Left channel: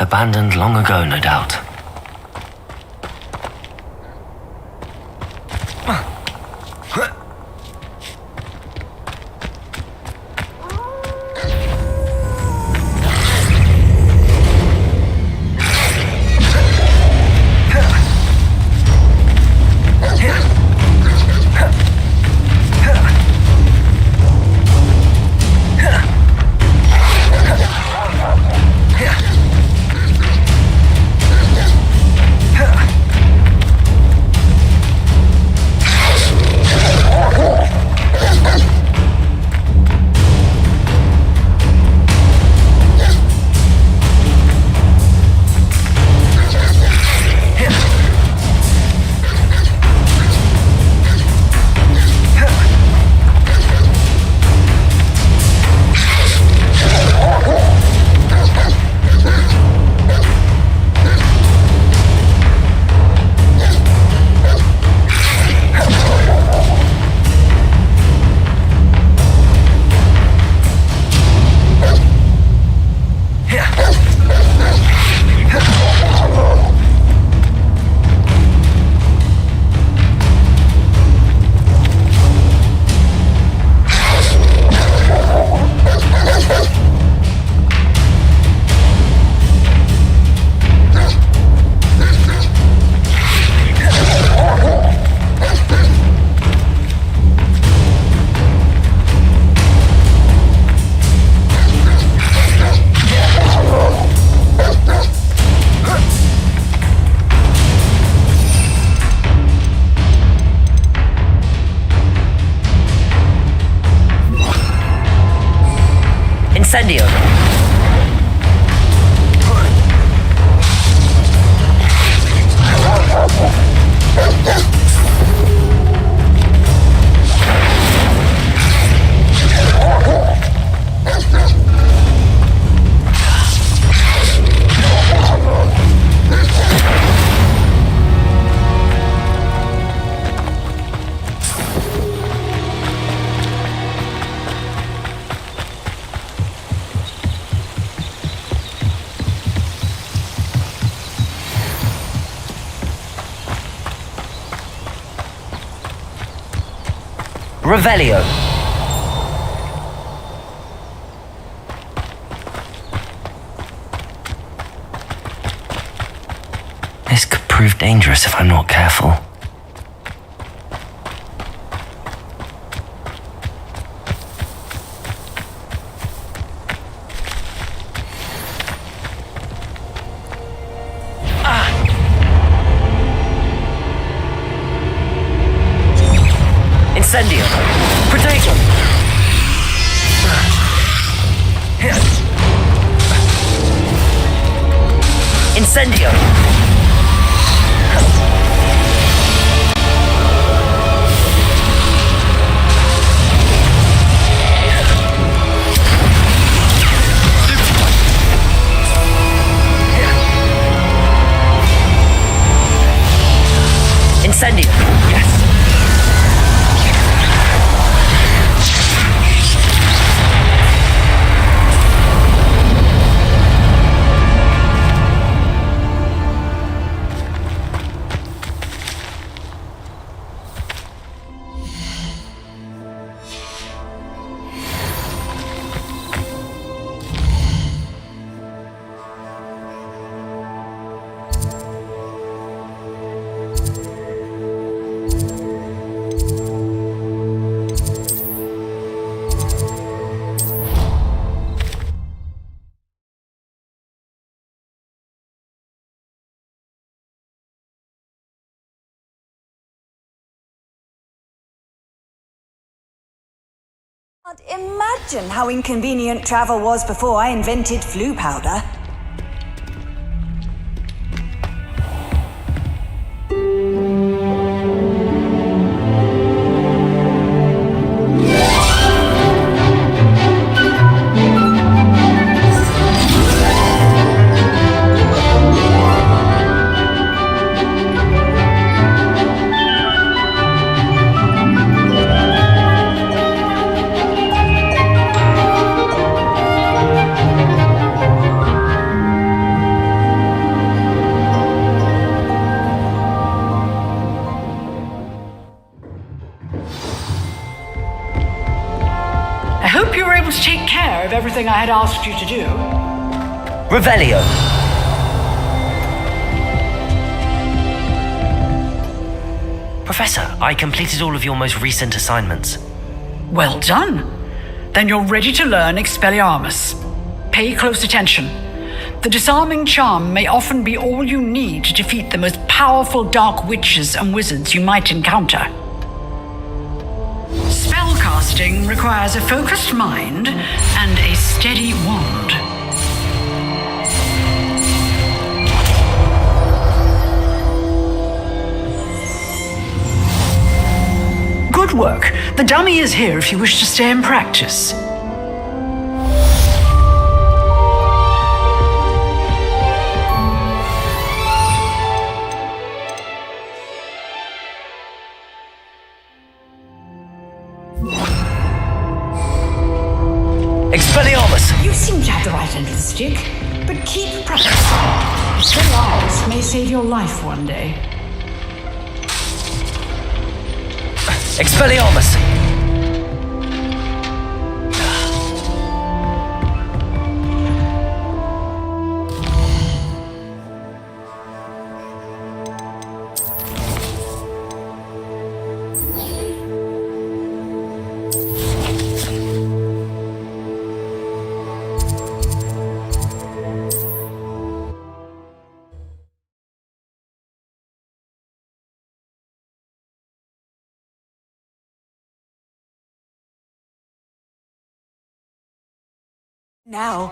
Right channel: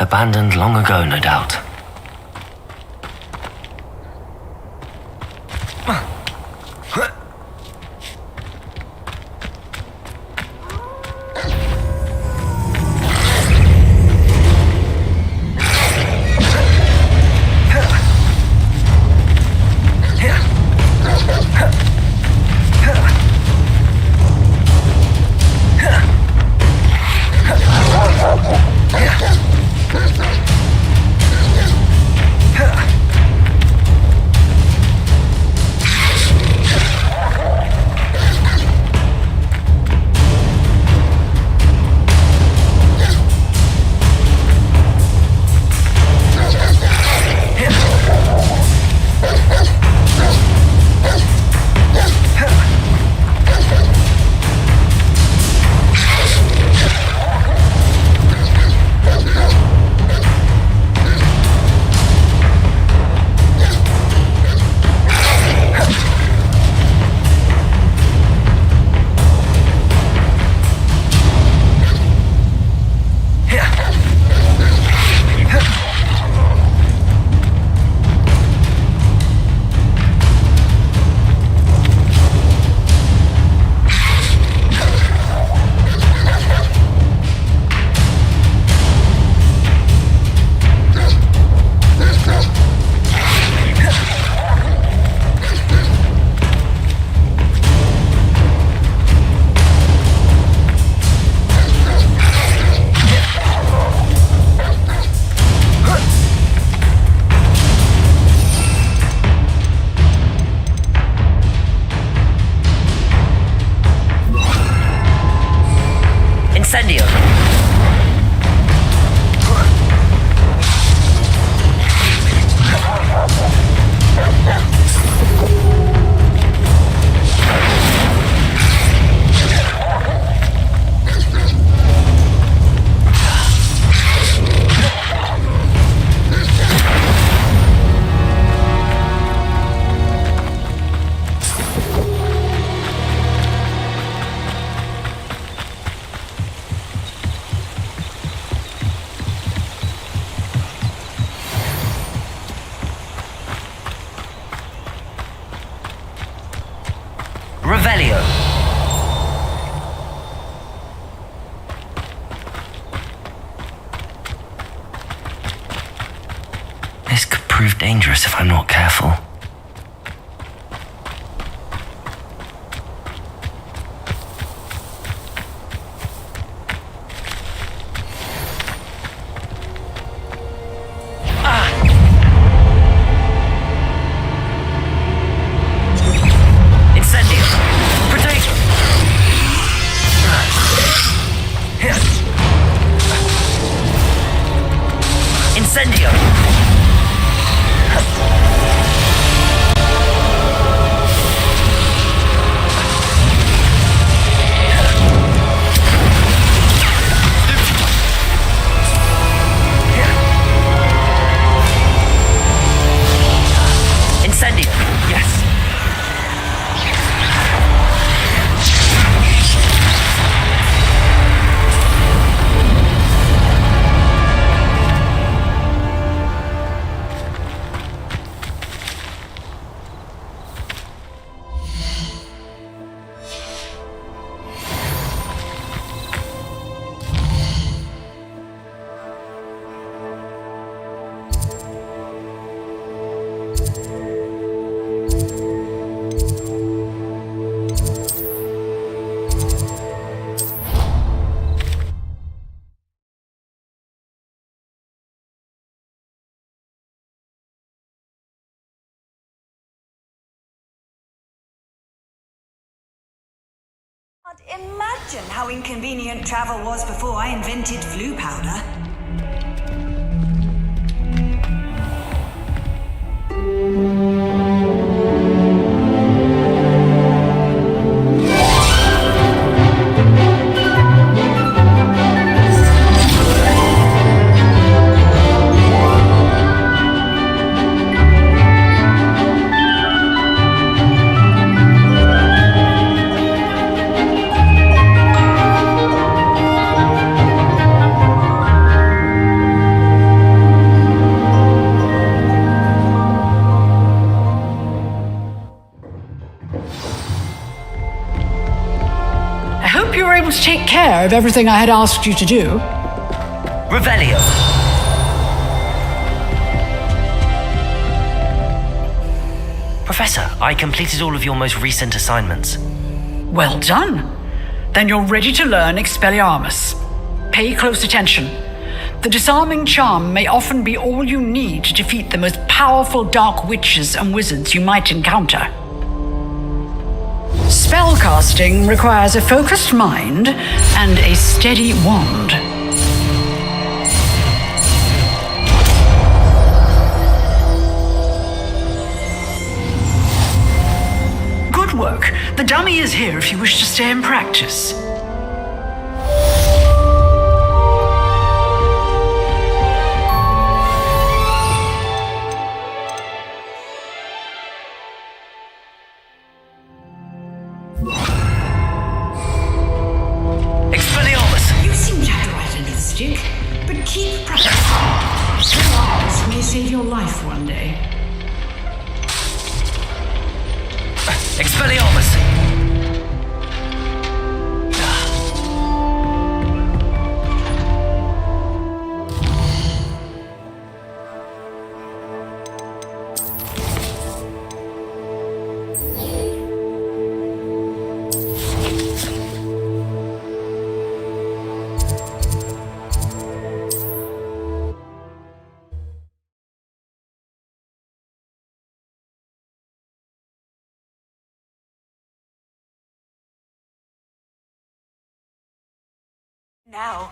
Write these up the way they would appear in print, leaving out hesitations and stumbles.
Abandoned long ago, no doubt. Incendio! Revelio. This could prove dangerous if I'm not careful. Incendio! Potato! Incendio! Incendio! Yes! Can't imagine how inconvenient travel was before I invented flu powder. I hope you were able to take care of everything I had asked you to do. Revelio. Professor, I completed all of your most recent assignments. Well done. Then you're ready to learn Expelliarmus. Pay close attention. The disarming charm may often be all you need to defeat the most powerful dark witches and wizards you might encounter. Spellcasting requires a focused mind and a steady wand. Good work. The dummy is here if you wish to stay and practice. Expelliarmus! You seem to have the right end of the stick, but keep practicing. Expelliarmus may save your life one day. Expelliarmus! Now.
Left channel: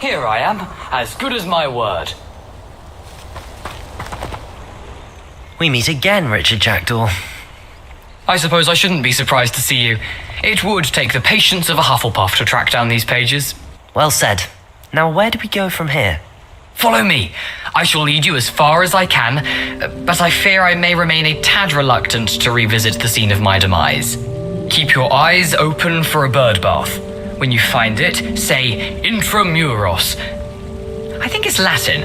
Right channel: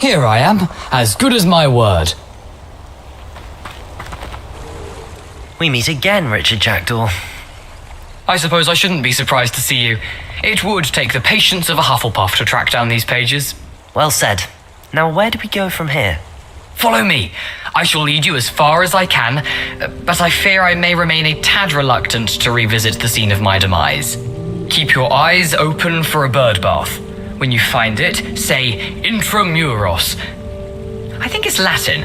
Here I am, as good as my word. We meet again, Richard Jackdaw. I suppose I shouldn't be surprised to see you. It would take the patience of a Hufflepuff to track down these pages. Well said. Now where do we go from here? Follow me. I shall lead you as far as I can, but I fear I may remain a tad reluctant to revisit the scene of my demise. Keep your eyes open for a bird bath. When you find it, say Intramuros. I think it's Latin.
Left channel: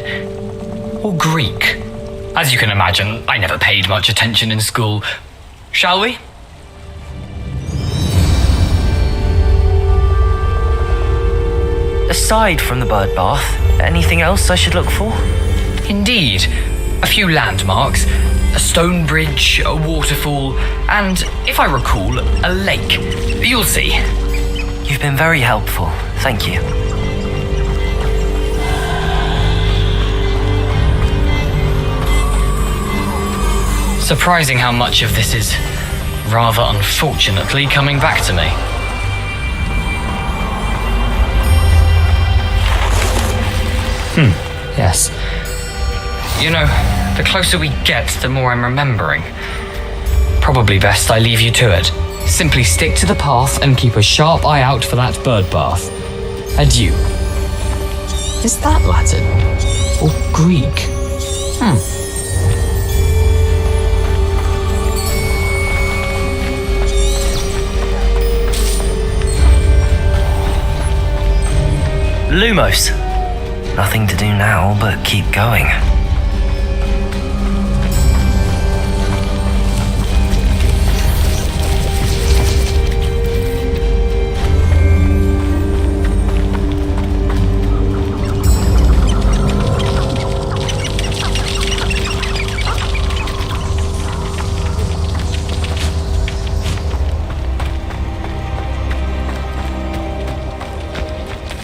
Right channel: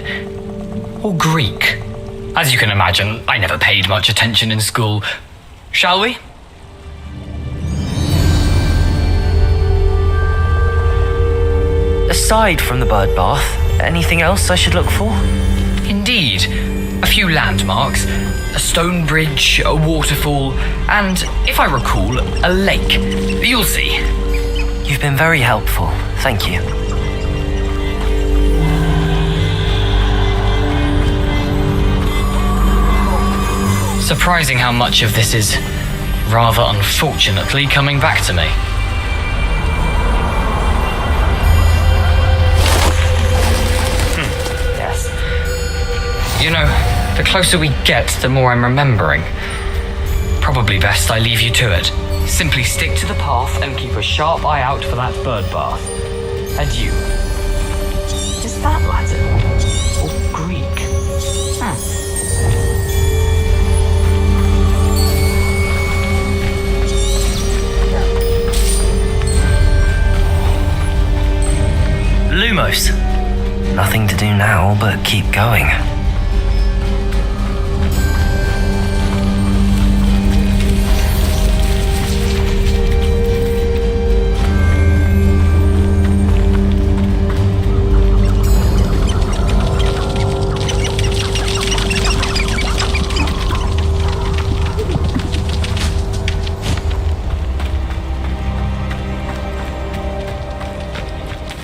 Or Greek. As you can imagine, I never paid much attention in school. Shall we? Aside from the bird bath, anything else I should look for? Indeed. A few landmarks, a stone bridge, a waterfall, and, if I recall, a lake. You'll see. You've been very helpful. Thank you. Surprising how much of this is, rather unfortunately, coming back to me. Yes. You know, the closer we get, the more I'm remembering. Probably best I leave you to it. Simply stick to the path and keep a sharp eye out for that bird bath. Adieu. Is that Latin? Or Greek? Lumos. Nothing to do now but keep going.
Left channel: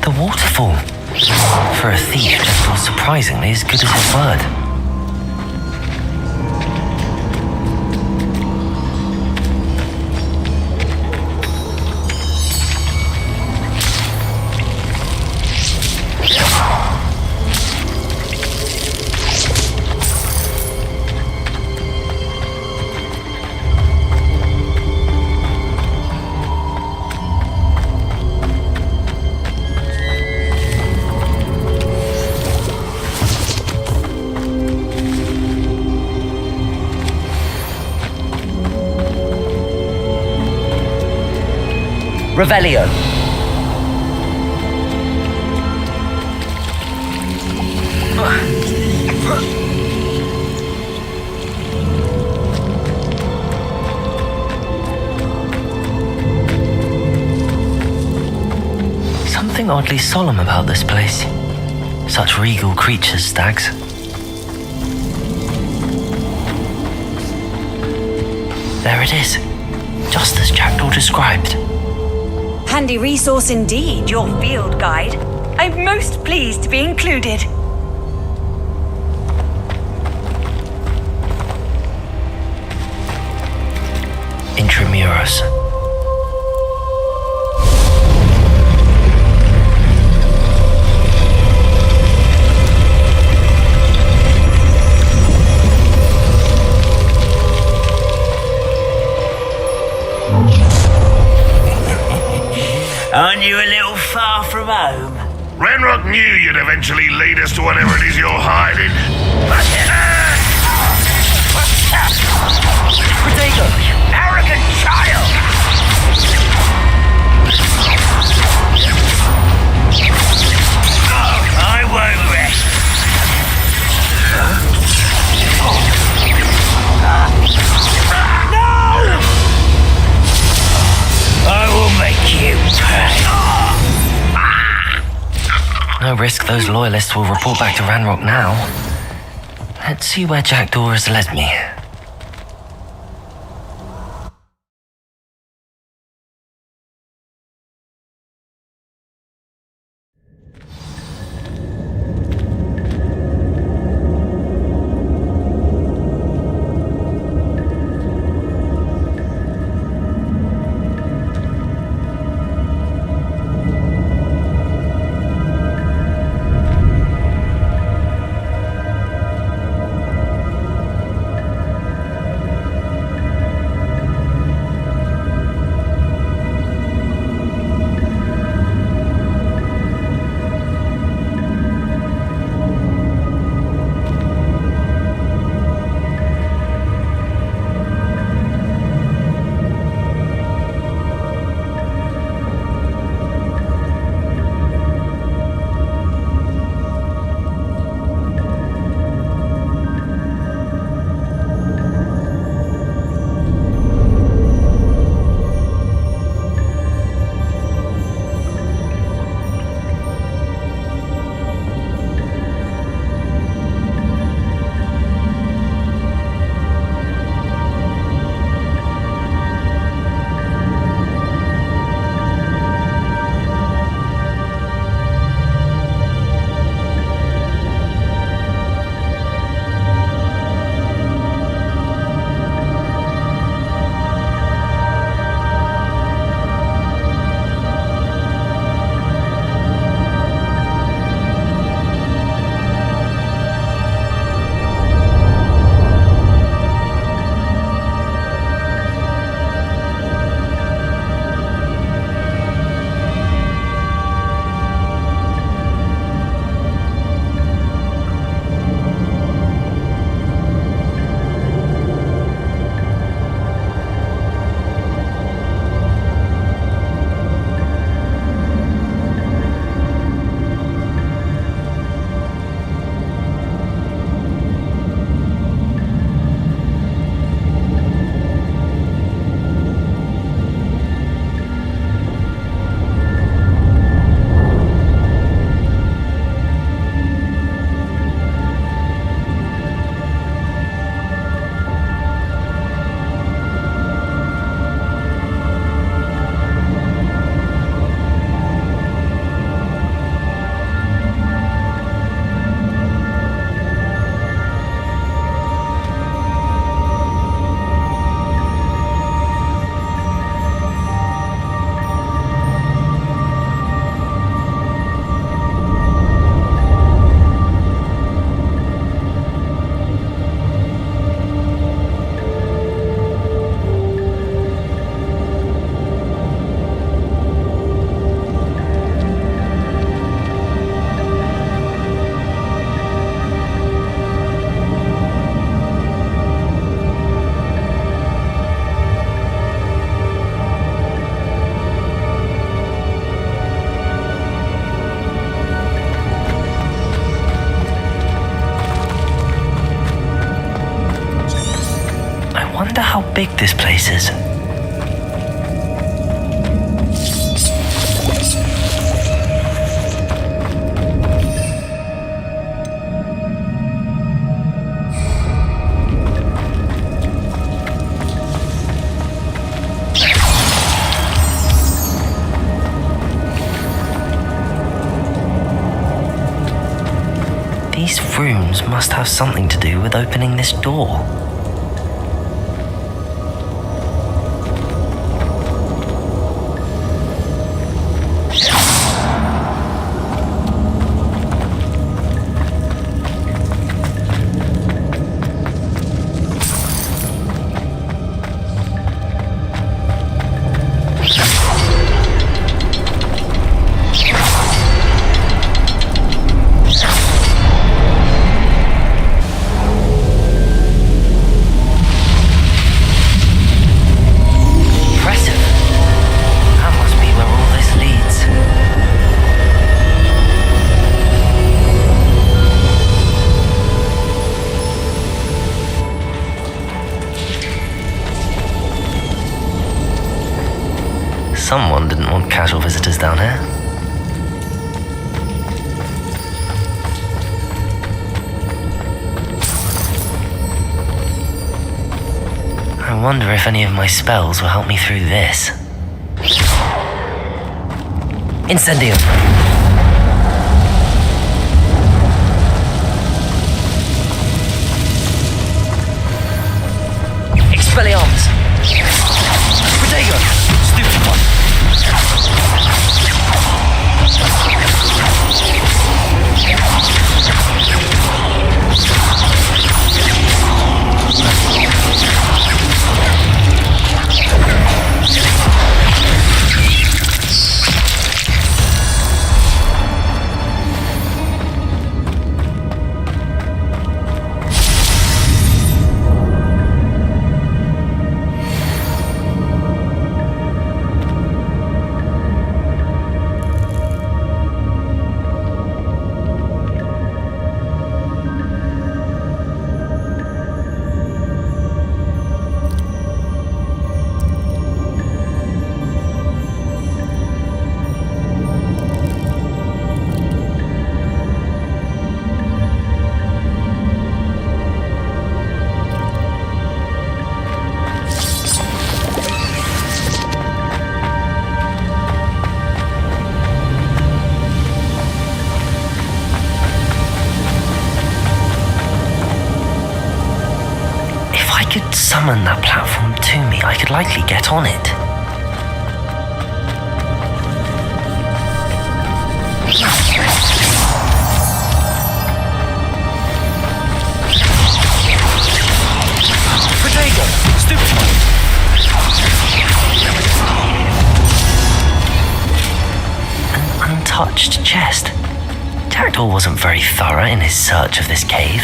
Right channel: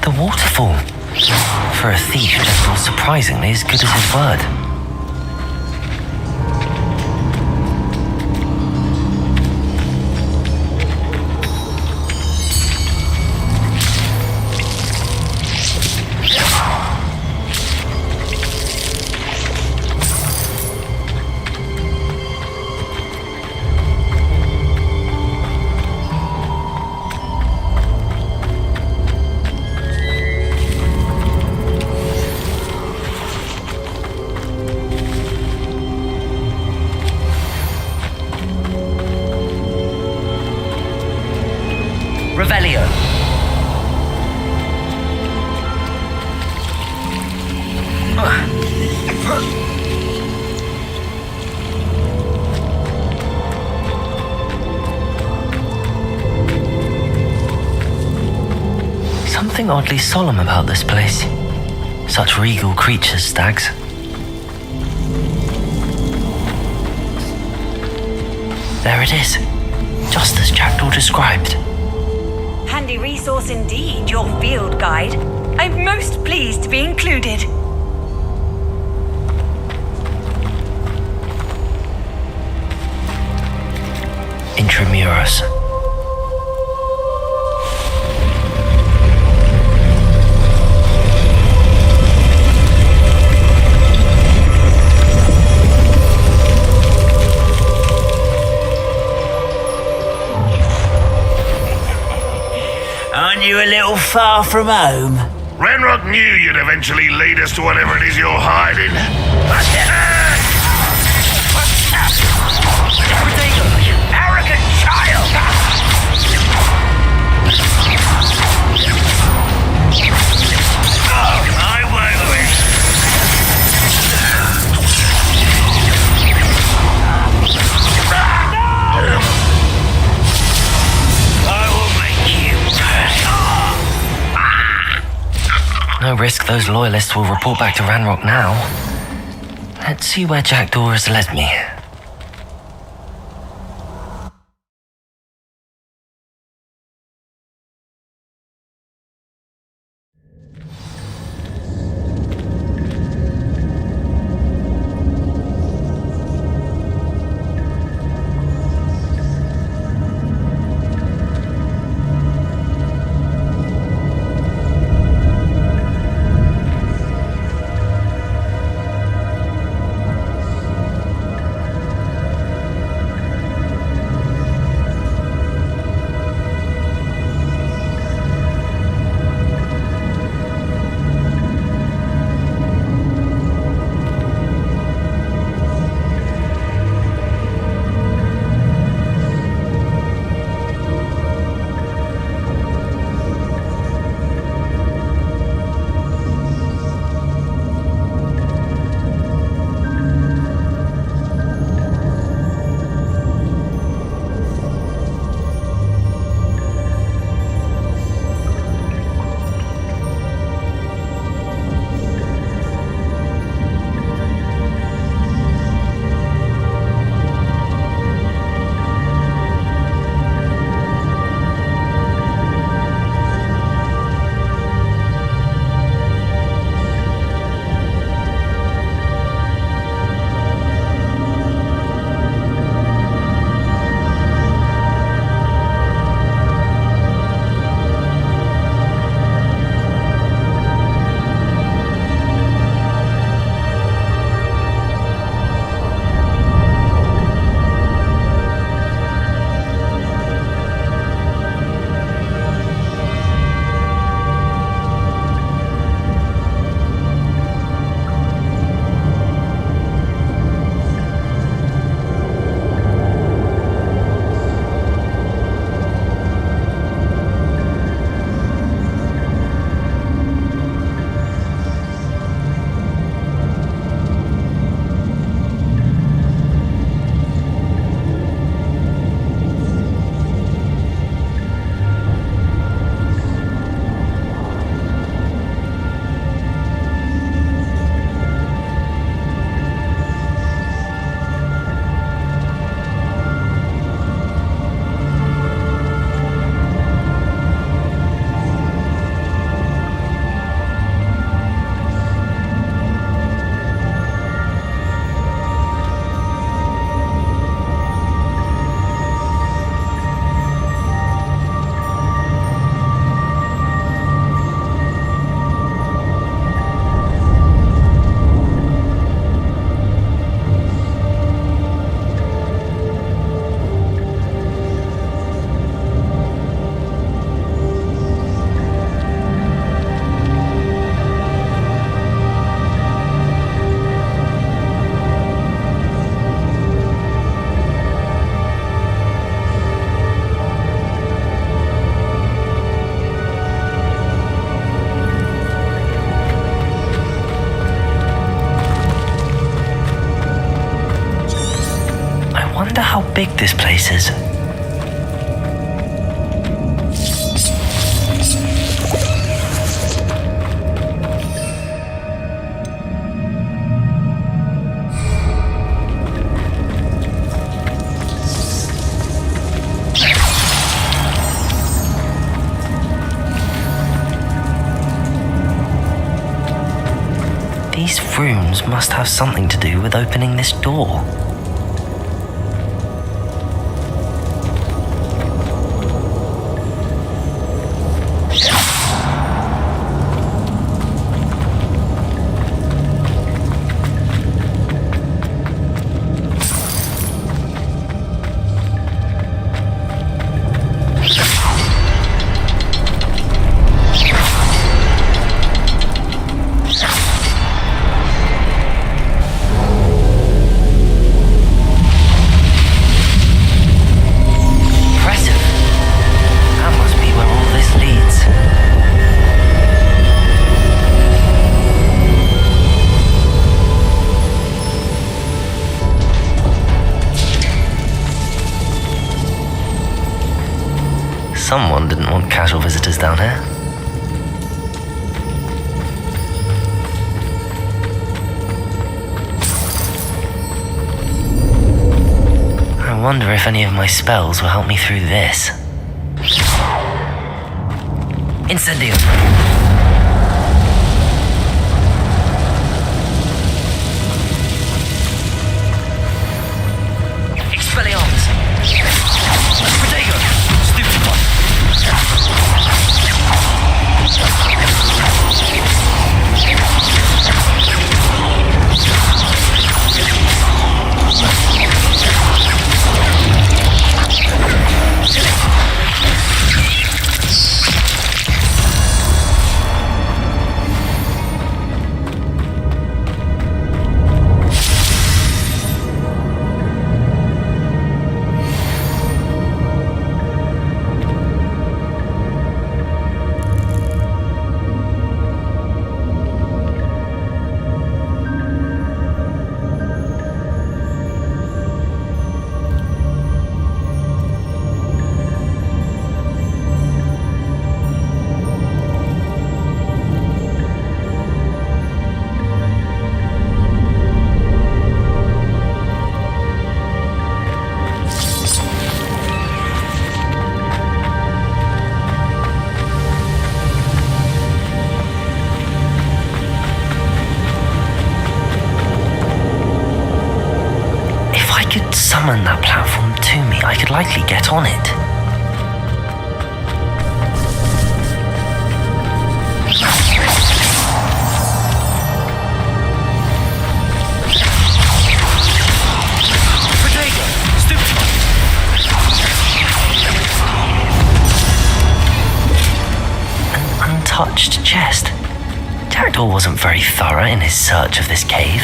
The waterfall. For a thief, Jackdaw's surprisingly as good as his word. Revelio. Something oddly solemn about this place. Such regal creatures, stags. There it is, just as Jackdaw described. Handy resource indeed, your field guide. I'm most pleased to be included. Intramuros. Aren't you a little far from home? Ranrock knew you'd eventually lead us to whatever it is you're hiding. Protego, you arrogant child! Oh, I won't rest. I will make you pay. No risk those loyalists will report back to Ranrock now. Let's see where Jackdaw has led me. wonder how big this place is. These rooms must have something to do with opening this door. Someone didn't want casual visitors down here. I wonder if any of my spells will help me through this. Incendium! Expelliarmus! Protego! Stupid one! If I could summon that platform to me, I could likely get on it. Protego! Stupid one! An untouched chest. Jackdaw wasn't very thorough in his search of this cave.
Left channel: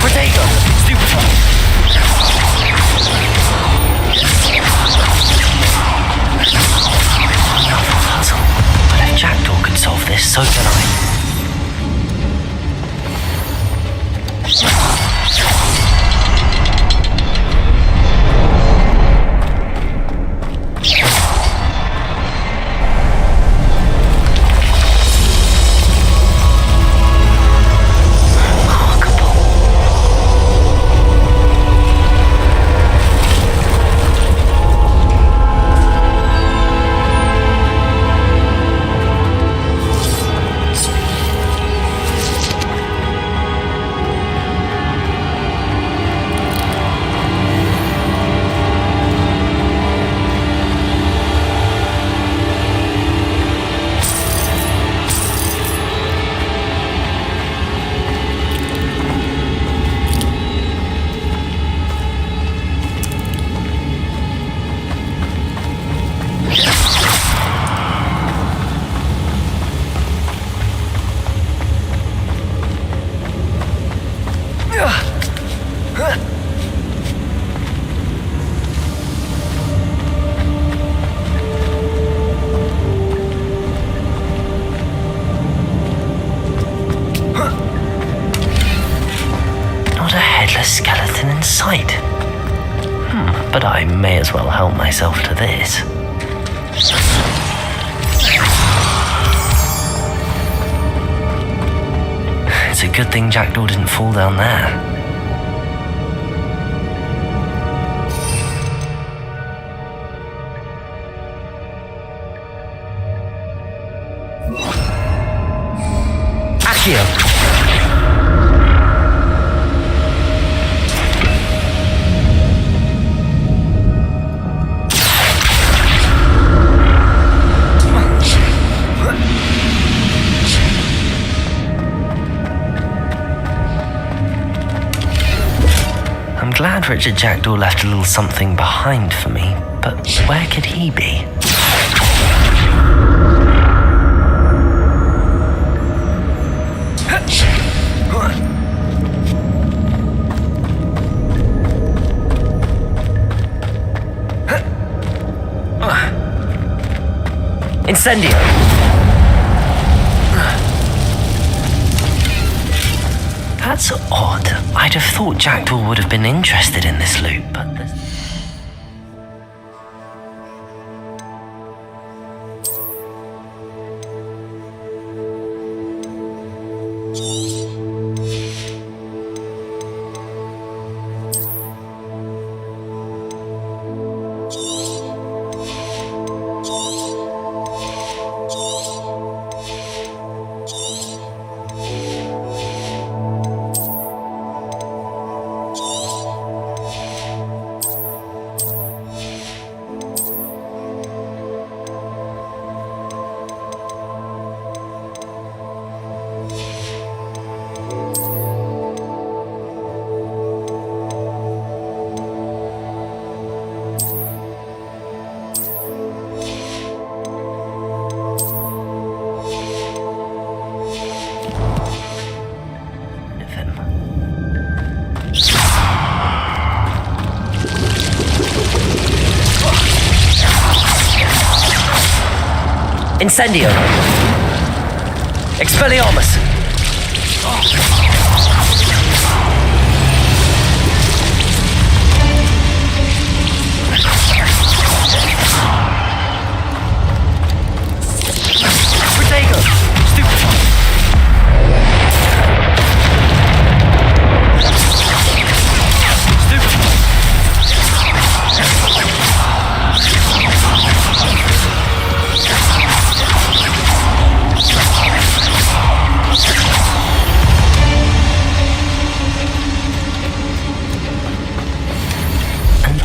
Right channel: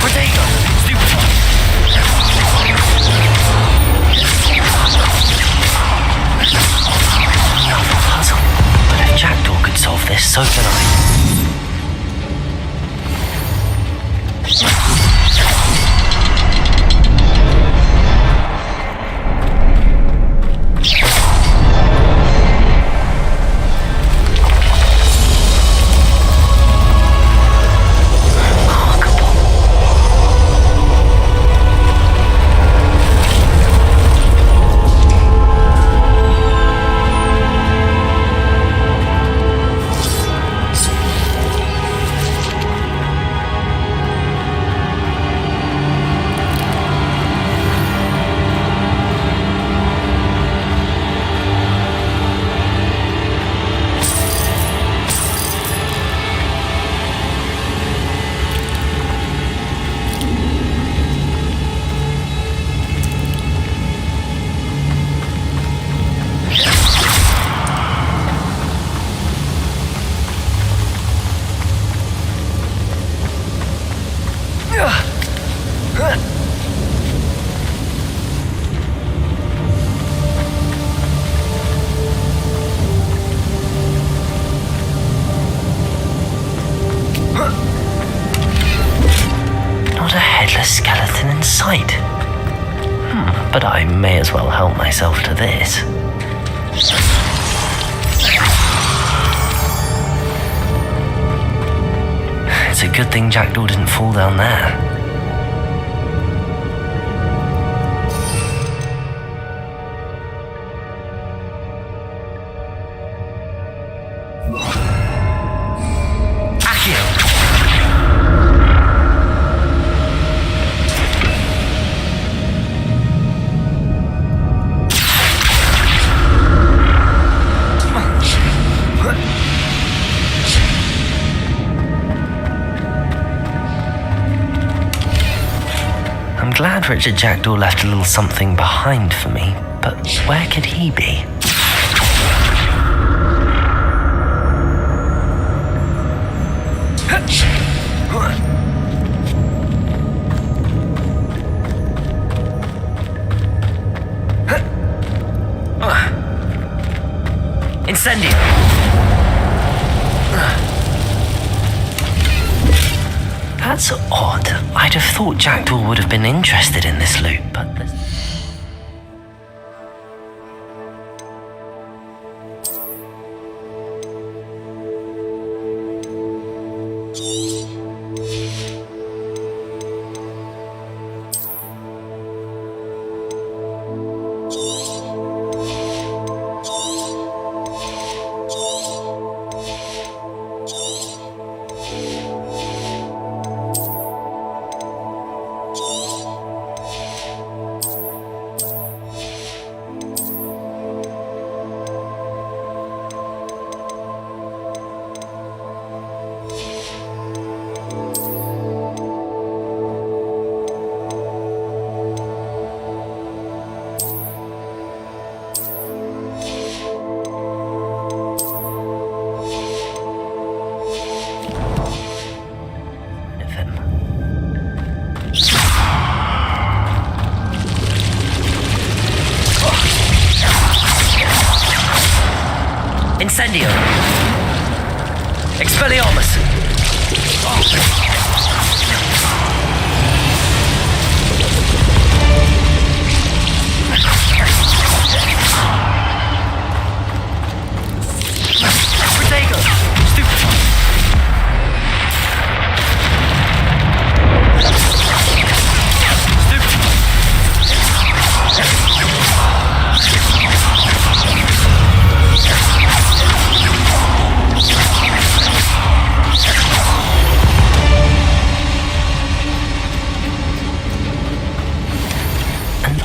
Protego! Stupid one! Another puzzle. But if Jackdaw could solve this, so can I. headless skeleton in sight. But I may as well help myself to this. It's a good thing Jackdaw didn't fall down there. Accio! I'm glad Richard Jackdaw left a little something behind for me, but where could he be? Incendio! That's odd. I'd have thought Jackdaw would have been interested in this loot, but Incendio! Expelliarmus! Protego! Stupefy!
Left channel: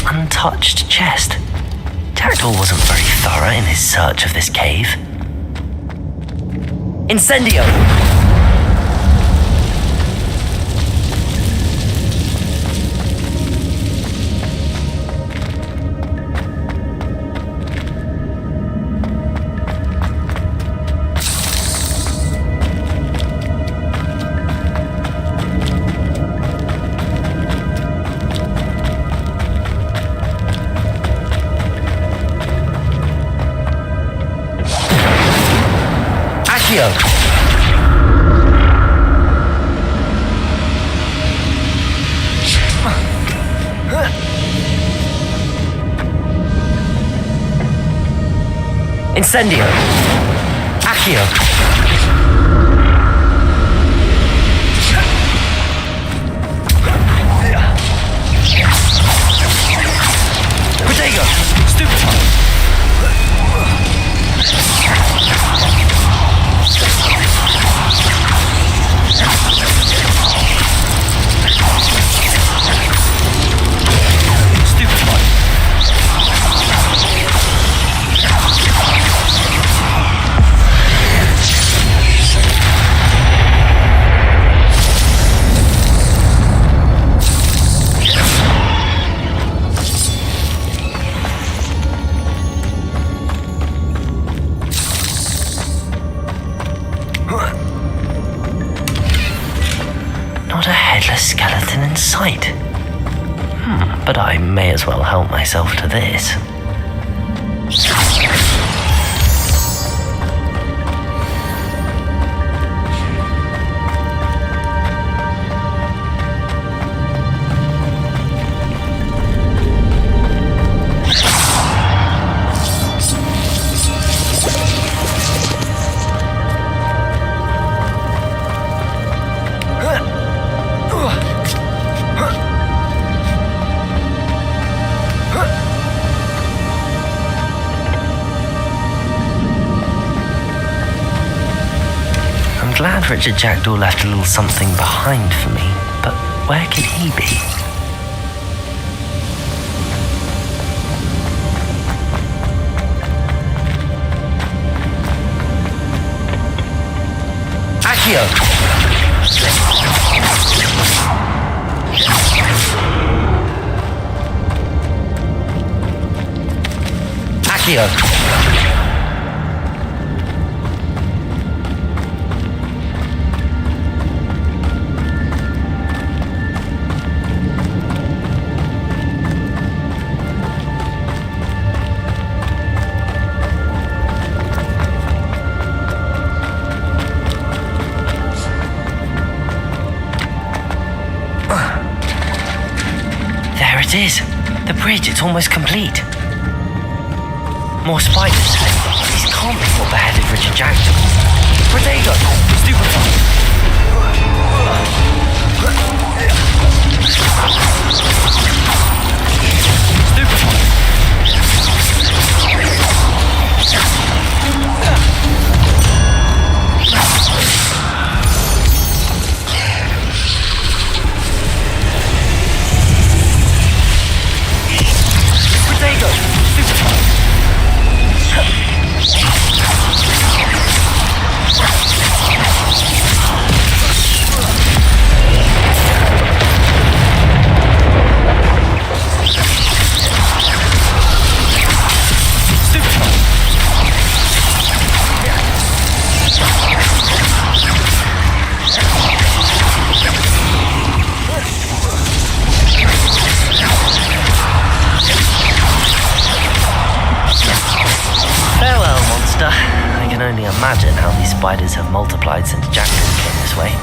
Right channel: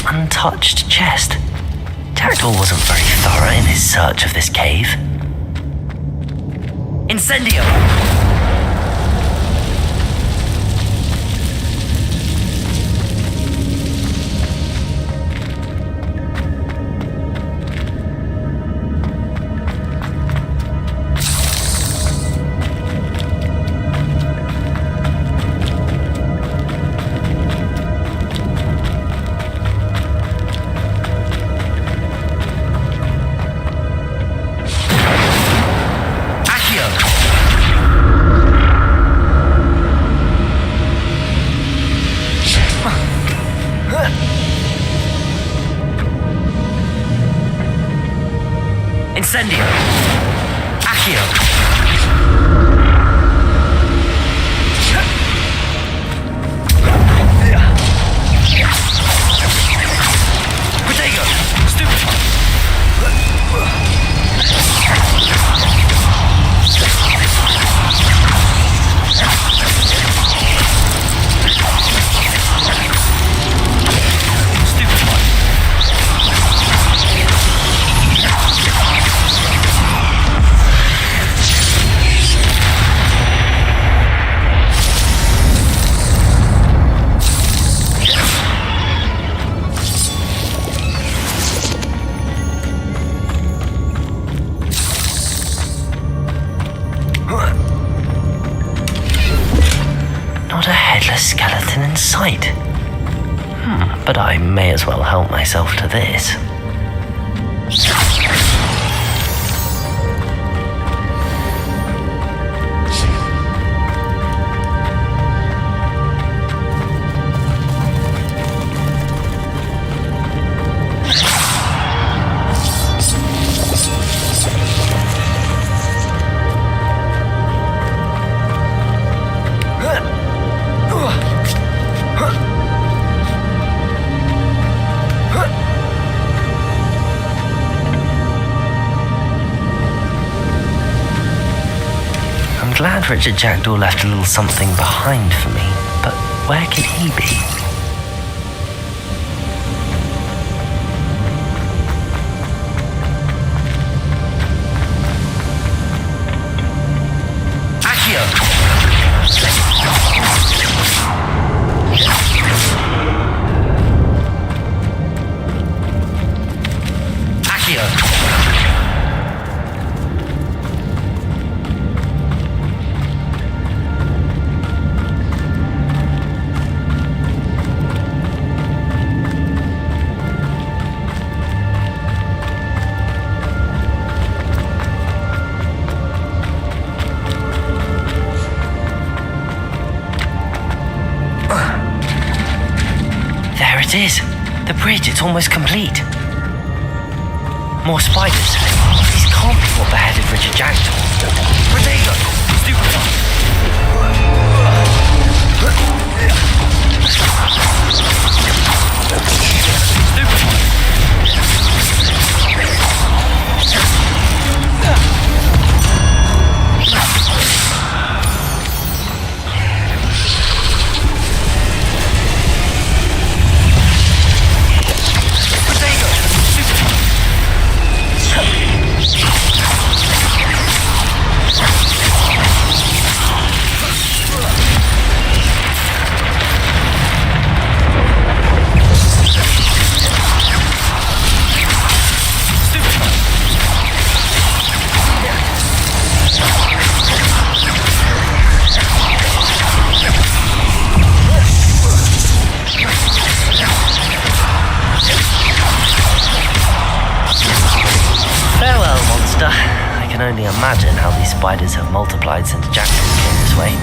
Untouched chest. Jackdaw wasn't very thorough in his search of this cave. Incendio! Incendio! Accio! Protego! Stupefy! Not a headless skeleton in sight. But I may as well help myself to this. glad Richard Jackdaw left a little something behind for me, but where could he be? Accio! Accio! There it is. The bridge, it's almost complete. More spiders. These can't be what beheaded Richard Jackdaw. Protego! Farewell, monster. I can only imagine how these spiders have multiplied since Jackdaw came this way.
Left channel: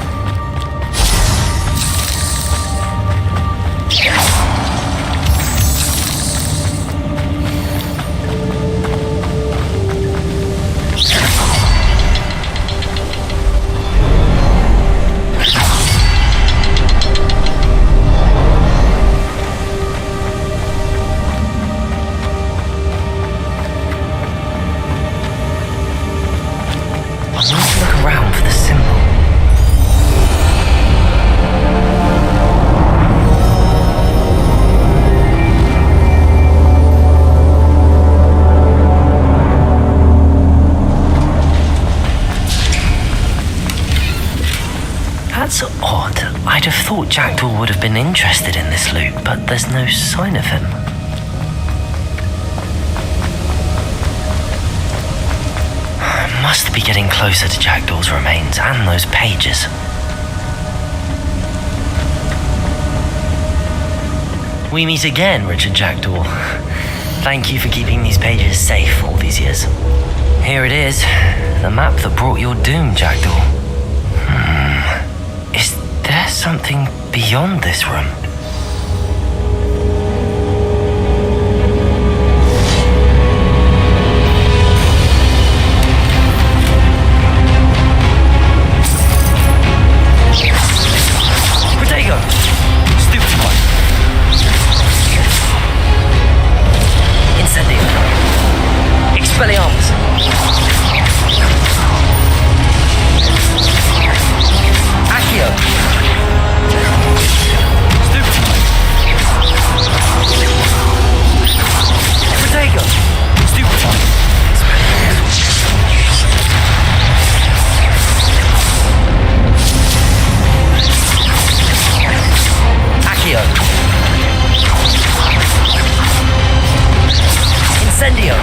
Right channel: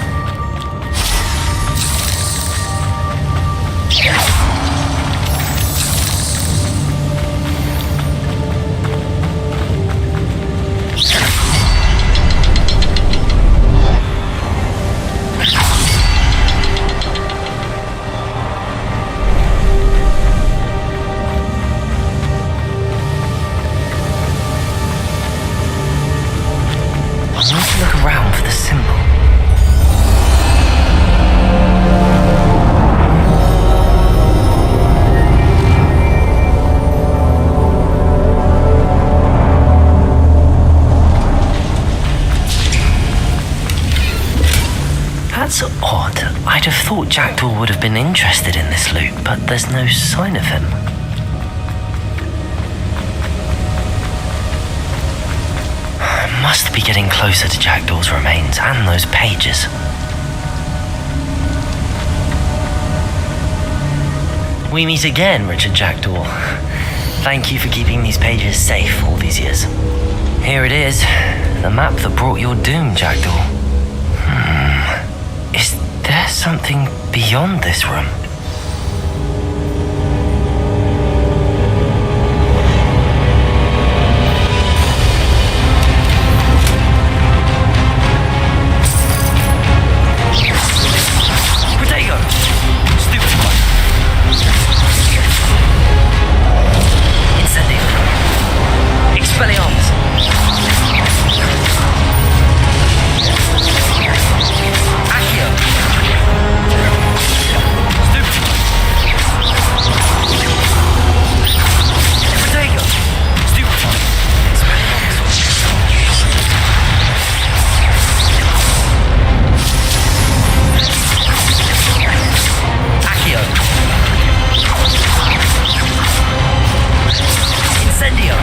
I need to look around for the symbol. That's odd. I'd have thought Jackdaw would have been interested in this loot, but there's no sign of him. Must be getting closer to Jackdaw's remains and those pages. We meet again, Richard Jackdaw. Thank you for keeping these pages safe all these years. Here it is, the map that brought your doom, Jackdaw. Is there something beyond this room? Protego! Stupid one. Incendio. Expelliarmus. Accio. Stupid one. Protego. Stupid one. Accio. Incendio.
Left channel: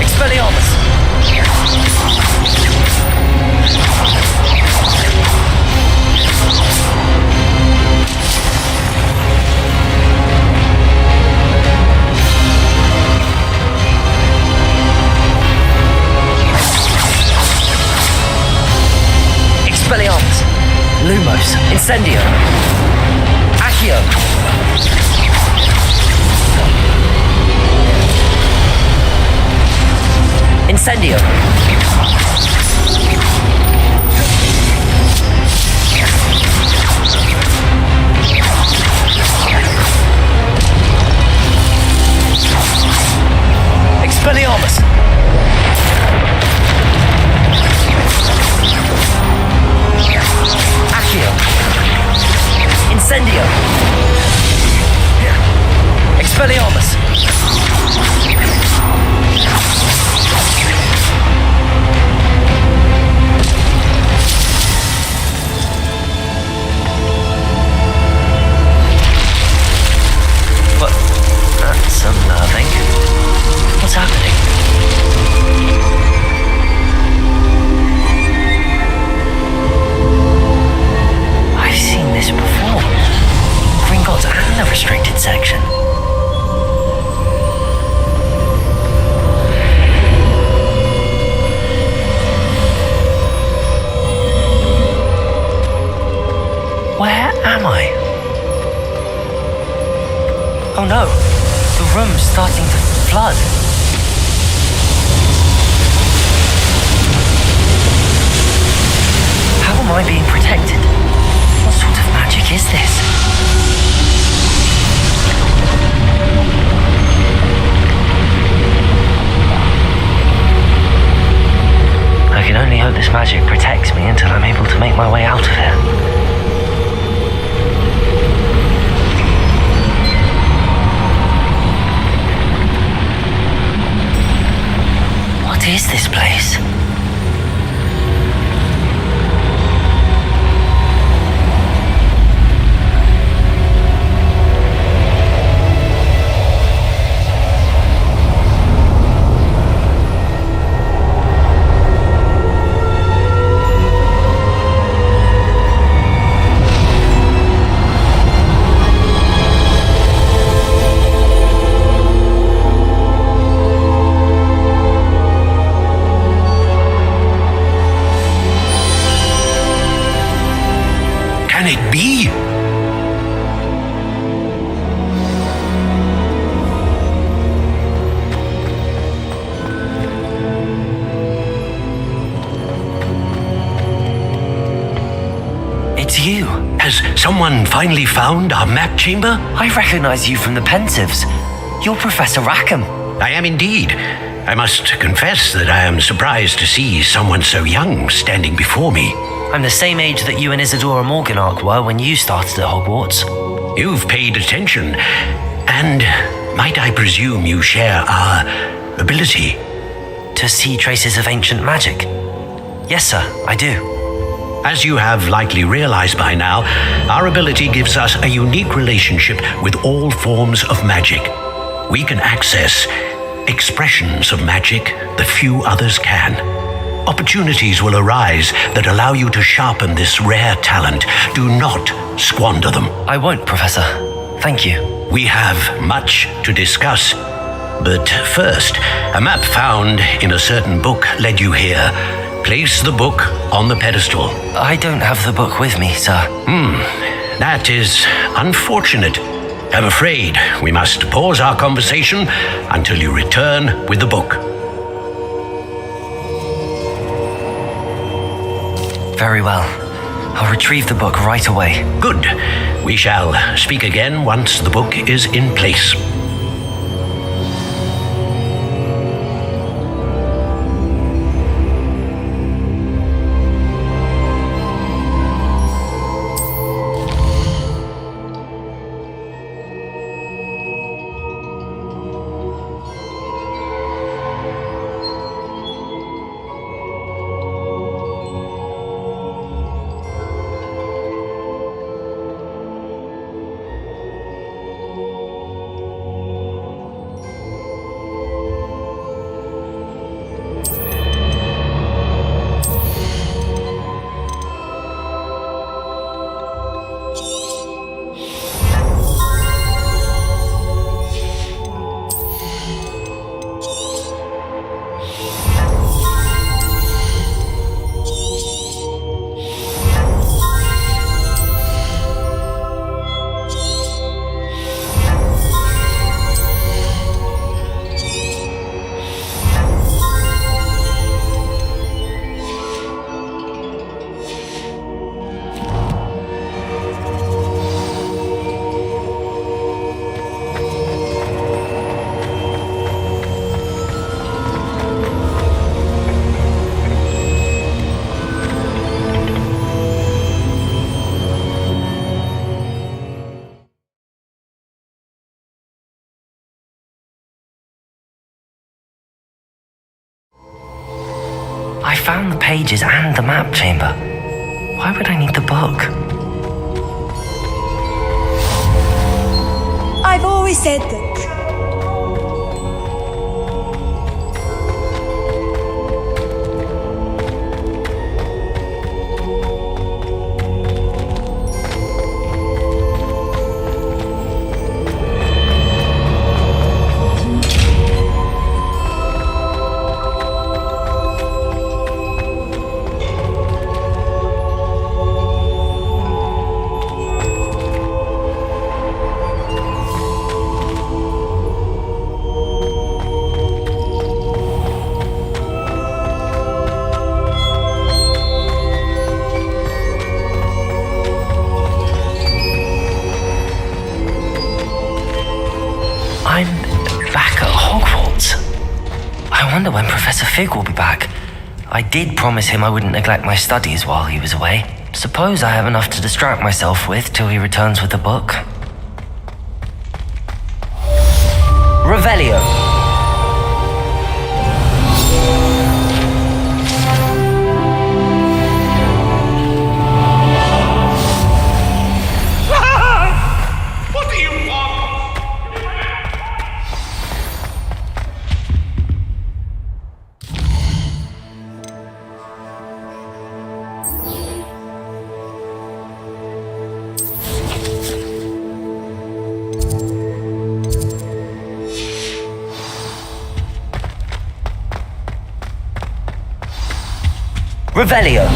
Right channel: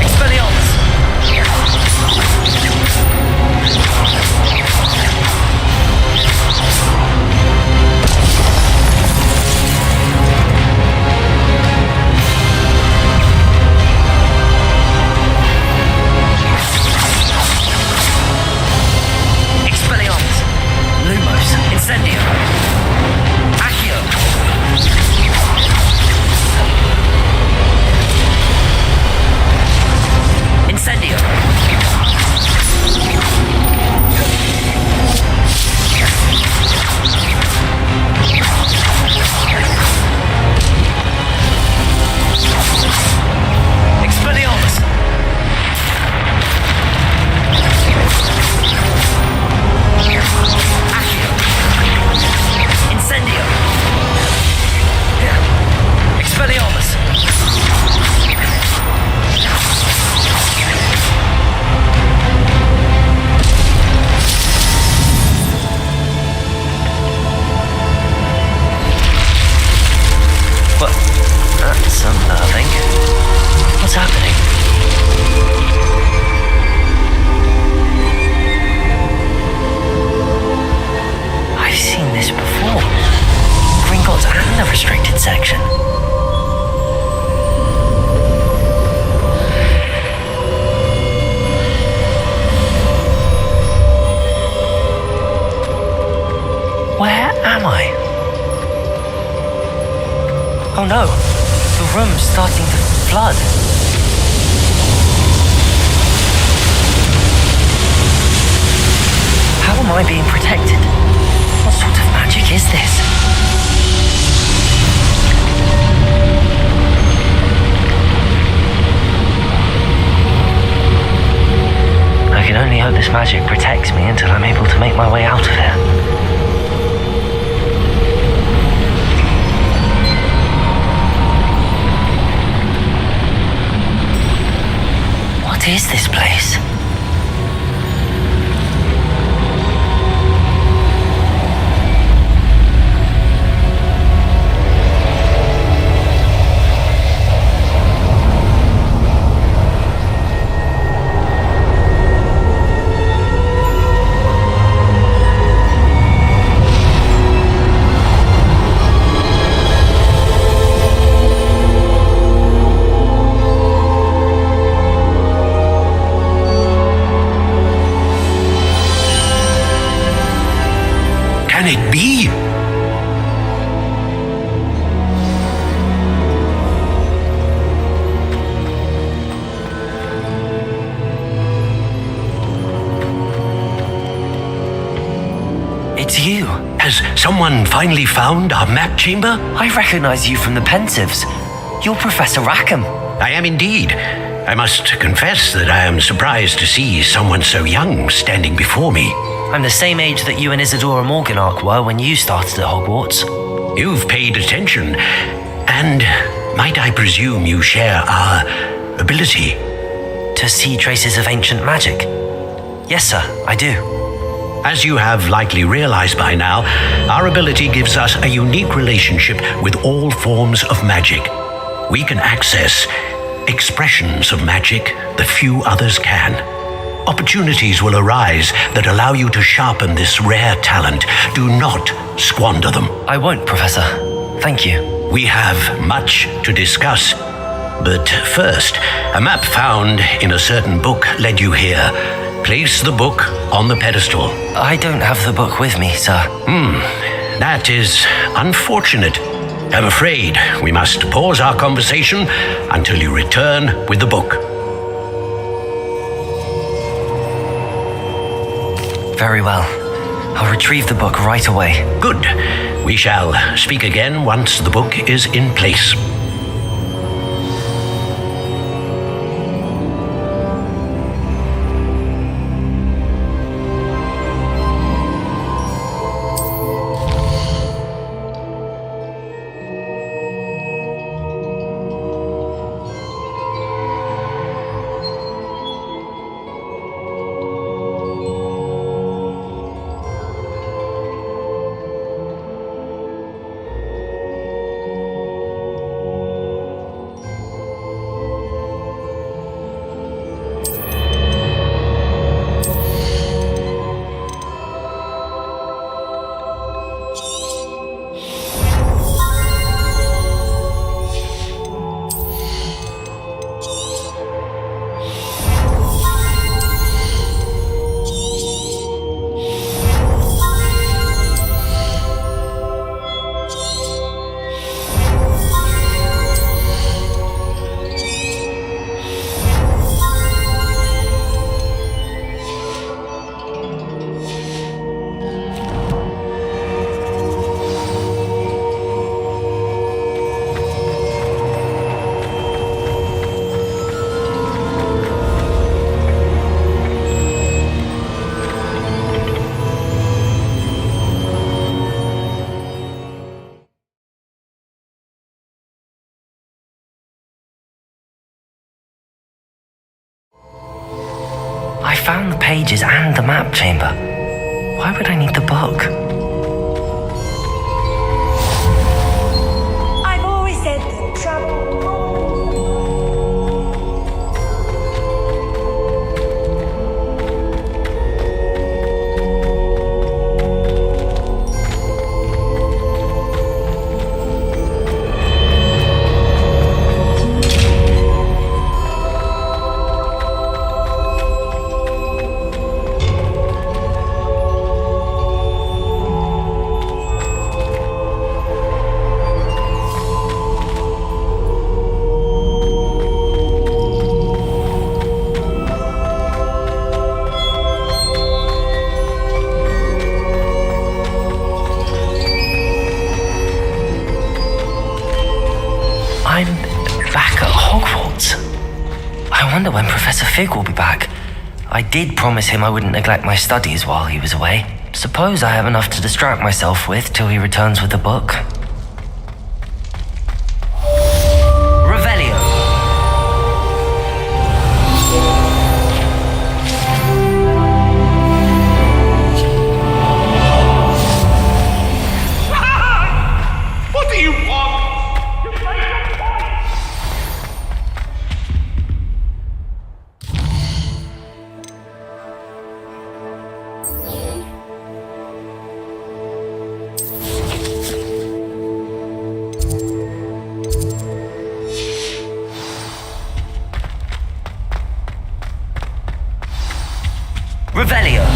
Expelliarmus. Expelliarmus. Lumos. Incendio. Accio. Incendio. Expelliarmus. Incendio! Expelliarmus! What? That's unnerving. What's happening? I've seen this before. Gringotts and the restricted section. Where am I? Oh no, the room's starting to flood. How am I being protected? What sort of magic is this? I can only hope this magic protects me until I'm able to make my way out of here. What is this place? Can it be? It's you. Has someone finally found our map chamber? I recognize you from the Pensieves. You're Professor Rackham. I am indeed. I must confess that I am surprised to see someone so young standing before me. I'm the same age that you and Isadora Morganach were when you started at Hogwarts. You've paid attention, and might I presume you share our ability? To see traces of ancient magic? Yes, sir, I do. As you have likely realized by now, our ability gives us a unique relationship with all forms of magic. We can access expressions of magic that few others can. Opportunities will arise that allow you to sharpen this rare talent. Do not squander them. I won't, Professor. Thank you. We have much to discuss. But first, a map found in a certain book led you here. Place the book on the pedestal. I don't have the book with me, sir. That is unfortunate. I'm afraid we must pause our conversation until you return with the book. Very well. I'll retrieve the book right away. Good. We shall speak again once the book is in place. found the pages and the map chamber. Why would I need the book? I've always said that travel. I'm back at Hogwarts. I wonder when Professor Fig will be back. I did promise him I wouldn't neglect my studies while he was away. Suppose I have enough to distract myself with till he returns with the book. Revelio. What do you want? Revelio.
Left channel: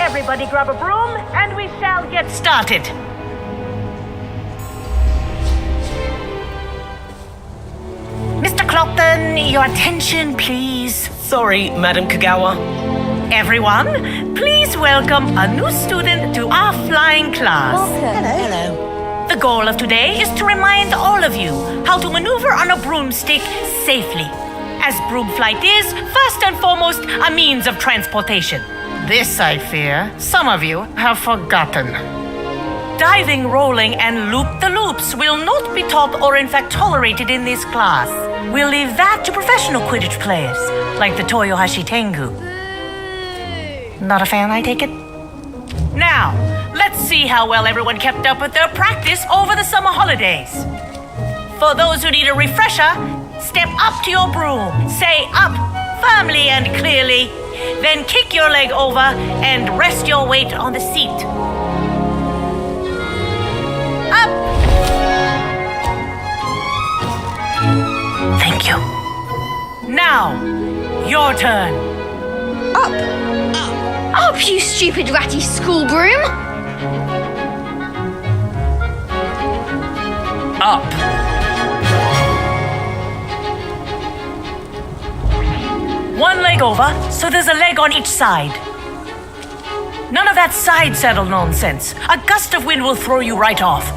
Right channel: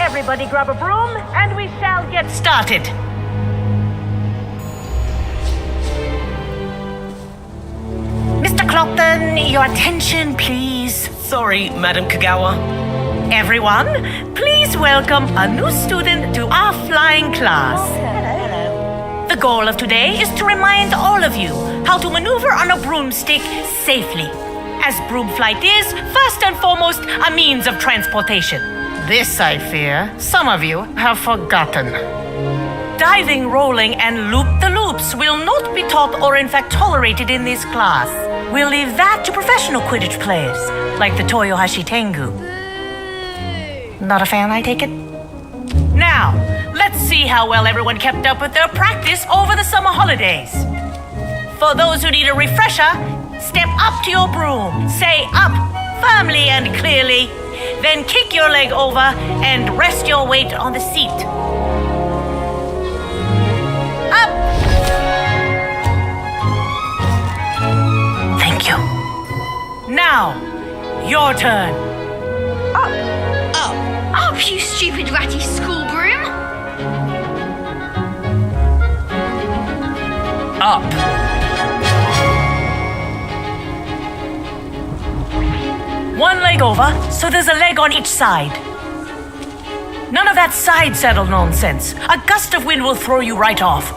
Everybody grab a broom, and we shall get started. Mr. Clopton, your attention, please. Sorry, Madam Kagawa. Everyone, please welcome a new student to our flying class. The goal of today is to remind all of you how to maneuver on a broomstick safely, as broom flight is, first and foremost, a means of transportation. This, I fear, some of you have forgotten. Diving, rolling, and loop-the-loops will not be taught or in fact tolerated in this class. We'll leave that to professional Quidditch players, like the Toyohashi Tengu. Not a fan, I take it? Now, let's see how well everyone kept up with their practice over the summer holidays. For those who need a refresher, step up to your broom, say up firmly and clearly, then kick your leg over and rest your weight on the seat. Up! Thank you. Now, your turn. Up, you stupid ratty school broom! Up. One leg over, so there's a leg on each side. None of that side saddle nonsense. A gust of wind will throw you right off.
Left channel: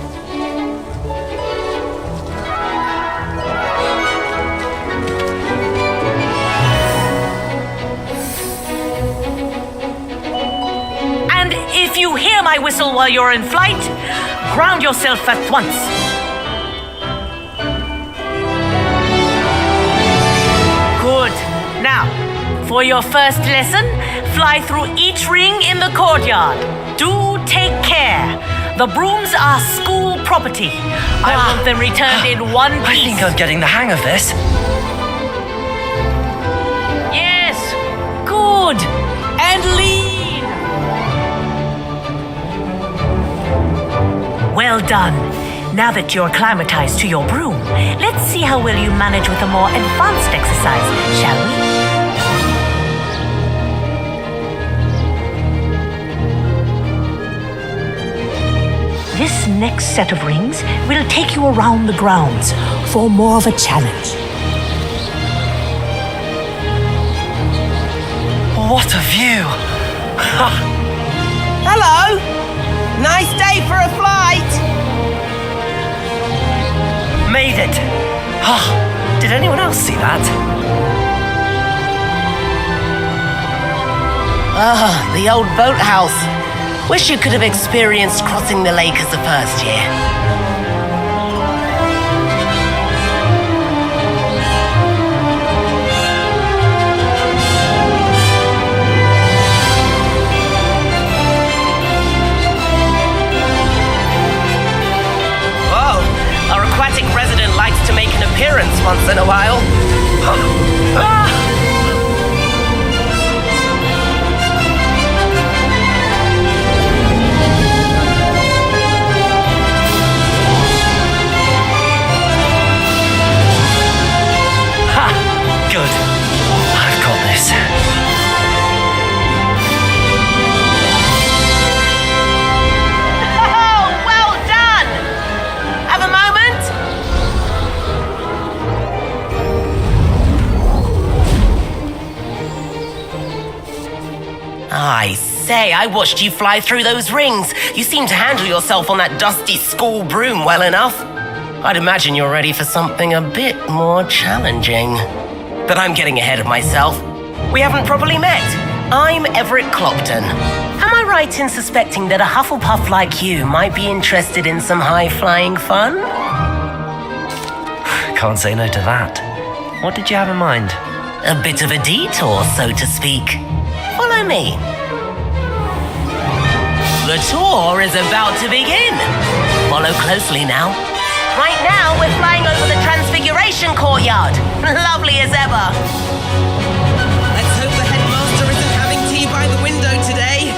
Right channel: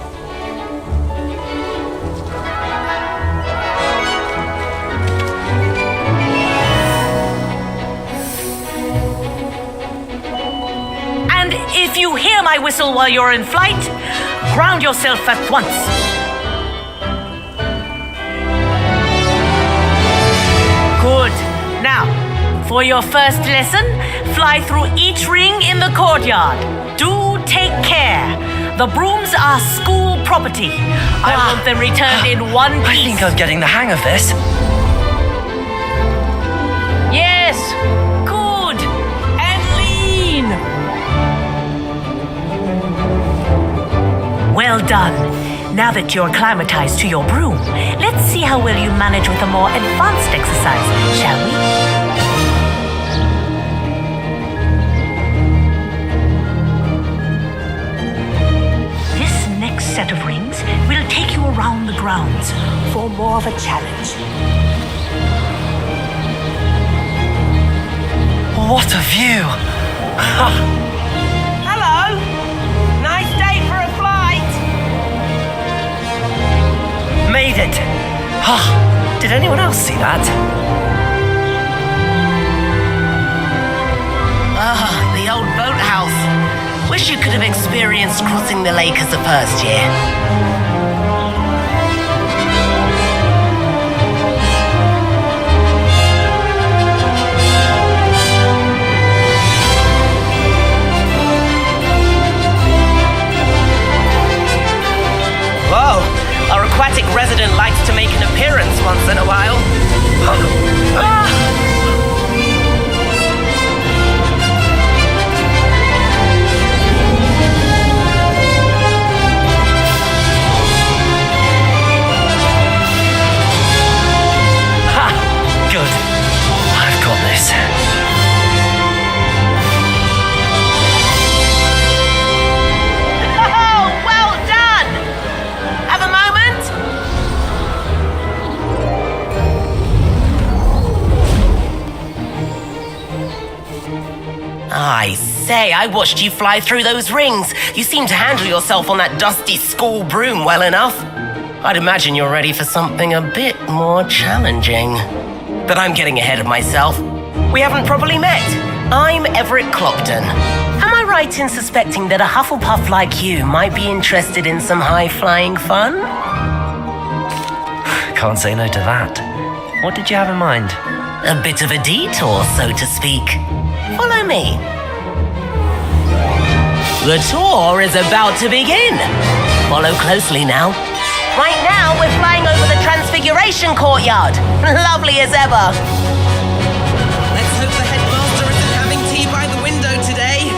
And if you hear my whistle while you're in flight, ground yourself at once. Good. Now, for your first lesson, fly through each ring in the courtyard. Do take care. The brooms are school property. I want them returned in one piece. I think I'm getting the hang of this. Yes. Good. And lean. Well done. Now that you're acclimatized to your broom, let's see how well you manage with a more advanced exercise, shall we? This next set of rings will take you around the grounds for more of a challenge. What a view! Hello! Nice day for a flight! Made it! Did anyone else see that? The old boathouse. Wish you could have experienced crossing the lake as a first year. Whoa! Our aquatic resident likes to make an appearance once in a while. Good. I've got this. Oh, well done! Have a moment? I say, I watched you fly through those rings. You seem to handle yourself on that dusty school broom well enough. I'd imagine you're ready for something a bit more challenging. But I'm getting ahead of myself. We haven't properly met. I'm Everett Clopton. Am I right in suspecting that a Hufflepuff like you might be interested in some high-flying fun? Can't say no to that. What did you have in mind? A bit of a detour, so to speak. Follow me. The tour is about to begin. Follow closely now. Right now, we're flying over the Transfiguration Courtyard. Lovely as ever. Let's hope the headmaster isn't having tea by the window today.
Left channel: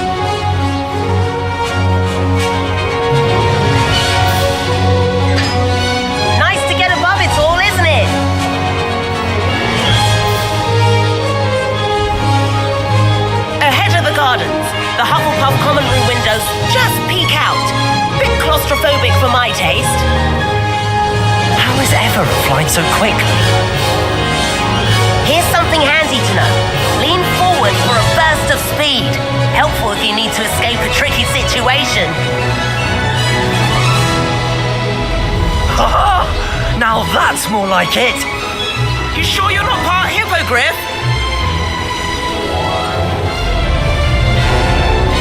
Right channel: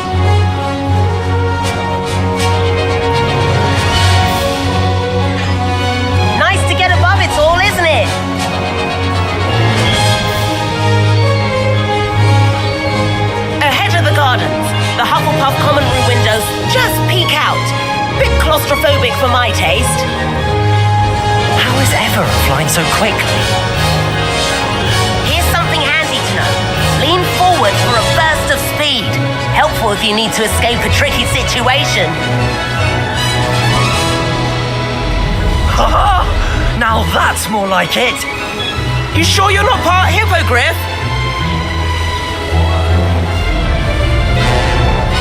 Nice to get above it all, isn't it? Ahead of the gardens, the Hufflepuff common room windows just peek out. Bit claustrophobic for my taste. How is Everett flying so quickly? Here's something handy to know. Lean forward for a burst of speed. Helpful if you need to escape a tricky situation. Now that's more like it. You sure you're not part hippogriff?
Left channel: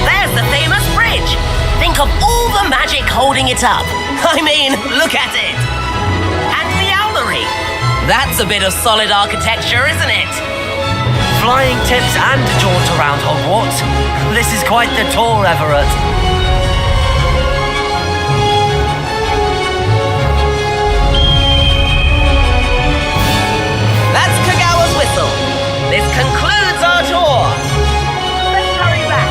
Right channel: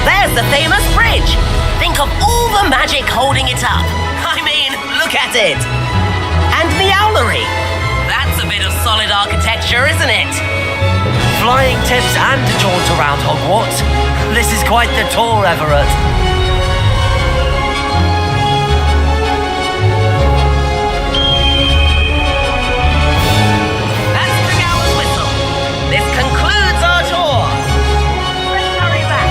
There's the famous bridge. Think of all the magic holding it up. I mean, look at it. And Meowlery. That's a bit of solid architecture, isn't it? Flying tips and a jaunt around Hogwarts. This is quite the tour, Everett. That's Kagawa's whistle. This concludes our tour. Let's hurry back.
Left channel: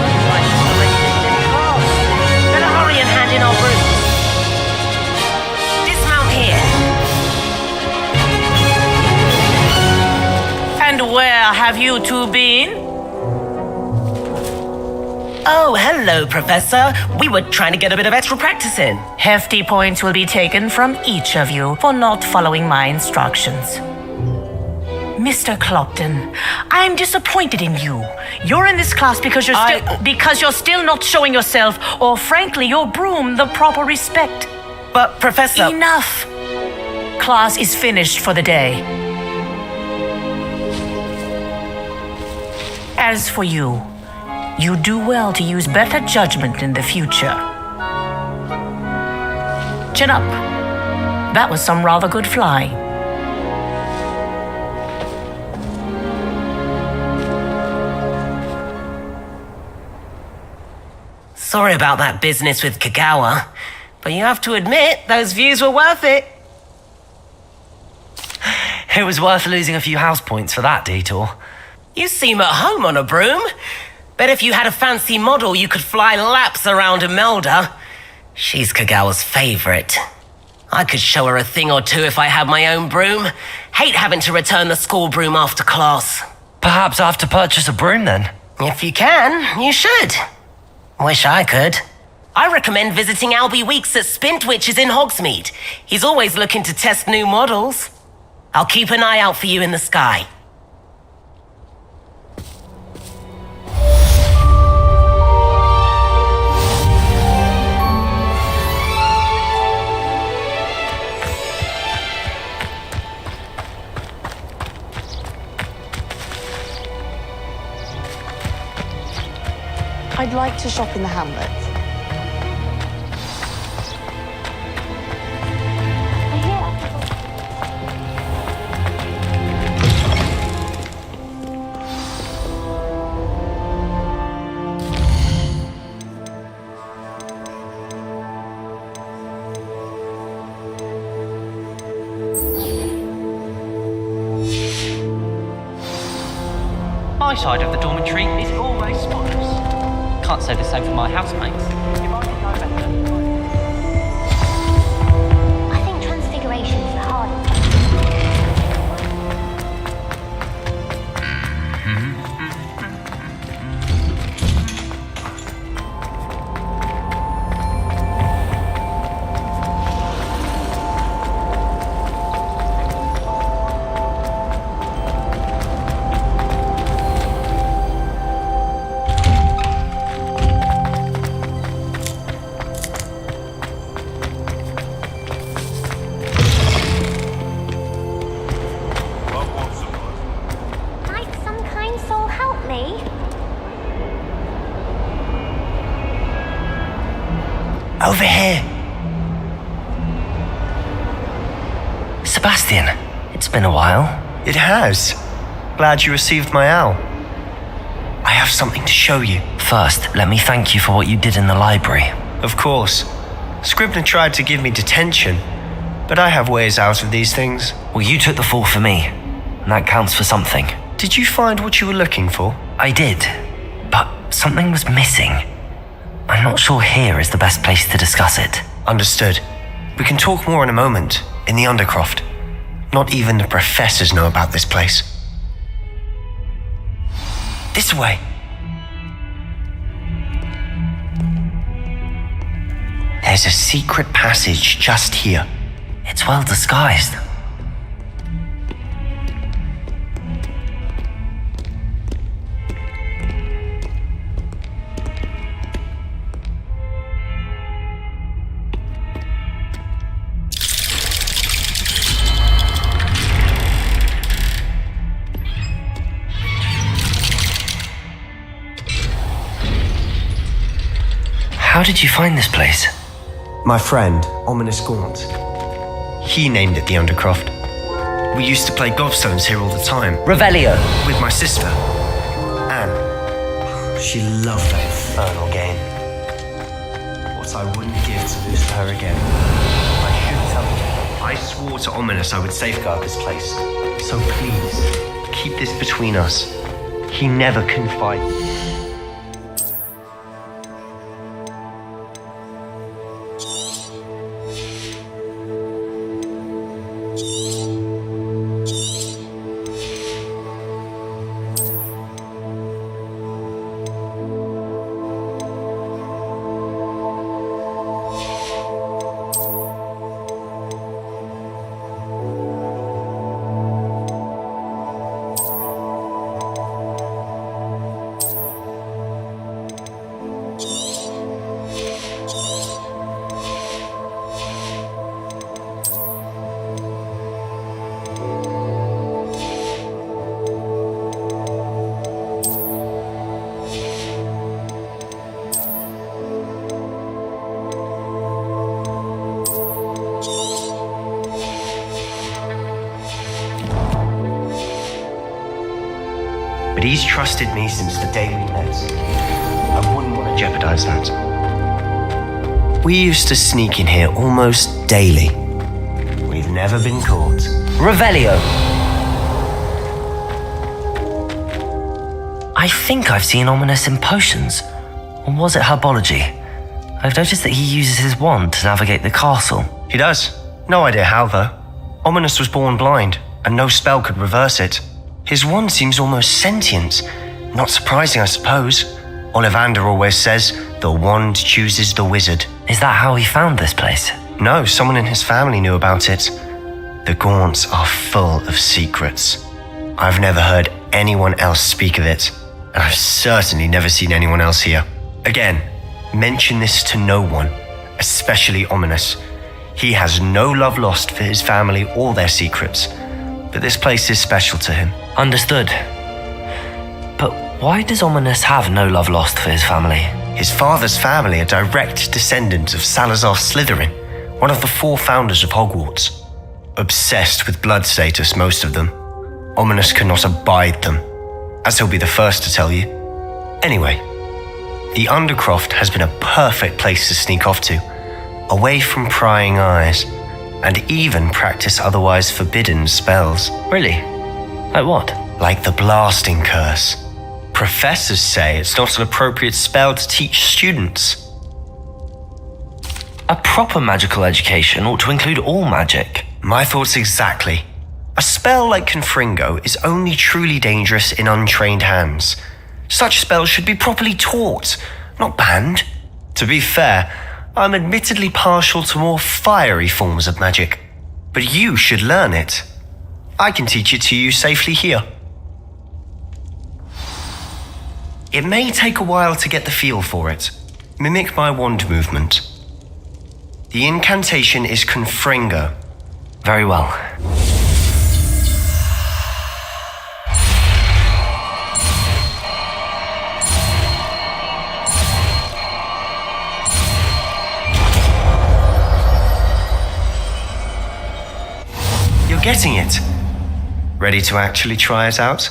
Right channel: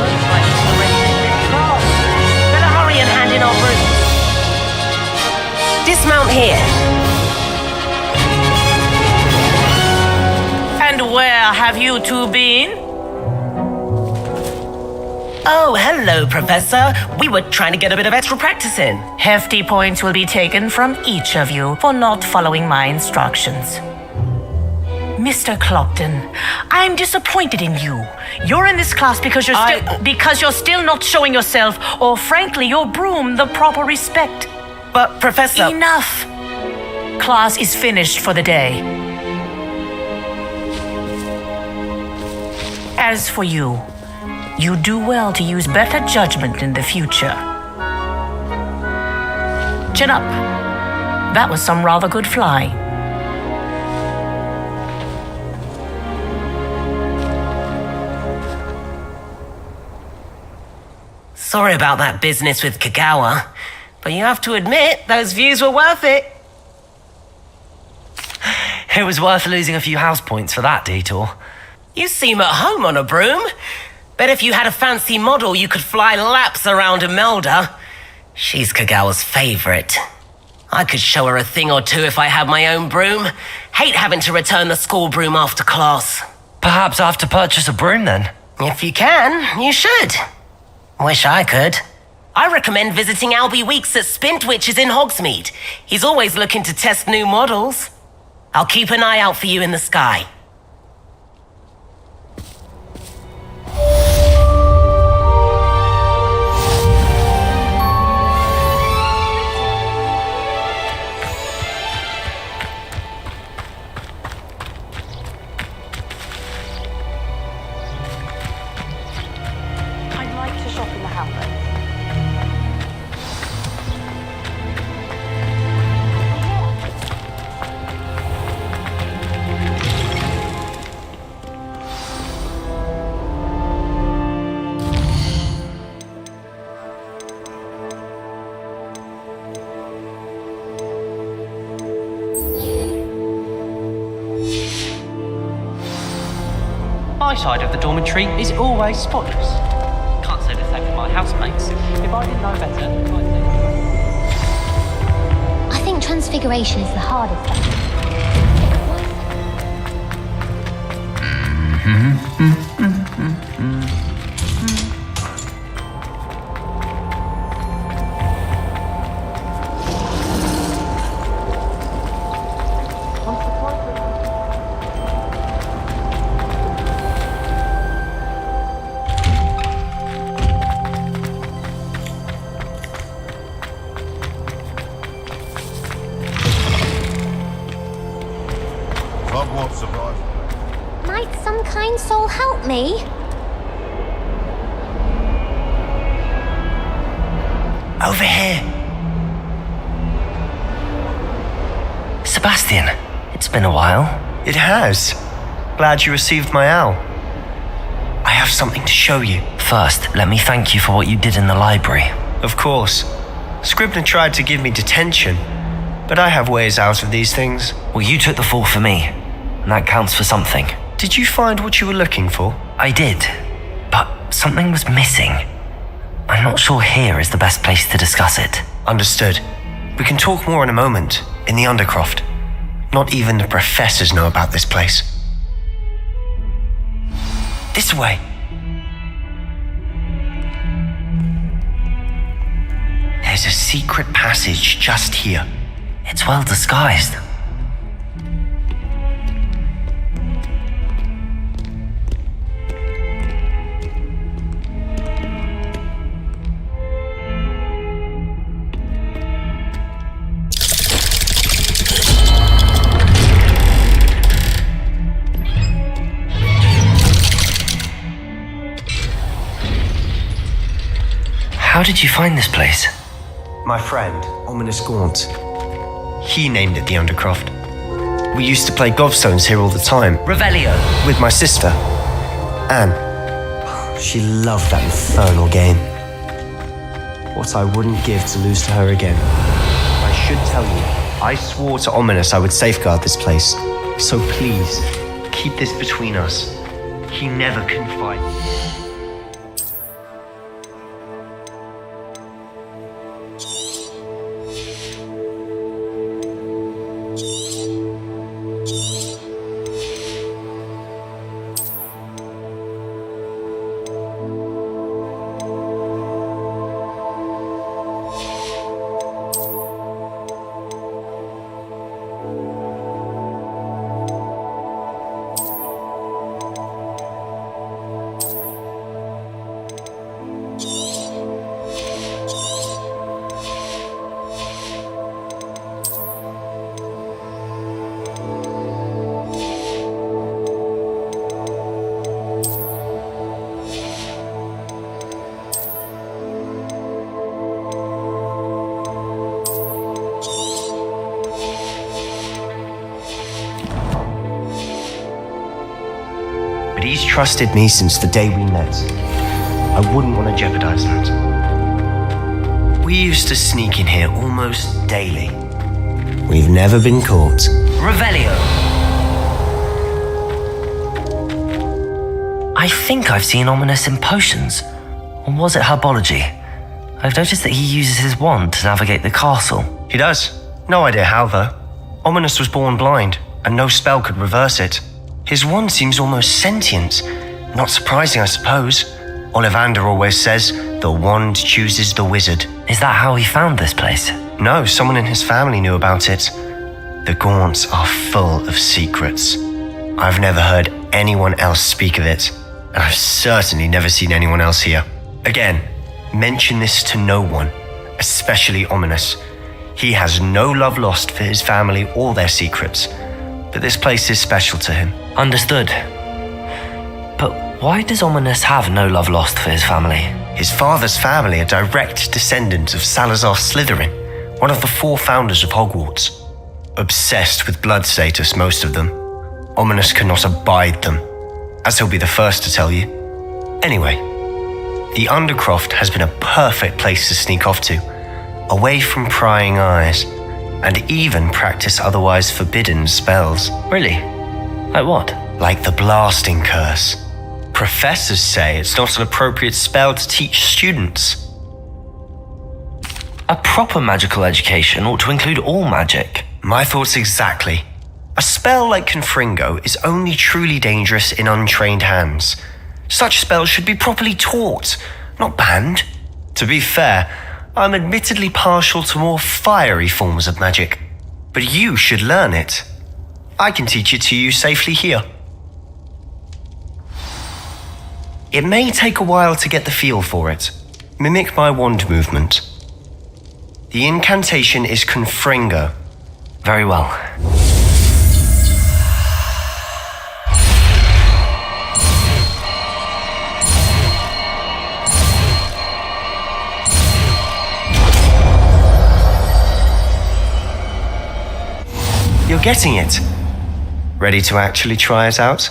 Looks like it's already dismissed class. Better hurry and hand in our brooms. Dismount here. And where have you two been? Oh, hello, Professor. We were trying to get a bit of extra practice in. Hefty points will be taken from each of you for not following my instructions. Mr. Clopton, I'm disappointed in you. You're in this class because you're still not showing yourself, or frankly, your broom, the proper respect. But, Professor... Enough! Class is finished for the day. As for you, you do well to use better judgment in the future. Chin up. That was some rather good flying. Sorry about that business with Kagawa, but you have to admit, those views were worth it. It was worth losing a few house points for that detour. You seem at home on a broom. Bet if you had a fancy model, you could fly laps around Imelda. She's Kagawa's favorite. I could show her a thing or two if I had my own broom. Hate having to return the school broom after class. Perhaps I have to purchase a broom then. If you can, you should. Wish I could. I recommend visiting Albie Weeks at Spintwitches in Hogsmeade. He's always looking to test new models. I'll keep an eye out for you in the sky. I'd like to shop in the hamlet. My side of the dormitory is always spotless. Can't say the same for my housemates. If I didn't know better... I think transfiguration is the hardest. Might some kind soul help me? Over here. Sebastian, it's been a while. It has. Glad you received my owl. I have something to show you. First, let me thank you for what you did in the library. Of course. Scribner tried to give me detention, but I have ways out of these things. Well, you took the fall for me, and that counts for something. Did you find what you were looking for? I did, but something was missing. I'm not sure here is the best place to discuss it. Understood. We can talk more in a moment, in the Undercroft. Not even the professors know about this place. This way. There's a secret passage just here. It's well disguised. How did you find this place? My friend, Ominous Gaunt. He named it the Undercroft. We used to play gobstones here all the time. Revelio. With my sister, Anne. She loved that infernal game. What I wouldn't give to lose to her again. I should tell you, I swore to Ominous I would safeguard this place. So please, keep this between us. He never confided. But he's trusted me since the day we met. I wouldn't want to jeopardize that. We used to sneak in here almost daily. We've never been caught. Revelio. I think I've seen Ominous in potions. Or was it herbology? I've noticed that he uses his wand to navigate the castle. He does. No idea how, though. Ominous was born blind, and no spell could reverse it. His wand seems almost sentient. Not surprising, I suppose. Ollivander always says, the wand chooses the wizard. Is that how he found this place? No, someone in his family knew about it. The Gaunts are full of secrets. I've never heard anyone else speak of it, and I've certainly never seen anyone else here. Again, mention this to no one, especially Ominous. He has no love lost for his family or their secrets, but this place is special to him. Understood. But why does Ominous have no love lost for his family? His father's family are direct descendants of Salazar Slytherin, one of the 4 founders of Hogwarts. Obsessed with blood status, most of them. Ominous cannot abide them, as he'll be the first to tell you. Anyway, the Undercroft has been a perfect place to sneak off to, away from prying eyes, and even practice otherwise forbidden spells. Really? Like what? Like the Blasting Curse. Professors say it's not an appropriate spell to teach students. A proper magical education ought to include all magic. My thoughts exactly. A spell like Confringo is only truly dangerous in untrained hands. Such spells should be properly taught, not banned. To be fair, I'm admittedly partial to more fiery forms of magic, but you should learn it. I can teach it to you safely here. It may take a while to get the feel for it. Mimic my wand movement. The incantation is Confringo. Very well. You're getting it. Ready to actually try it out?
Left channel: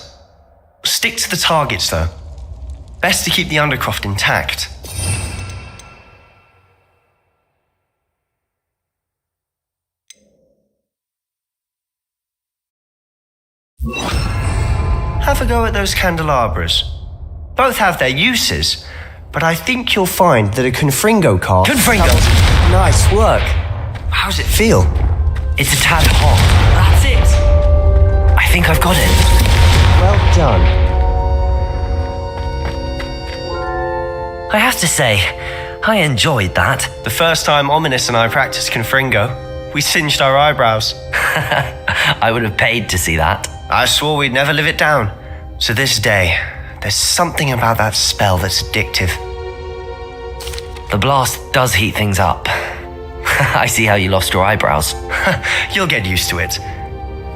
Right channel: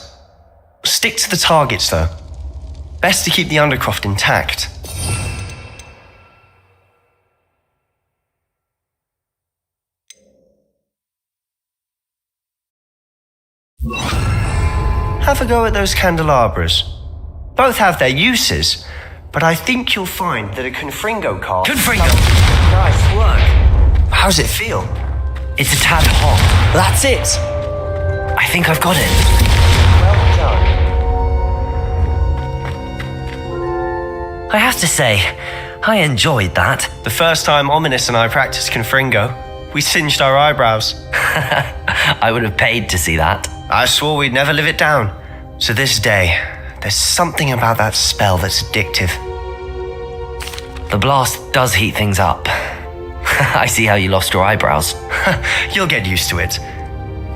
Stick to the targets, though. Best to keep the Undercroft intact. Have a go at those candelabras. Both have their uses, but I think you'll find that a Confringo card... Confringo! Nice work. How's it feel? It's a tad hot. That's it. I think I've got it. I have to say, I enjoyed that. The first time Ominous and I practiced Confringo, we singed our eyebrows. I would have paid to see that. I swore we'd never live it down. To this day, there's something about that spell that's addictive. The blast does heat things up. I see how you lost your eyebrows. You'll get used to it.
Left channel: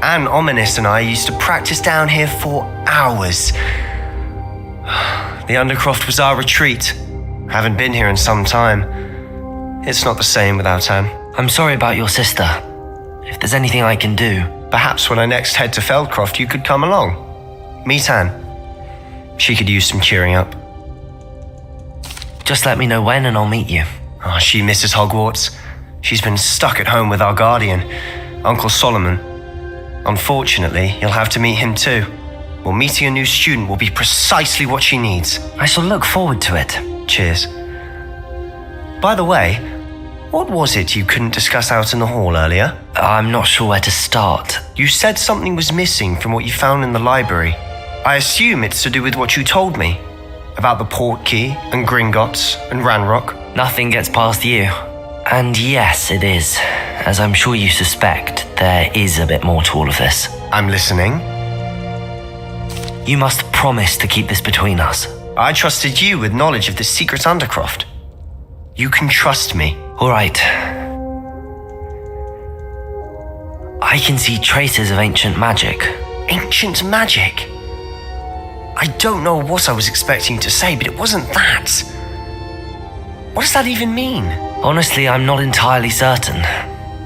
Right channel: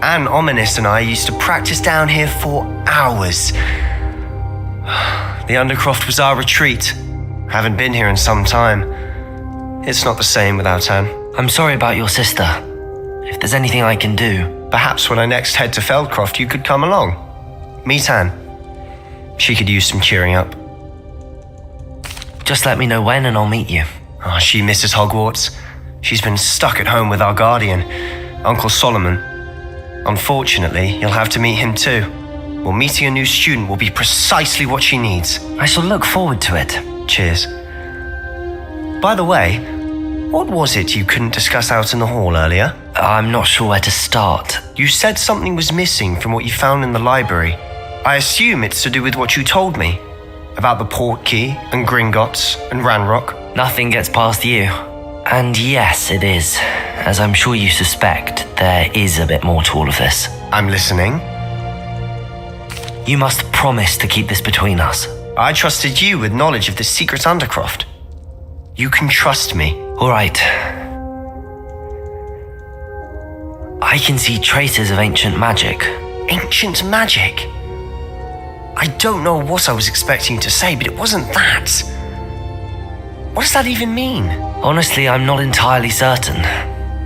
Anne Ominous and I used to practice down here for hours. The Undercroft was our retreat. Haven't been here in some time. It's not the same without Anne. I'm sorry about your sister. If there's anything I can do... Perhaps when I next head to Feldcroft, you could come along. Meet Anne. She could use some cheering up. Just let me know when and I'll meet you. Oh, she misses Hogwarts. She's been stuck at home with our guardian, Uncle Solomon. Unfortunately, you'll have to meet him too. Well, meeting a new student will be precisely what she needs. I shall look forward to it. Cheers. By the way, what was it you couldn't discuss out in the hall earlier? I'm not sure where to start. You said something was missing from what you found in the library. I assume it's to do with what you told me. About the Portkey and Gringotts and Ranrock. Nothing gets past you. And yes, it is. As I'm sure you suspect, there is a bit more to all of this. I'm listening. You must promise to keep this between us. I trusted you with knowledge of the secret Undercroft. You can trust me. All right. I can see traces of ancient magic. Ancient magic? I don't know what I was expecting you to say, but it wasn't that. What does that even mean? Honestly, I'm not entirely certain.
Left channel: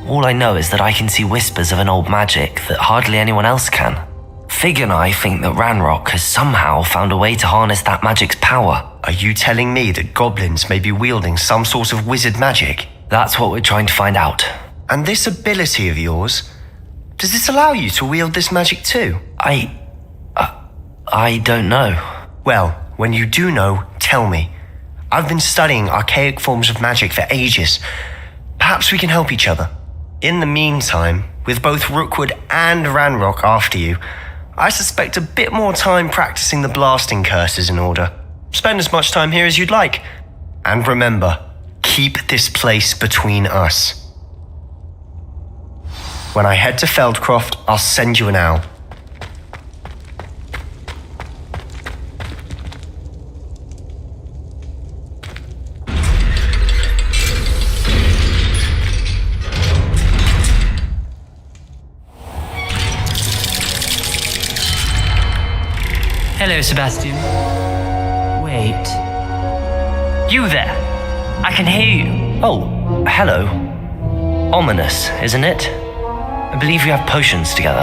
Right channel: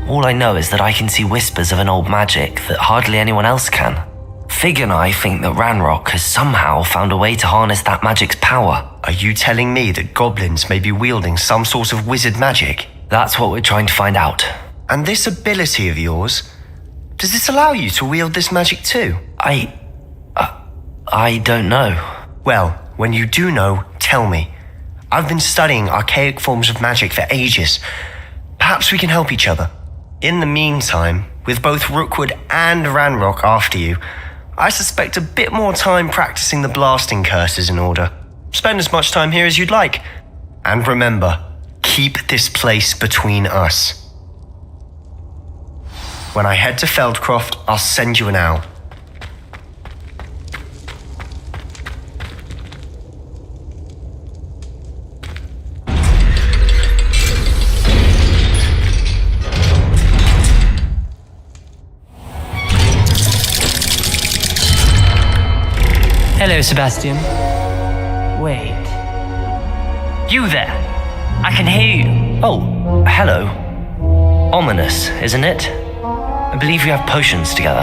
All I know is that I can see whispers of an old magic that hardly anyone else can. Fig and I think that Ranrock has somehow found a way to harness that magic's power. Are you telling me that goblins may be wielding some sort of wizard magic? That's what we're trying to find out. And this ability of yours, does this allow you to wield this magic too? I don't know. Well, when you do know, tell me. I've been studying archaic forms of magic for ages. Perhaps we can help each other. In the meantime, with both Rookwood and Ranrock after you, I suspect a bit more time practicing the blasting curse is in order. Spend as much time here as you'd like. And remember, keep this place between us. When I head to Feldcroft, I'll send you an owl. Hello, Sebastian. Wait. You there? I can hear you. Oh, hello. Ominous, isn't it? I believe you have potions together.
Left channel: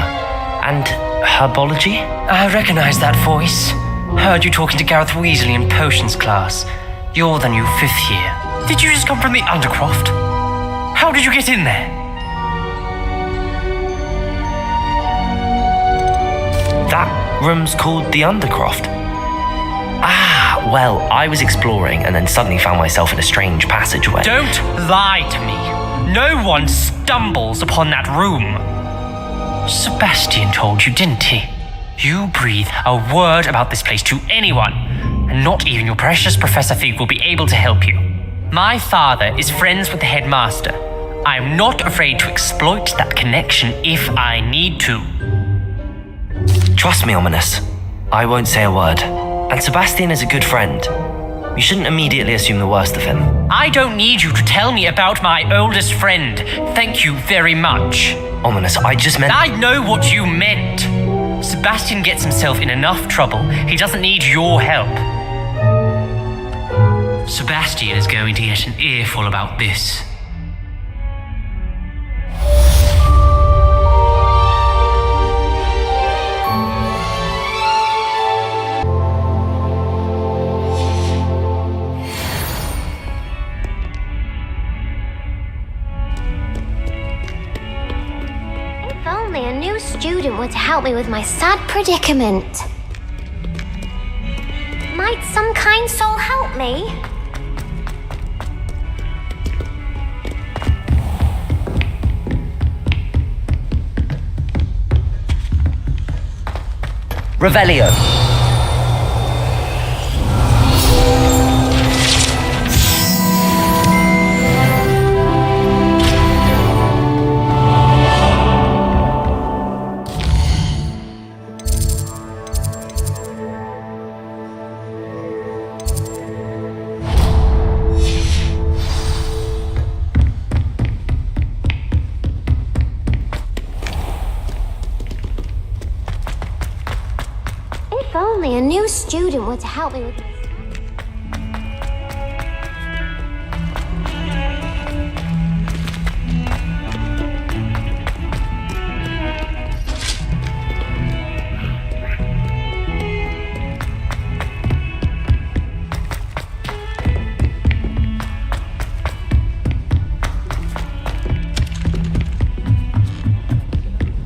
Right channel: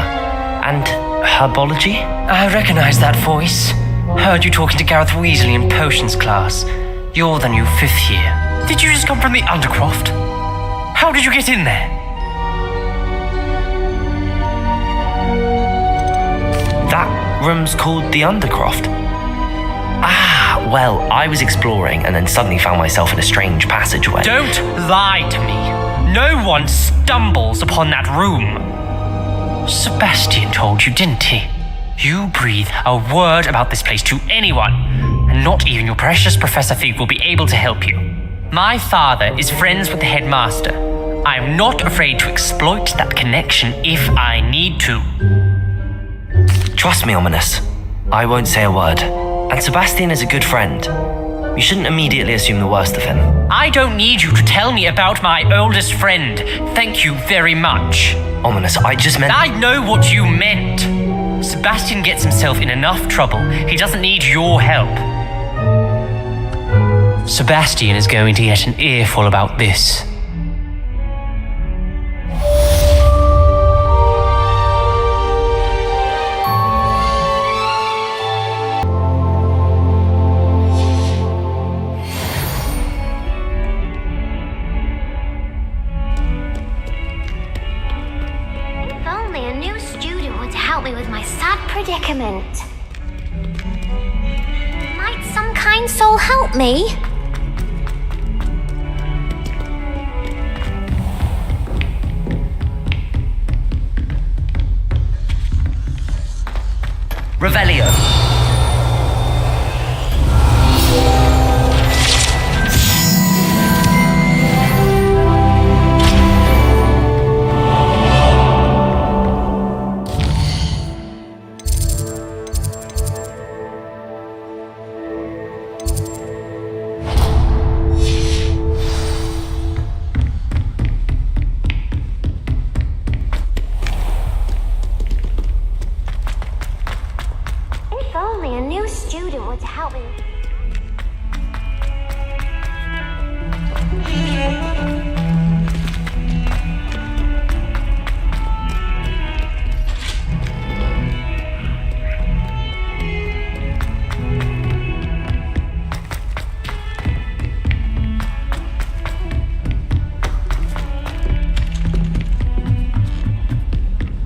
And herbology? I recognize that voice. Heard you talking to Gareth Weasley in potions class. You're the new 5th year. Did you just come from the Undercroft? How did you get in there? That room's called the Undercroft. Ah, well, I was exploring and then suddenly found myself in a strange passageway. Don't lie to me. No one stumbles upon that room. Sebastian told you, didn't he? You breathe a word about this place to anyone, and not even your precious Professor Fig will be able to help you. My father is friends with the headmaster. I'm not afraid to exploit that connection if I need to. Trust me, Ominous. I won't say a word. And Sebastian is a good friend. You shouldn't immediately assume the worst of him. I don't need you to tell me about my oldest friend. Thank you very much. Ominous, I just meant... I know what you meant. Sebastian gets himself in enough trouble. He doesn't need your help. Sebastian is going to get an earful about this. If only a new student were to help me with my sad predicament. Might some kind soul help me? Revelio. If only a new student were to help me with...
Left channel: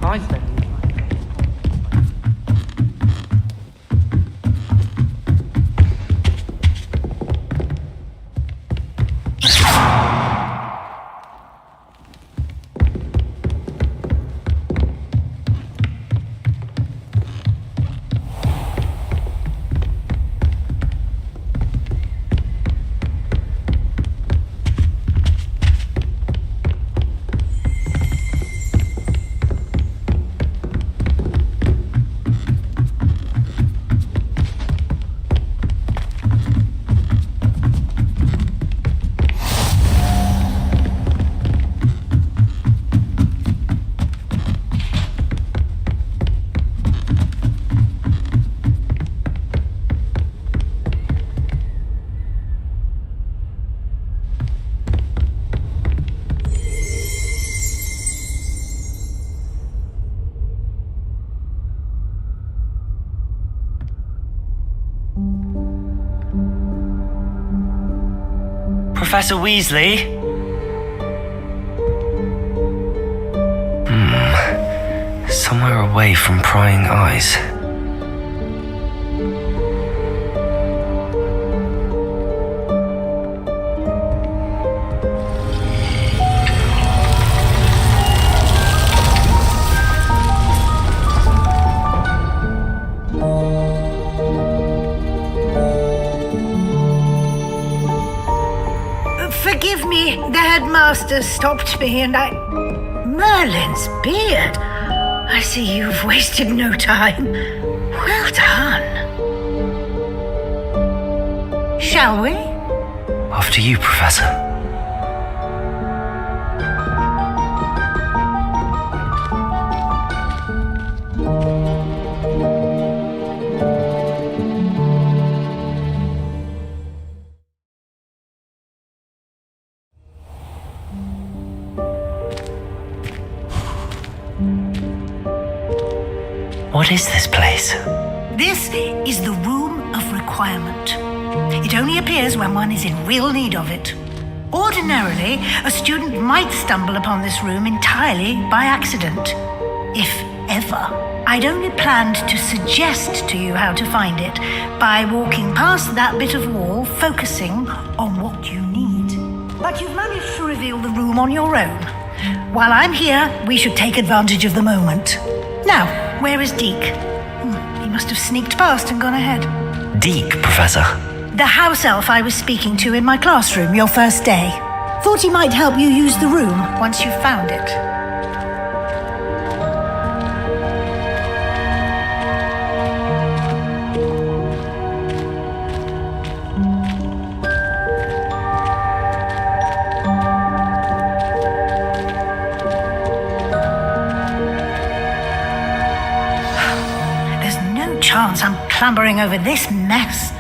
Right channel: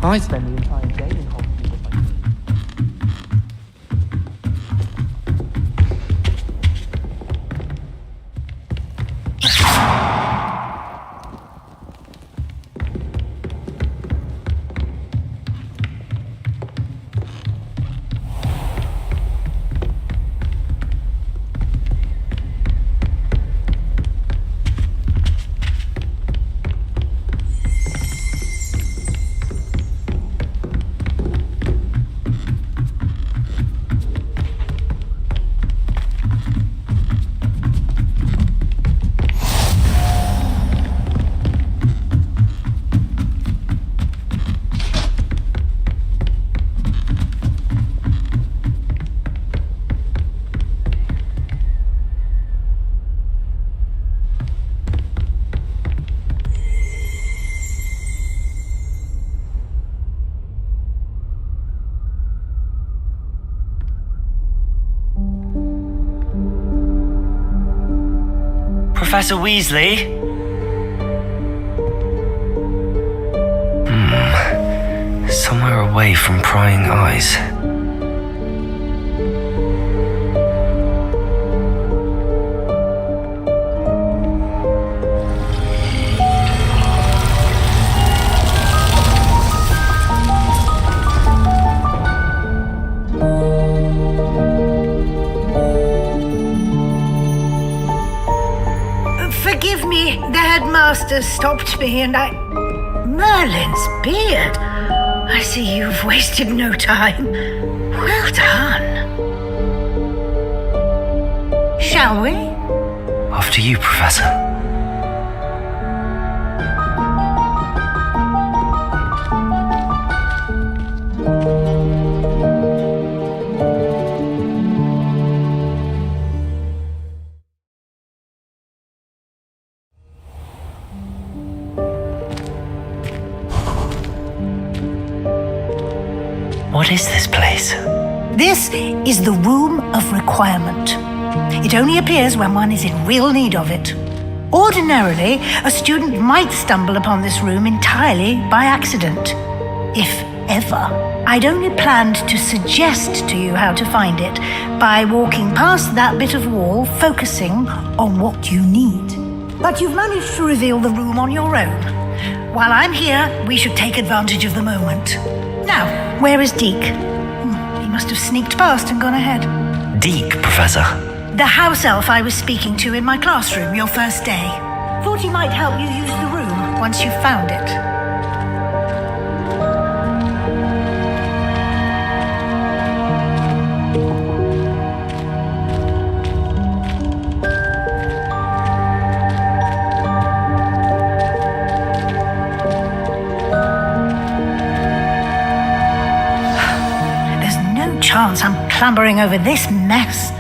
I spend the entire day in Professor Weasley? Somewhere away from prying eyes. Forgive me, the headmaster stopped me and I... Merlin's beard. I see you've wasted no time. Well done. Shall we? After you, Professor. What is this place? This is the Room of Requirement. It only appears when one is in real need of it. Ordinarily, a student might stumble upon this room entirely by accident. If ever. I'd only planned to suggest to you how to find it by walking past that bit of wall, focusing on what you need. But you've managed to reveal the room on your own. While I'm here, we should take advantage of the moment. Now, where is Deke? He must have sneaked past and gone ahead. Deke, Professor. The house elf I was speaking to in my classroom your first day. Thought he might help you use the room once you've found it. There's no chance I'm clambering over this mess.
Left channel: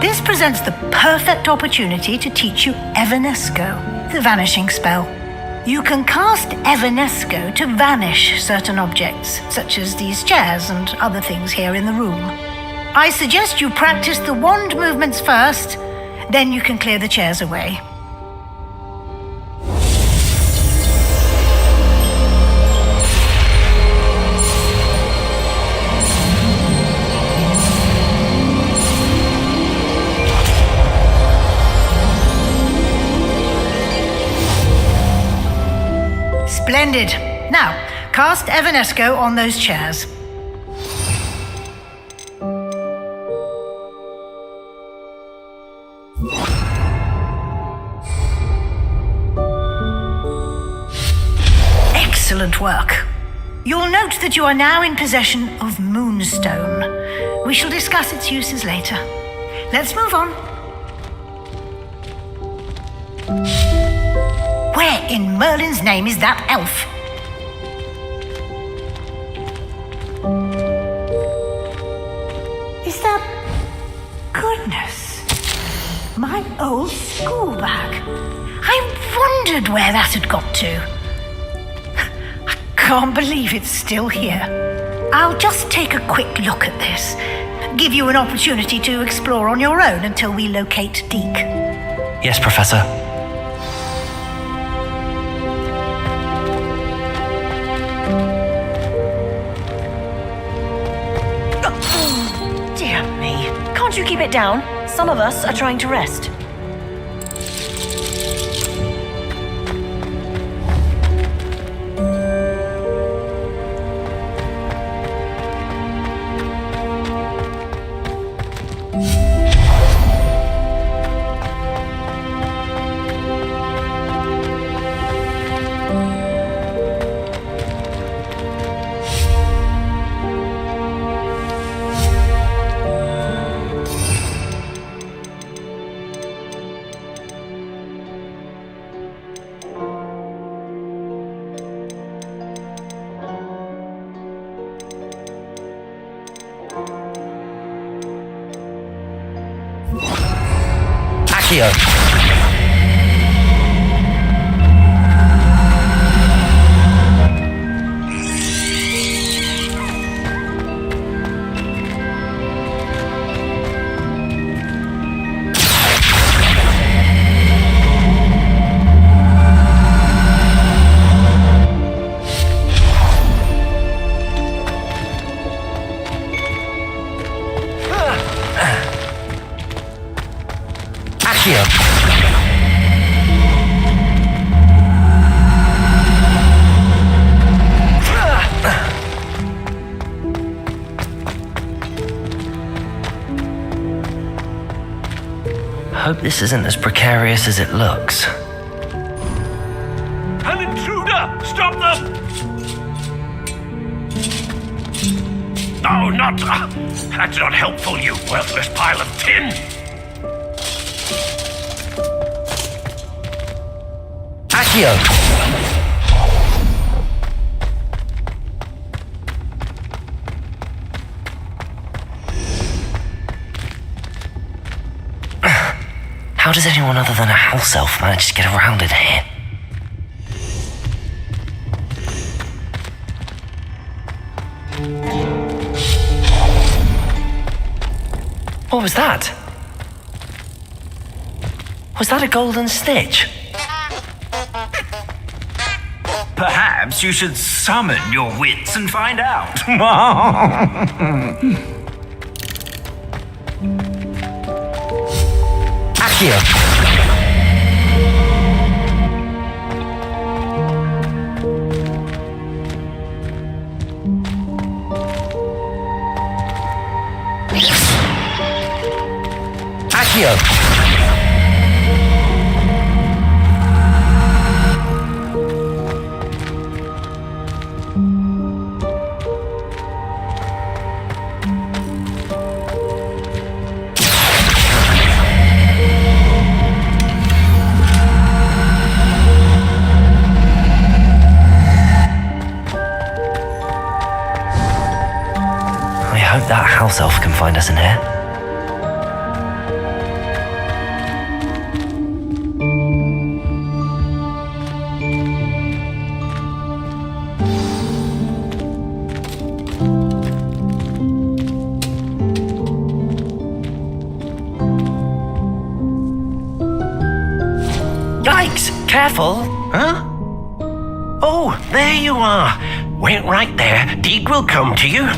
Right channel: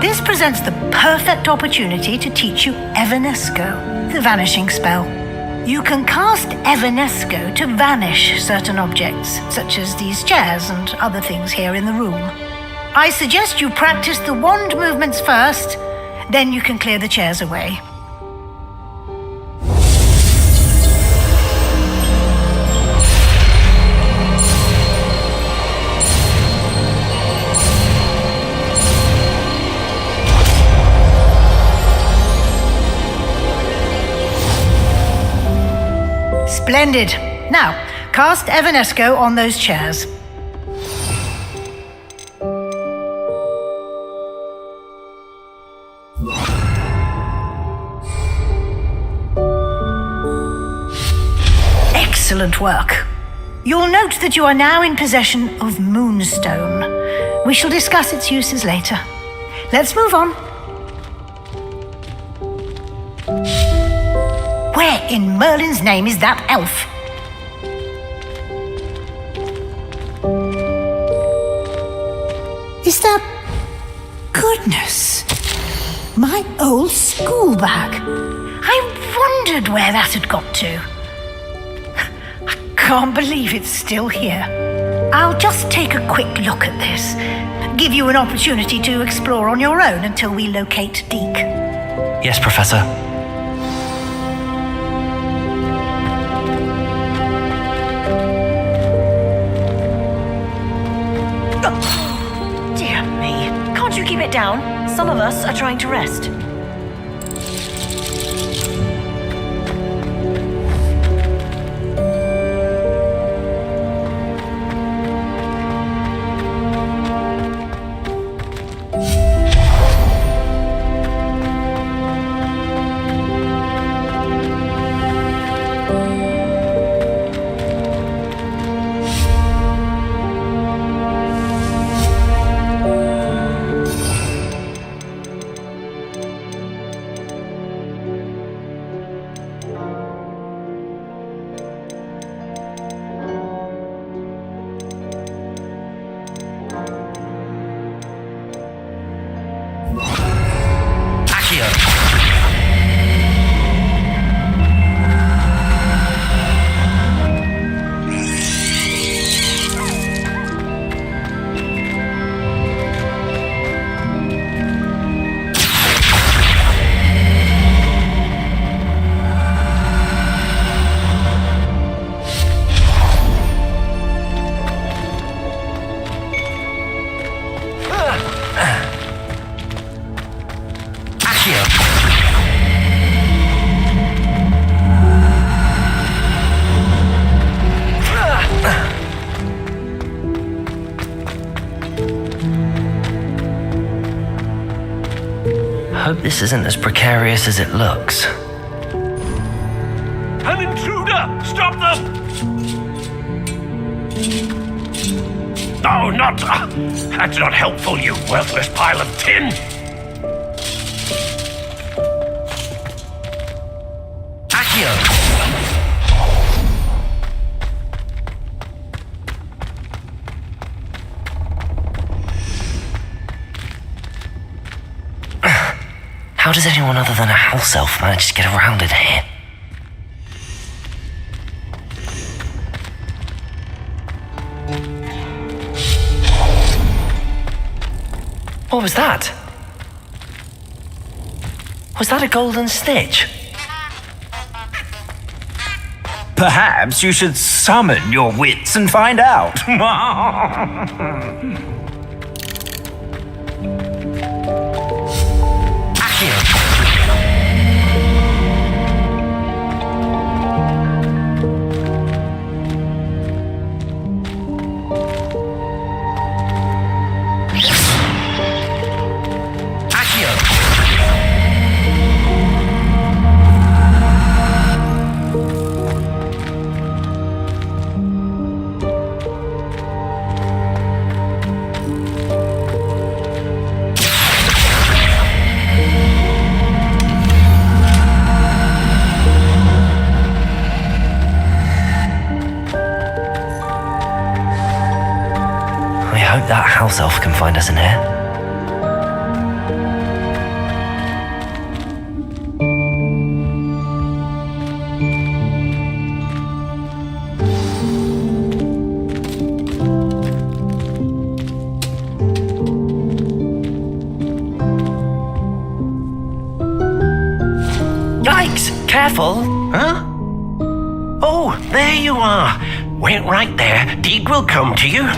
This presents the perfect opportunity to teach you Evanesco, the vanishing spell. You can cast Evanesco to vanish certain objects, such as these chairs and other things here in the room. I suggest you practice the wand movements first, then you can clear the chairs away. Splendid. Now, cast Evanesco on those chairs. Excellent work. You'll note that you are now in possession of Moonstone. We shall discuss its uses later. Let's move on. Where in Merlin's name is that elf? Is that... Goodness. My old school bag. I wondered where that had got to. I can't believe it's still here. I'll just take a quick look at this. Give you an opportunity to explore on your own until we locate Deke. Yes, Professor. Dear me. Can't you keep it down? Some of us are trying to rest. Accio. Accio. hope this isn't as precarious as it looks. An intruder! Stop them! No, not... that's not helpful, you worthless pile of tin! Accio! How does anyone other than a house elf manage to get around in here? What was that? Was that a golden stitch? Perhaps you should summon your wits and find out. Accio! Accio! I hope that house elf can find us in here. Yikes! Careful! Huh? Oh, there you are. Wait right there. Deek will come to you.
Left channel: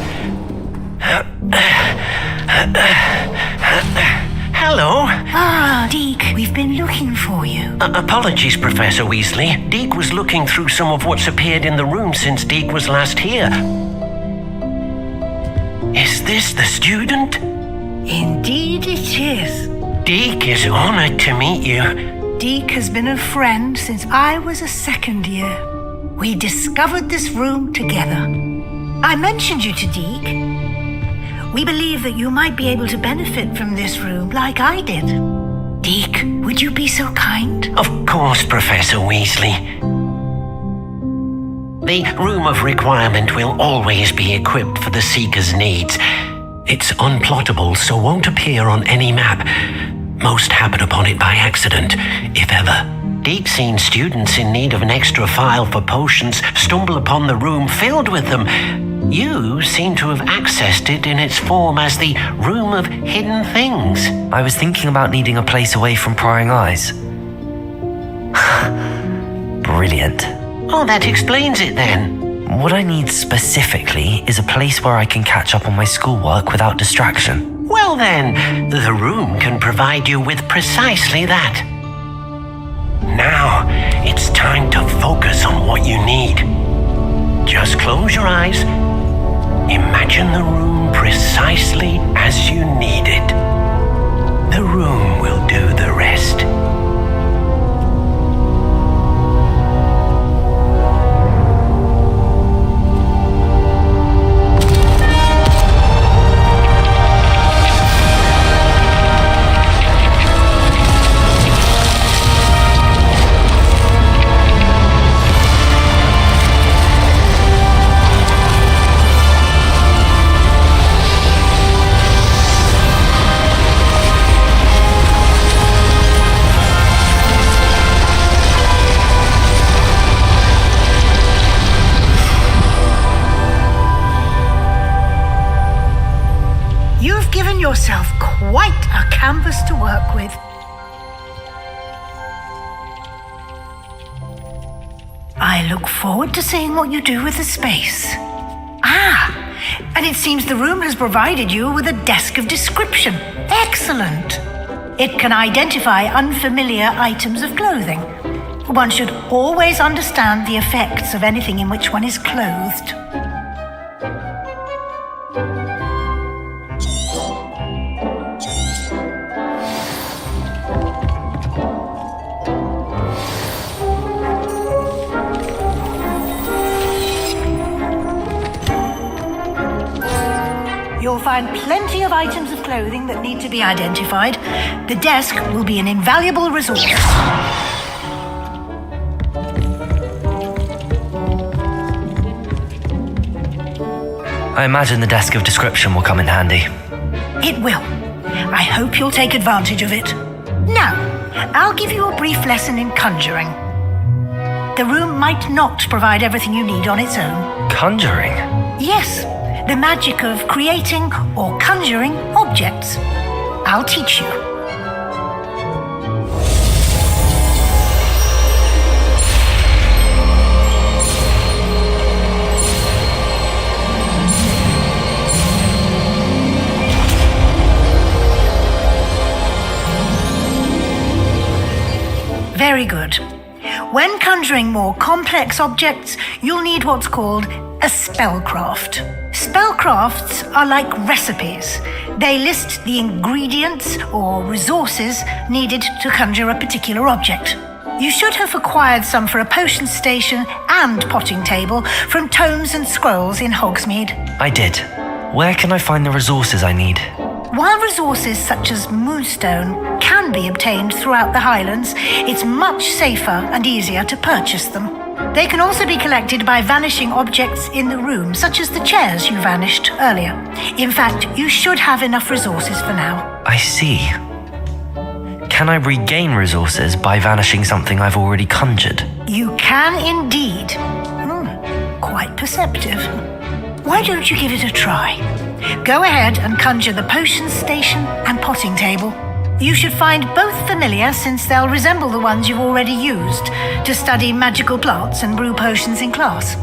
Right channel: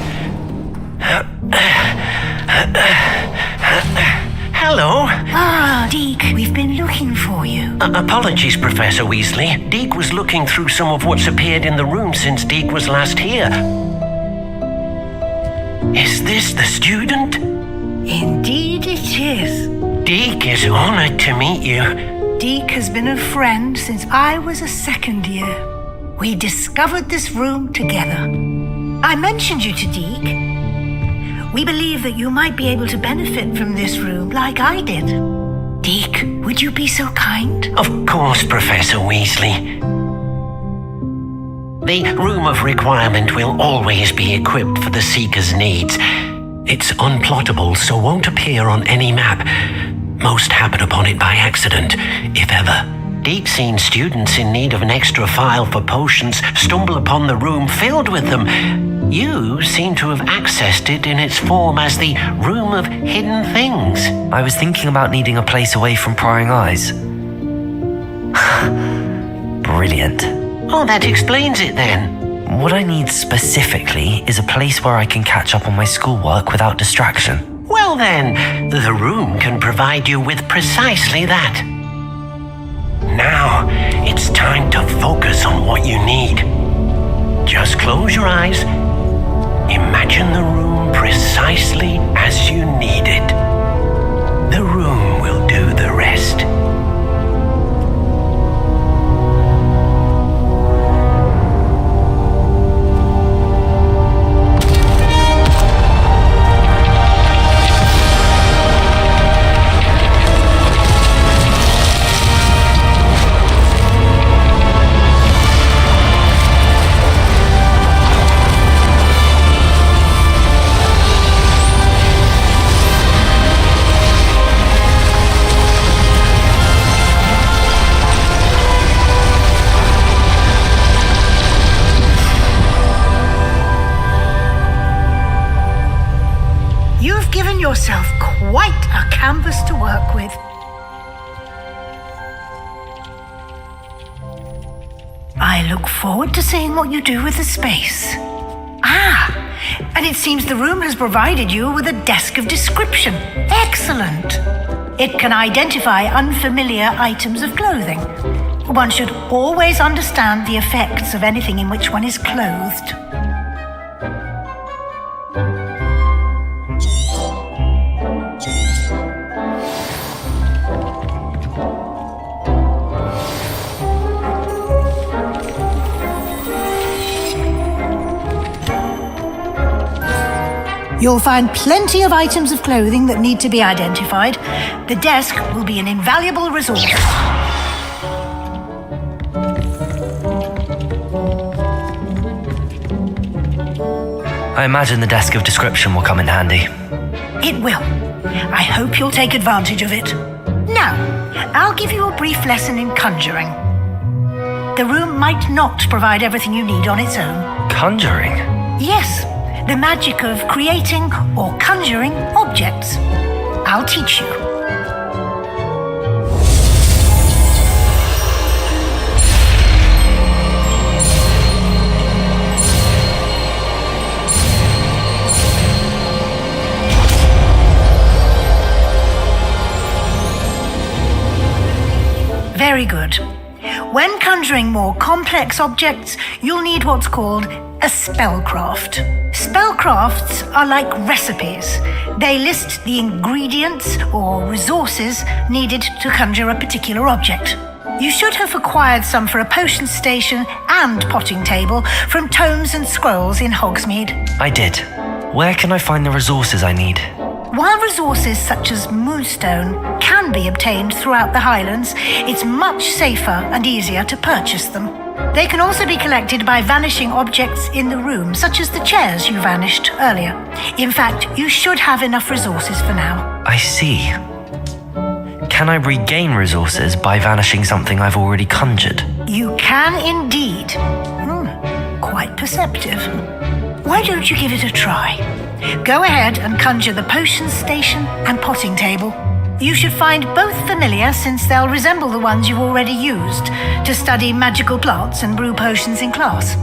Hello. Ah, Deek, we've been looking for you. Apologies, Professor Weasley. Deek was looking through some of what's appeared in the room since Deek was last here. Is this the student? Indeed it is. Deek is honored to meet you. Deek has been a friend since I was a second year. We discovered this room together. I mentioned you to Deek. We believe that you might be able to benefit from this room like I did. Deek, would you be so kind? Of course, Professor Weasley. The Room of Requirement will always be equipped for the Seeker's needs. It's unplottable, so won't appear on any map. Most happen upon it by accident, if ever. Deek's seen students in need of an extra file for potions stumble upon the room filled with them. You seem to have accessed it in its form as the Room of Hidden Things. I was thinking about needing a place away from prying eyes. Brilliant. Oh, that explains it then. What I need specifically is a place where I can catch up on my schoolwork without distraction. Well then, the room can provide you with precisely that. Now, it's time to focus on what you need. Just close your eyes. Imagine the room precisely as you need it. The room will do the rest. You've given yourself quite a canvas to work with. I look forward to seeing what you do with the space. Ah, and it seems the room has provided you with a desk of description. Excellent. It can identify unfamiliar items of clothing. One should always understand the effects of anything in which one is clothed. You'll find plenty of items of clothing that need to be identified. The desk will be an invaluable resource. I imagine the desk of description will come in handy. It will. I hope you'll take advantage of it. Now, I'll give you a brief lesson in conjuring. The room might not provide everything you need on its own. Conjuring? Yes, the magic of creating or conjuring objects. I'll teach you. Very good. When conjuring more complex objects, you'll need what's called a spellcraft. Spellcrafts are like recipes. They list the ingredients or resources needed to conjure a particular object. You should have acquired some for a potion station and potting table from tomes and scrolls in Hogsmeade. I did. Where can I find the resources I need? While resources such as moonstone can be obtained throughout the Highlands, it's much safer and easier to purchase them. They can also be collected by vanishing objects in the room, such as the chairs you vanished earlier. In fact, you should have enough resources for now. I see. Can I regain resources by vanishing something I've already conjured? You can indeed. Quite perceptive. Why don't you give it a try? Go ahead and conjure the potion station and potting table. You should find both familiar, since they'll resemble the ones you've already used to study magical plants and brew potions in class.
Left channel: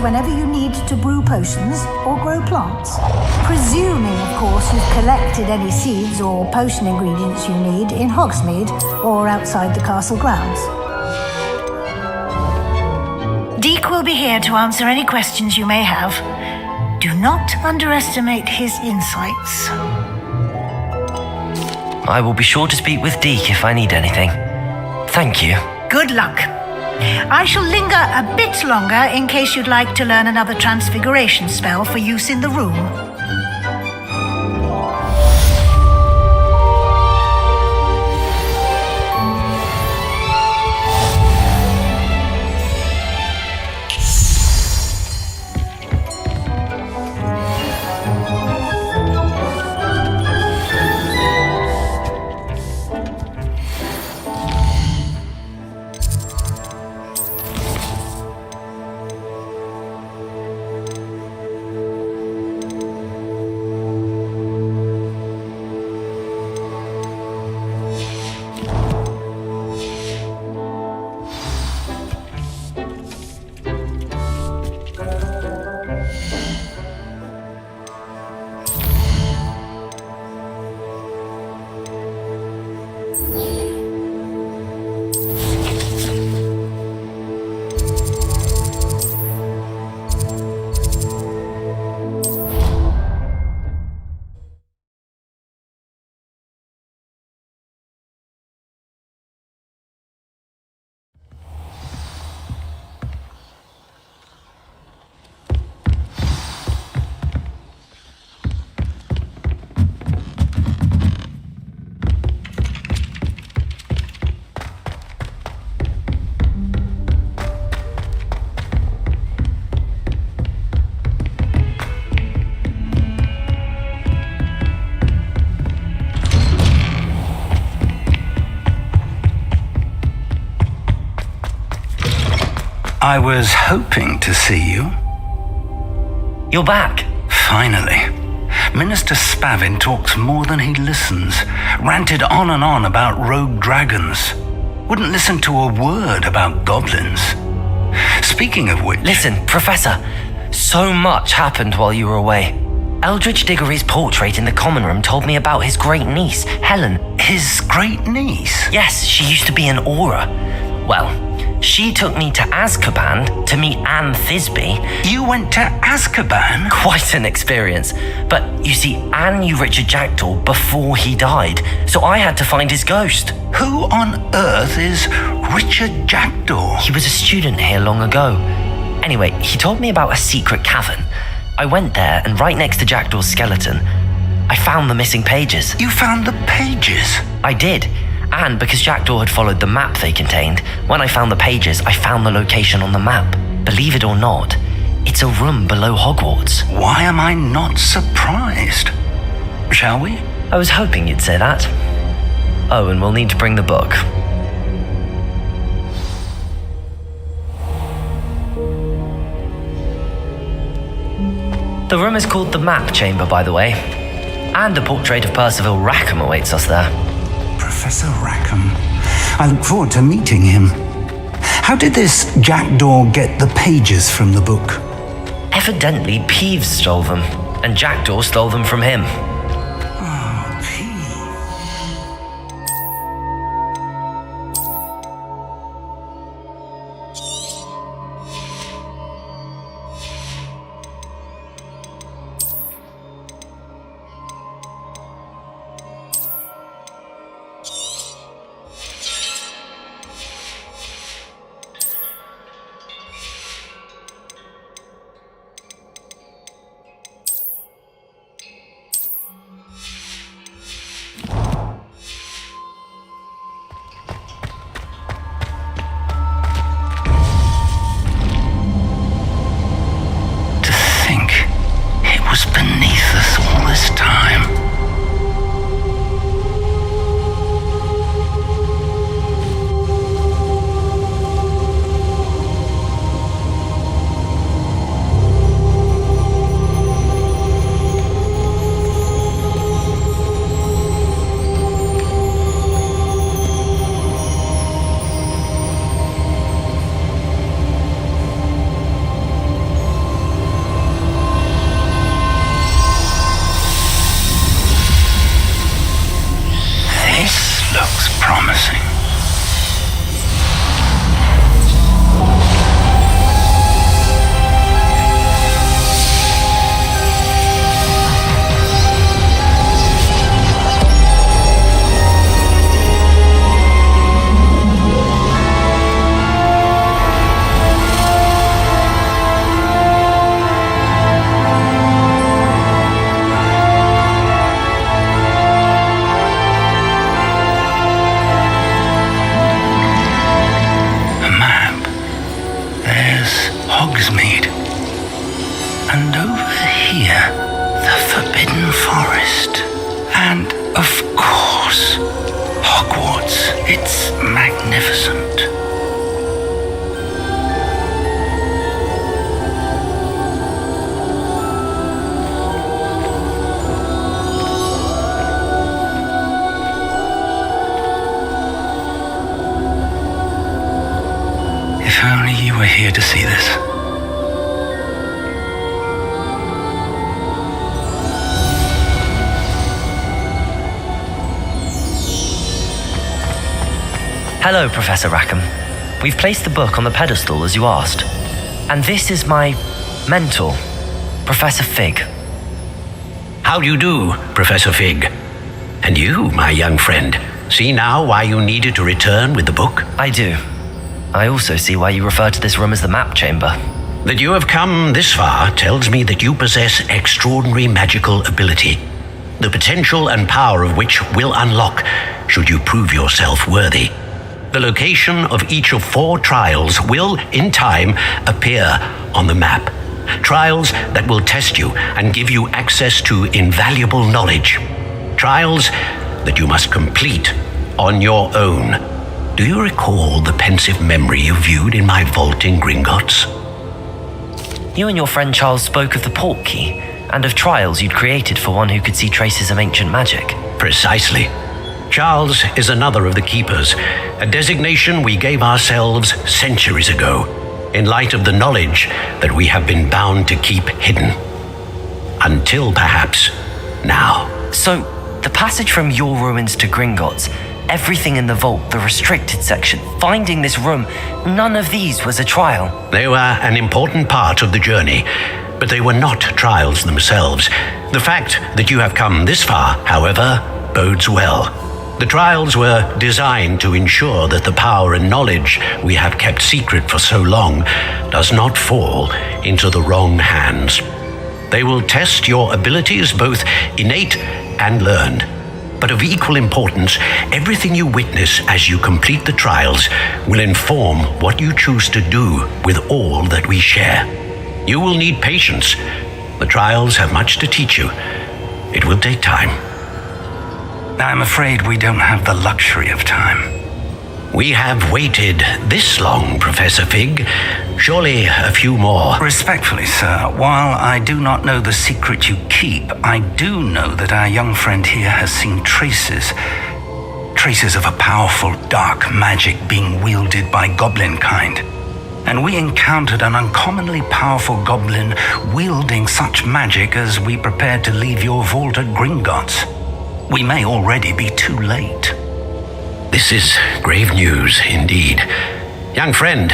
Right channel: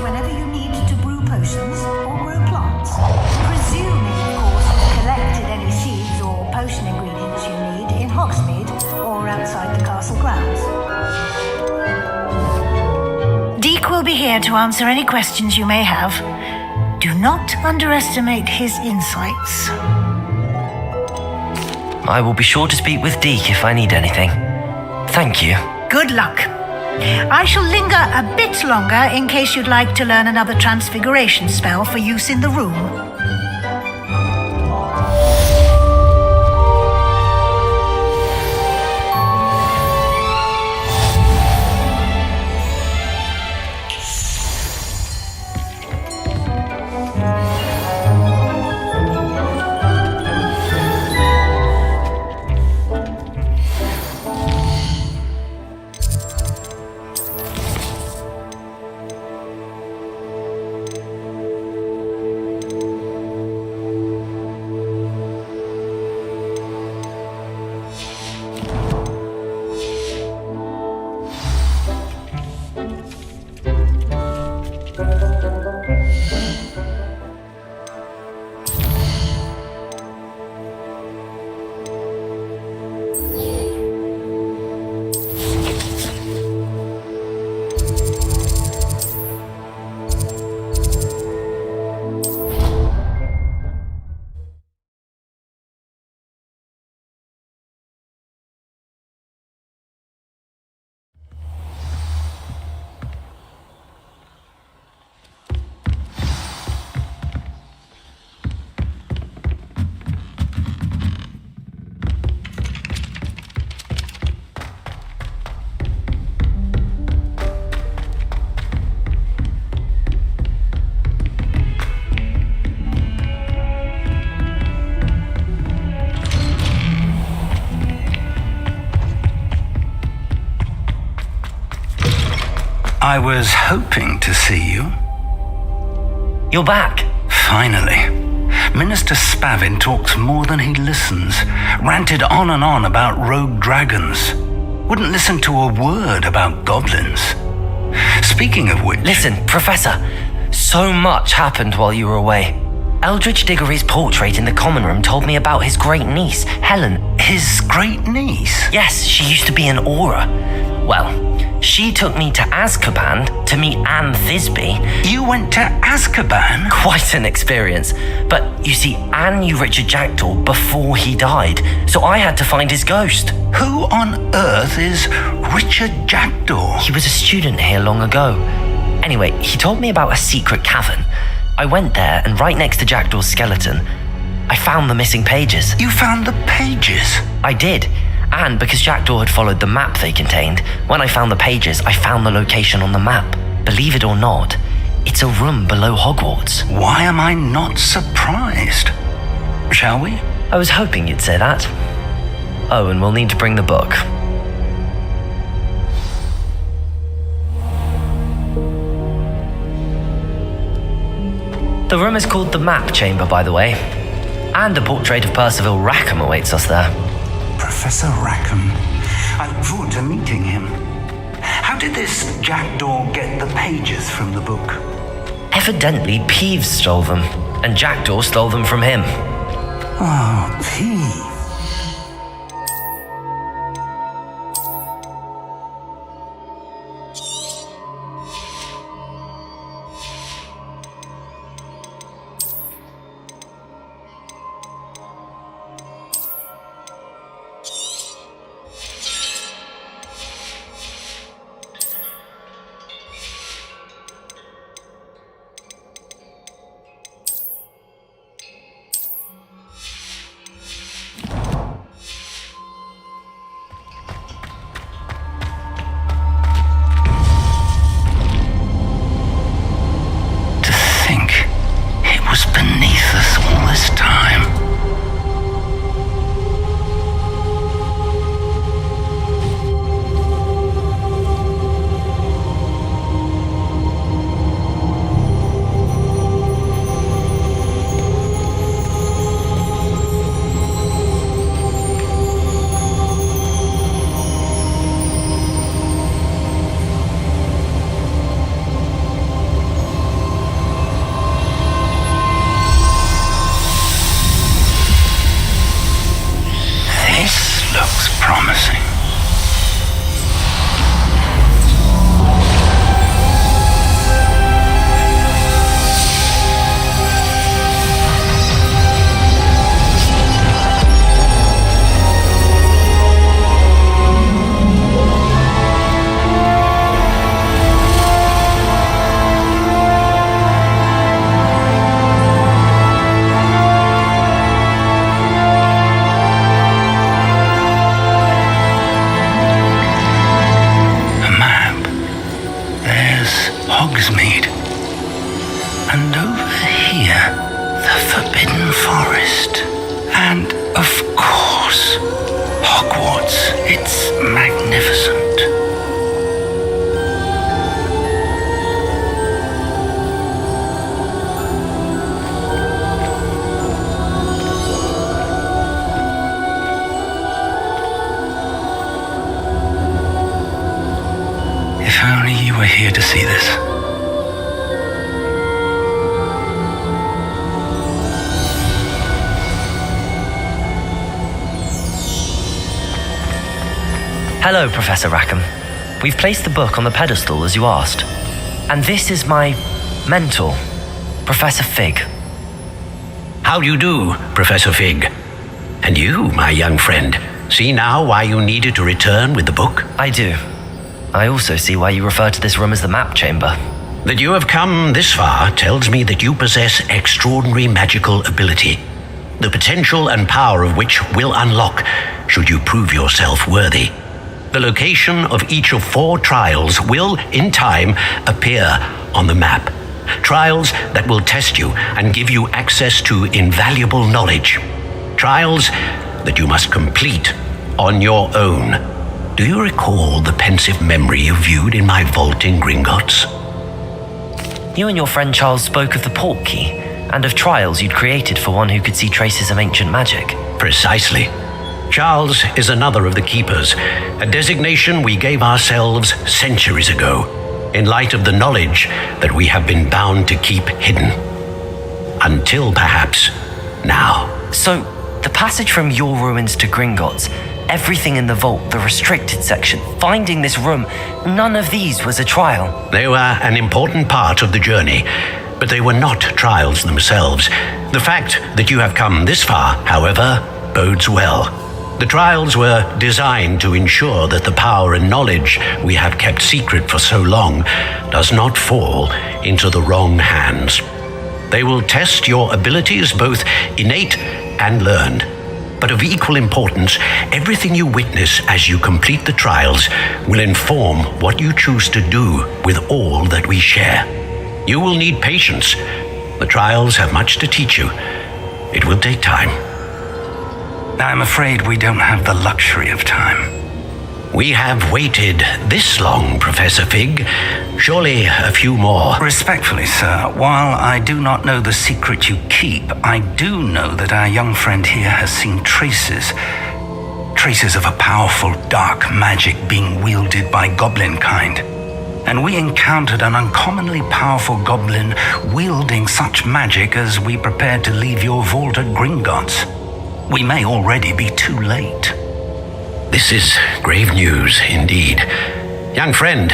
Whenever you need to brew potions or grow plants. Presuming, of course, you've collected any seeds or potion ingredients you need in Hogsmeade or outside the castle grounds. Deke will be here to answer any questions you may have. Do not underestimate his insights. I will be sure to speak with Deke if I need anything. Thank you. Good luck. I shall linger a bit longer in case you'd like to learn another transfiguration spell for use in the room. I was hoping to see you. You're back. Finally. Minister Spavin talks more than he listens. Ranted on and on about rogue dragons. Wouldn't listen to a word about goblins. Speaking of which... Listen, Professor. So much happened while you were away. Eldridge Diggory's portrait in the common room told me about his great niece, Helen. His great niece? Yes, she used to be an Auror. Well, she took me to Azkaban to meet Anne Thisbe. You went to Azkaban? Quite an experience. But you see, Anne knew Richard Jackdaw before he died, so I had to find his ghost. Who on earth is Richard Jackdaw? He was a student here long ago. Anyway, he told me about a secret cavern. I went there, and right next to Jackdaw's skeleton, I found the missing pages. You found the pages? I did. And because Jackdaw had followed the map they contained, when I found the pages, I found the location on the map. Believe it or not, it's a room below Hogwarts. Why am I not surprised? Shall we? I was hoping you'd say that. Oh, and we'll need to bring the book. The room is called the Map Chamber, by the way. And a portrait of Percival Rackham awaits us there. Professor Rackham. I look forward to meeting him. How did this Jackdaw get the pages from the book? Evidently, Peeves stole them, and Jackdaw stole them from him. Oh, Peeves. Beneath us all this time. Looks promising. Map. There's Hogsmeade. And over here, the Forbidden Forest. And, of course, Hogwarts. It's magnificent. If only you were here to see this. Hello, Professor Rackham. We've placed the book on the pedestal as you asked. And this is my mentor, Professor Fig. How do you do, Professor Fig? And you, my young friend, see now why you needed to return with the book? I do. I also see why you refer to this room as the Map Chamber. That you have come this far tells me that you possess extraordinary magical ability, the potential and power of which will unlock should you prove yourself worthy. The location of each of 4 trials will, in time, appear on the map. Trials that will test you and give you access to invaluable knowledge. Trials that you must complete on your own. do you recall the pensive memory you viewed in my vault in Gringotts? You and your friend Charles spoke of the port key and of trials you'd created for one who could see traces of ancient magic. Precisely. Charles is another of the keepers, a designation we gave ourselves centuries ago, in light of the knowledge that we have been bound to keep hidden. Until perhaps now. So, the passage from your ruins to Gringotts, everything in the vault, the restricted section, finding this room, none of these was a trial. They were an important part of the journey, but they were not trials themselves. The fact that you have come this far, however, bodes well. The trials were designed to ensure that the power and knowledge we have kept secret for so long does not fall into the wrong hands. They will test your abilities, both innate and learned. But of equal importance, everything you witness as you complete the trials will inform what you choose to do with all that we share. You will need patience. The trials have much to teach you. It will take time. I'm afraid we don't have the luxury of time. We have waited this long, Professor Fig. Surely a few more. Respectfully, sir, while I do not know the secret you keep, I do know that our young friend here has seen traces of a powerful dark magic being wielded by goblin kind. And we encountered an uncommonly powerful goblin wielding such magic as we prepared to leave your vault at Gringotts. We may already be too late. This is grave news indeed. Young friend,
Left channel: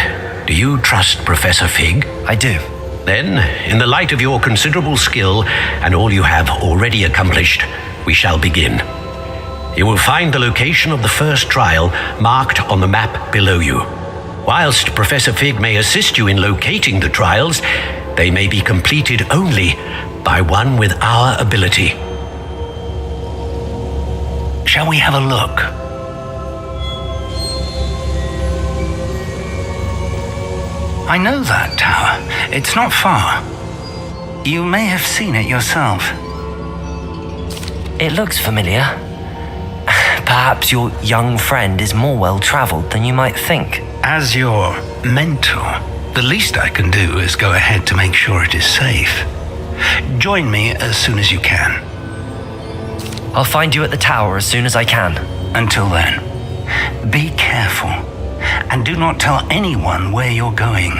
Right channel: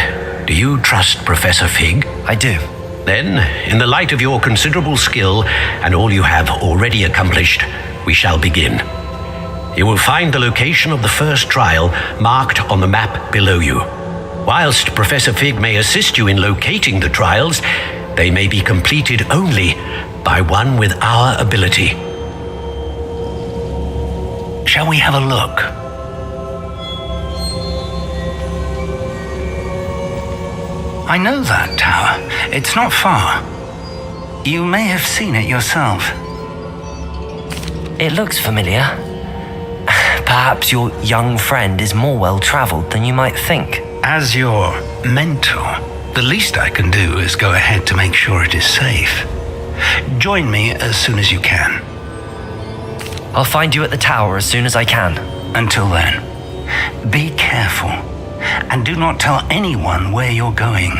do you trust Professor Fig? I do. Then, in the light of your considerable skill and all you have already accomplished, we shall begin. You will find the location of the first trial marked on the map below you. Whilst Professor Fig may assist you in locating the trials, they may be completed only by one with our ability. Shall we have a look? I know that tower. It's not far. You may have seen it yourself. It looks familiar. Perhaps your young friend is more well-traveled than you might think. As your mentor, the least I can do is go ahead to make sure it is safe. Join me as soon as you can. I'll find you at the tower as soon as I can. Until then, be careful, and do not tell anyone where you're going.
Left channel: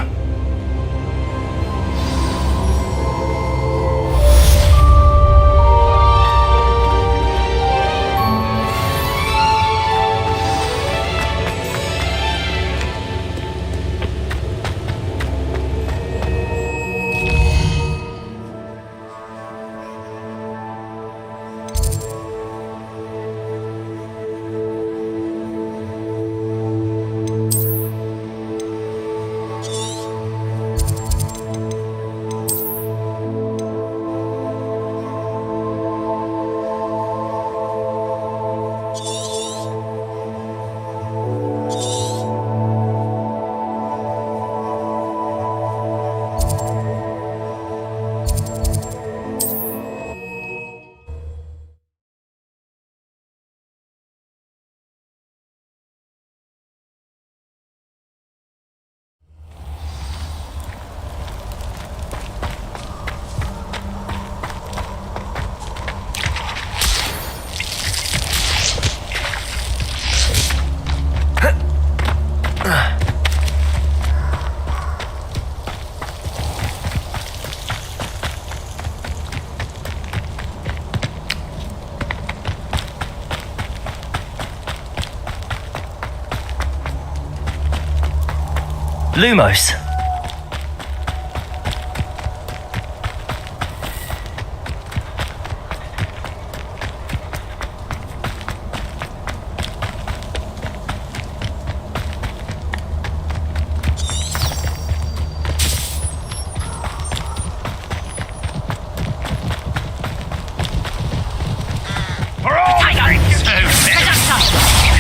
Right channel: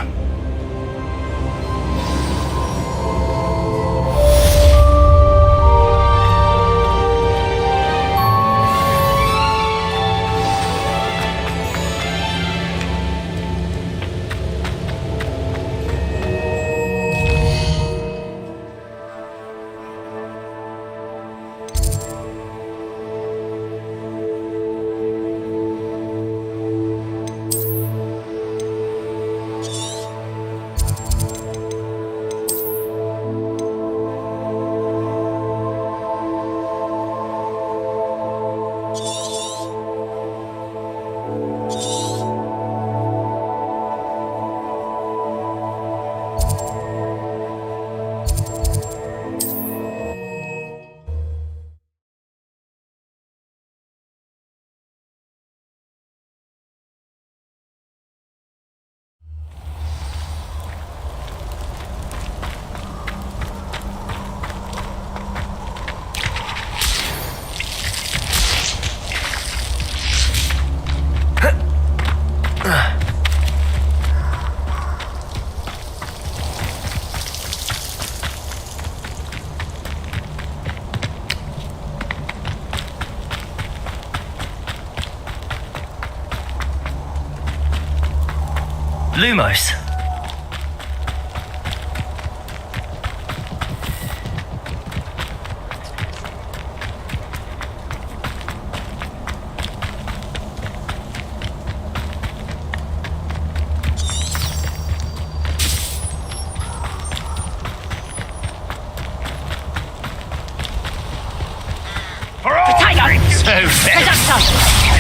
Lumos.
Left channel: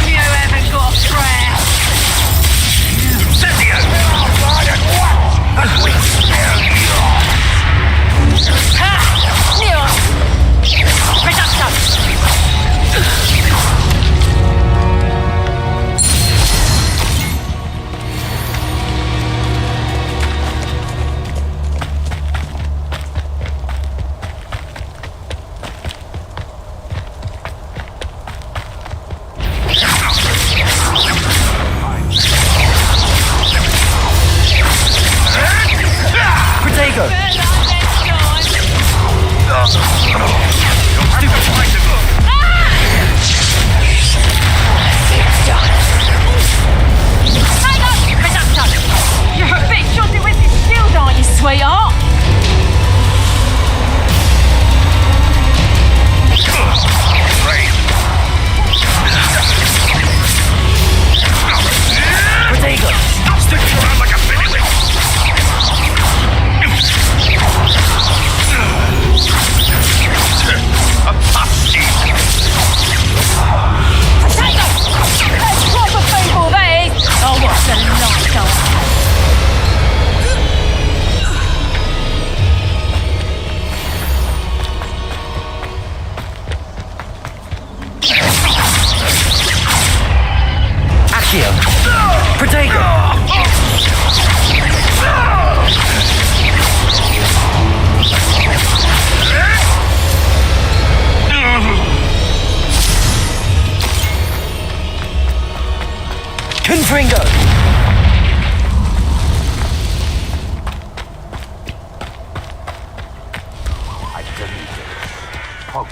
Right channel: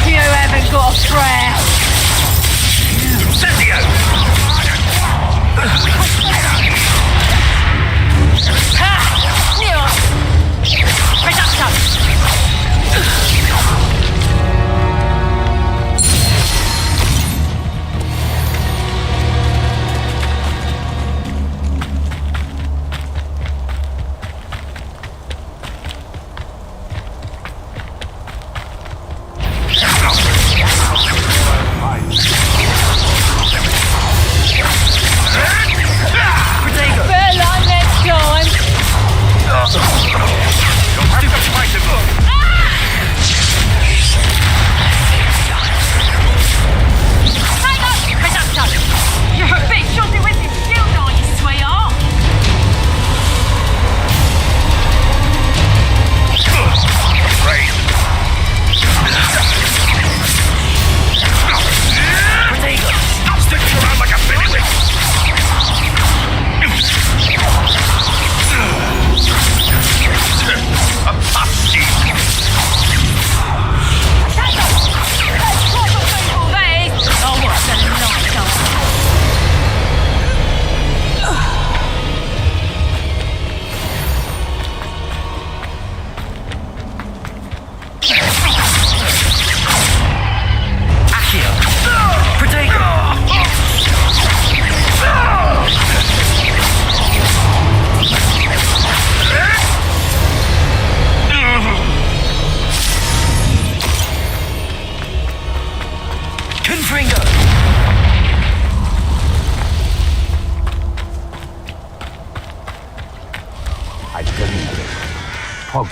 You haven't got a prayer.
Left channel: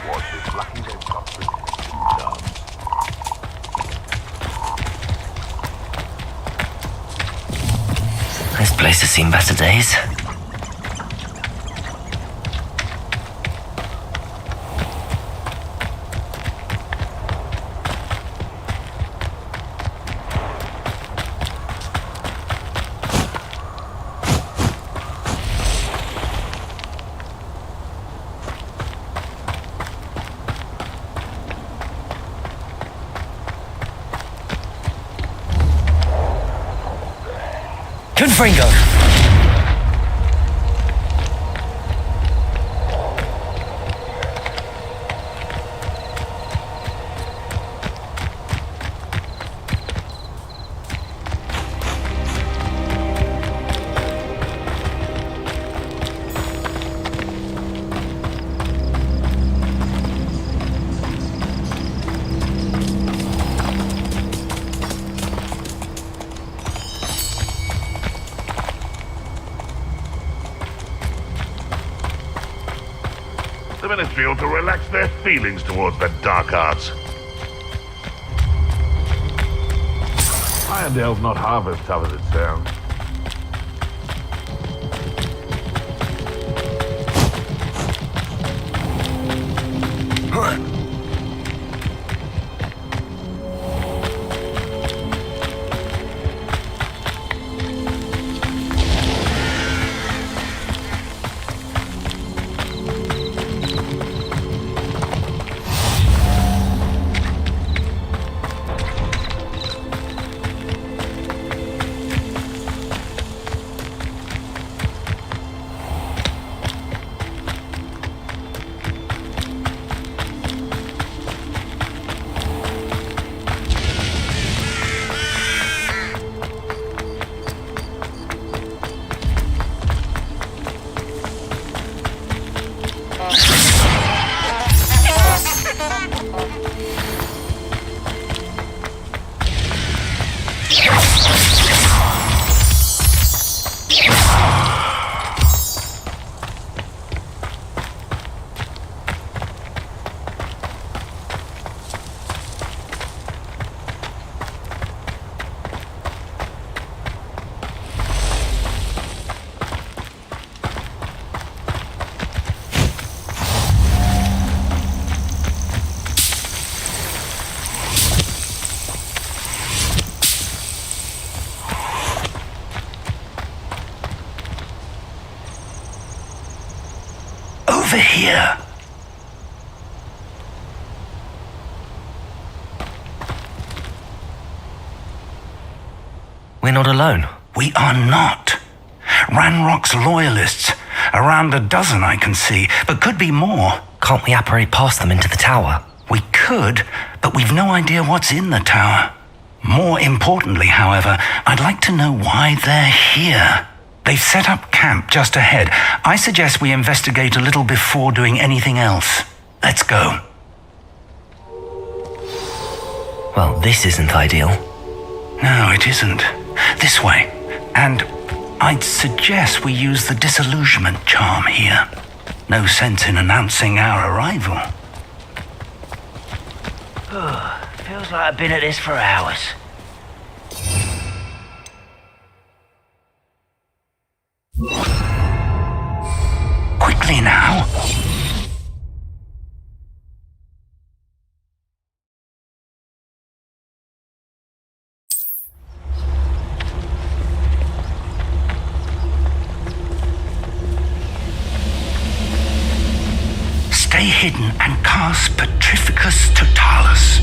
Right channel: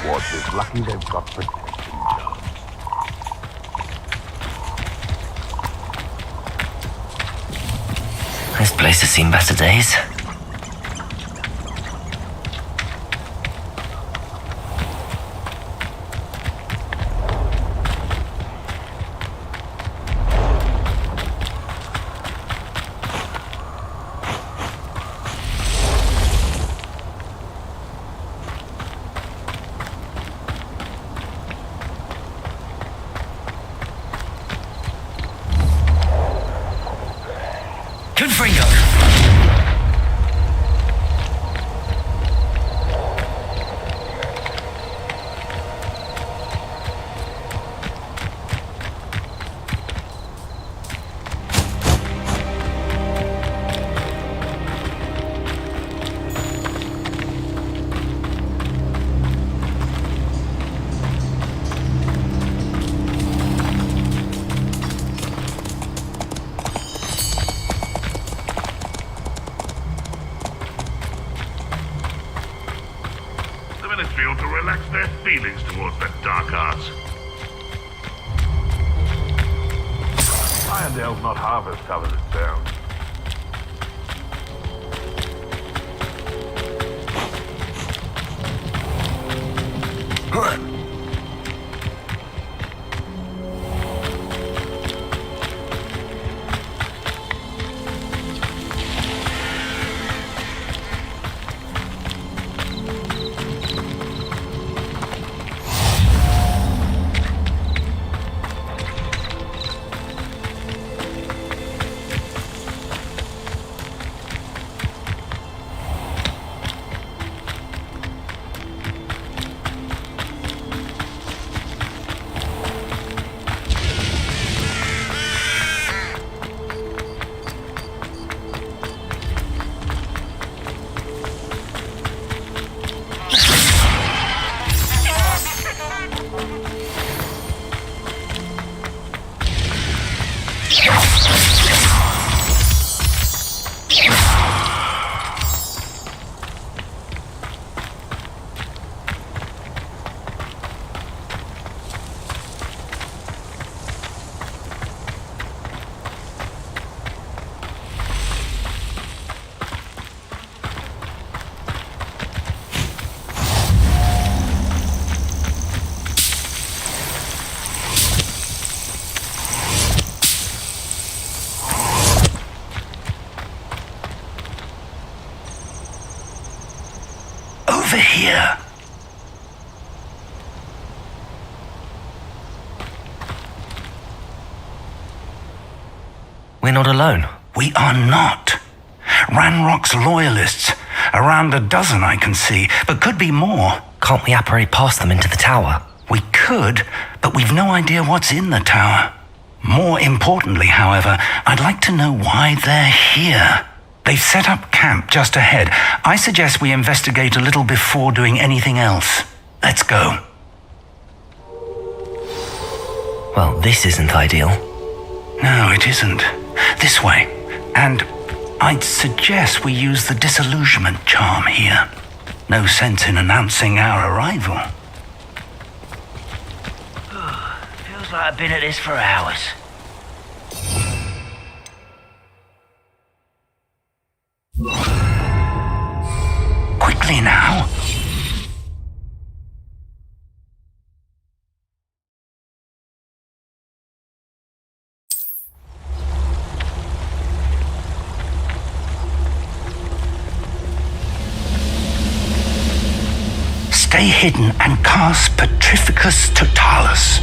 Hogwarts is lucky they've got protection charms. This place has seen better days. Confringo! The Ministry ought to relax their feelings towards the dark arts. Irondale's not half as tough as it sounds. Over here. We're not alone. We are not. Ranrock's loyalists. Around a dozen I can see, but could be more. Can't we apparate past them into the tower? We could, but we've no idea what's in the tower. More importantly, however, I'd like to know why they're here. They've set up camp just ahead. I suggest we investigate a little before doing anything else. Let's go. Well, this isn't ideal. No, it isn't. This way. And I'd suggest we use the disillusionment charm here. No sense in announcing our arrival. Feels like I've been at this for hours. Quickly now. Stay hidden and cast Petrificus Totalis.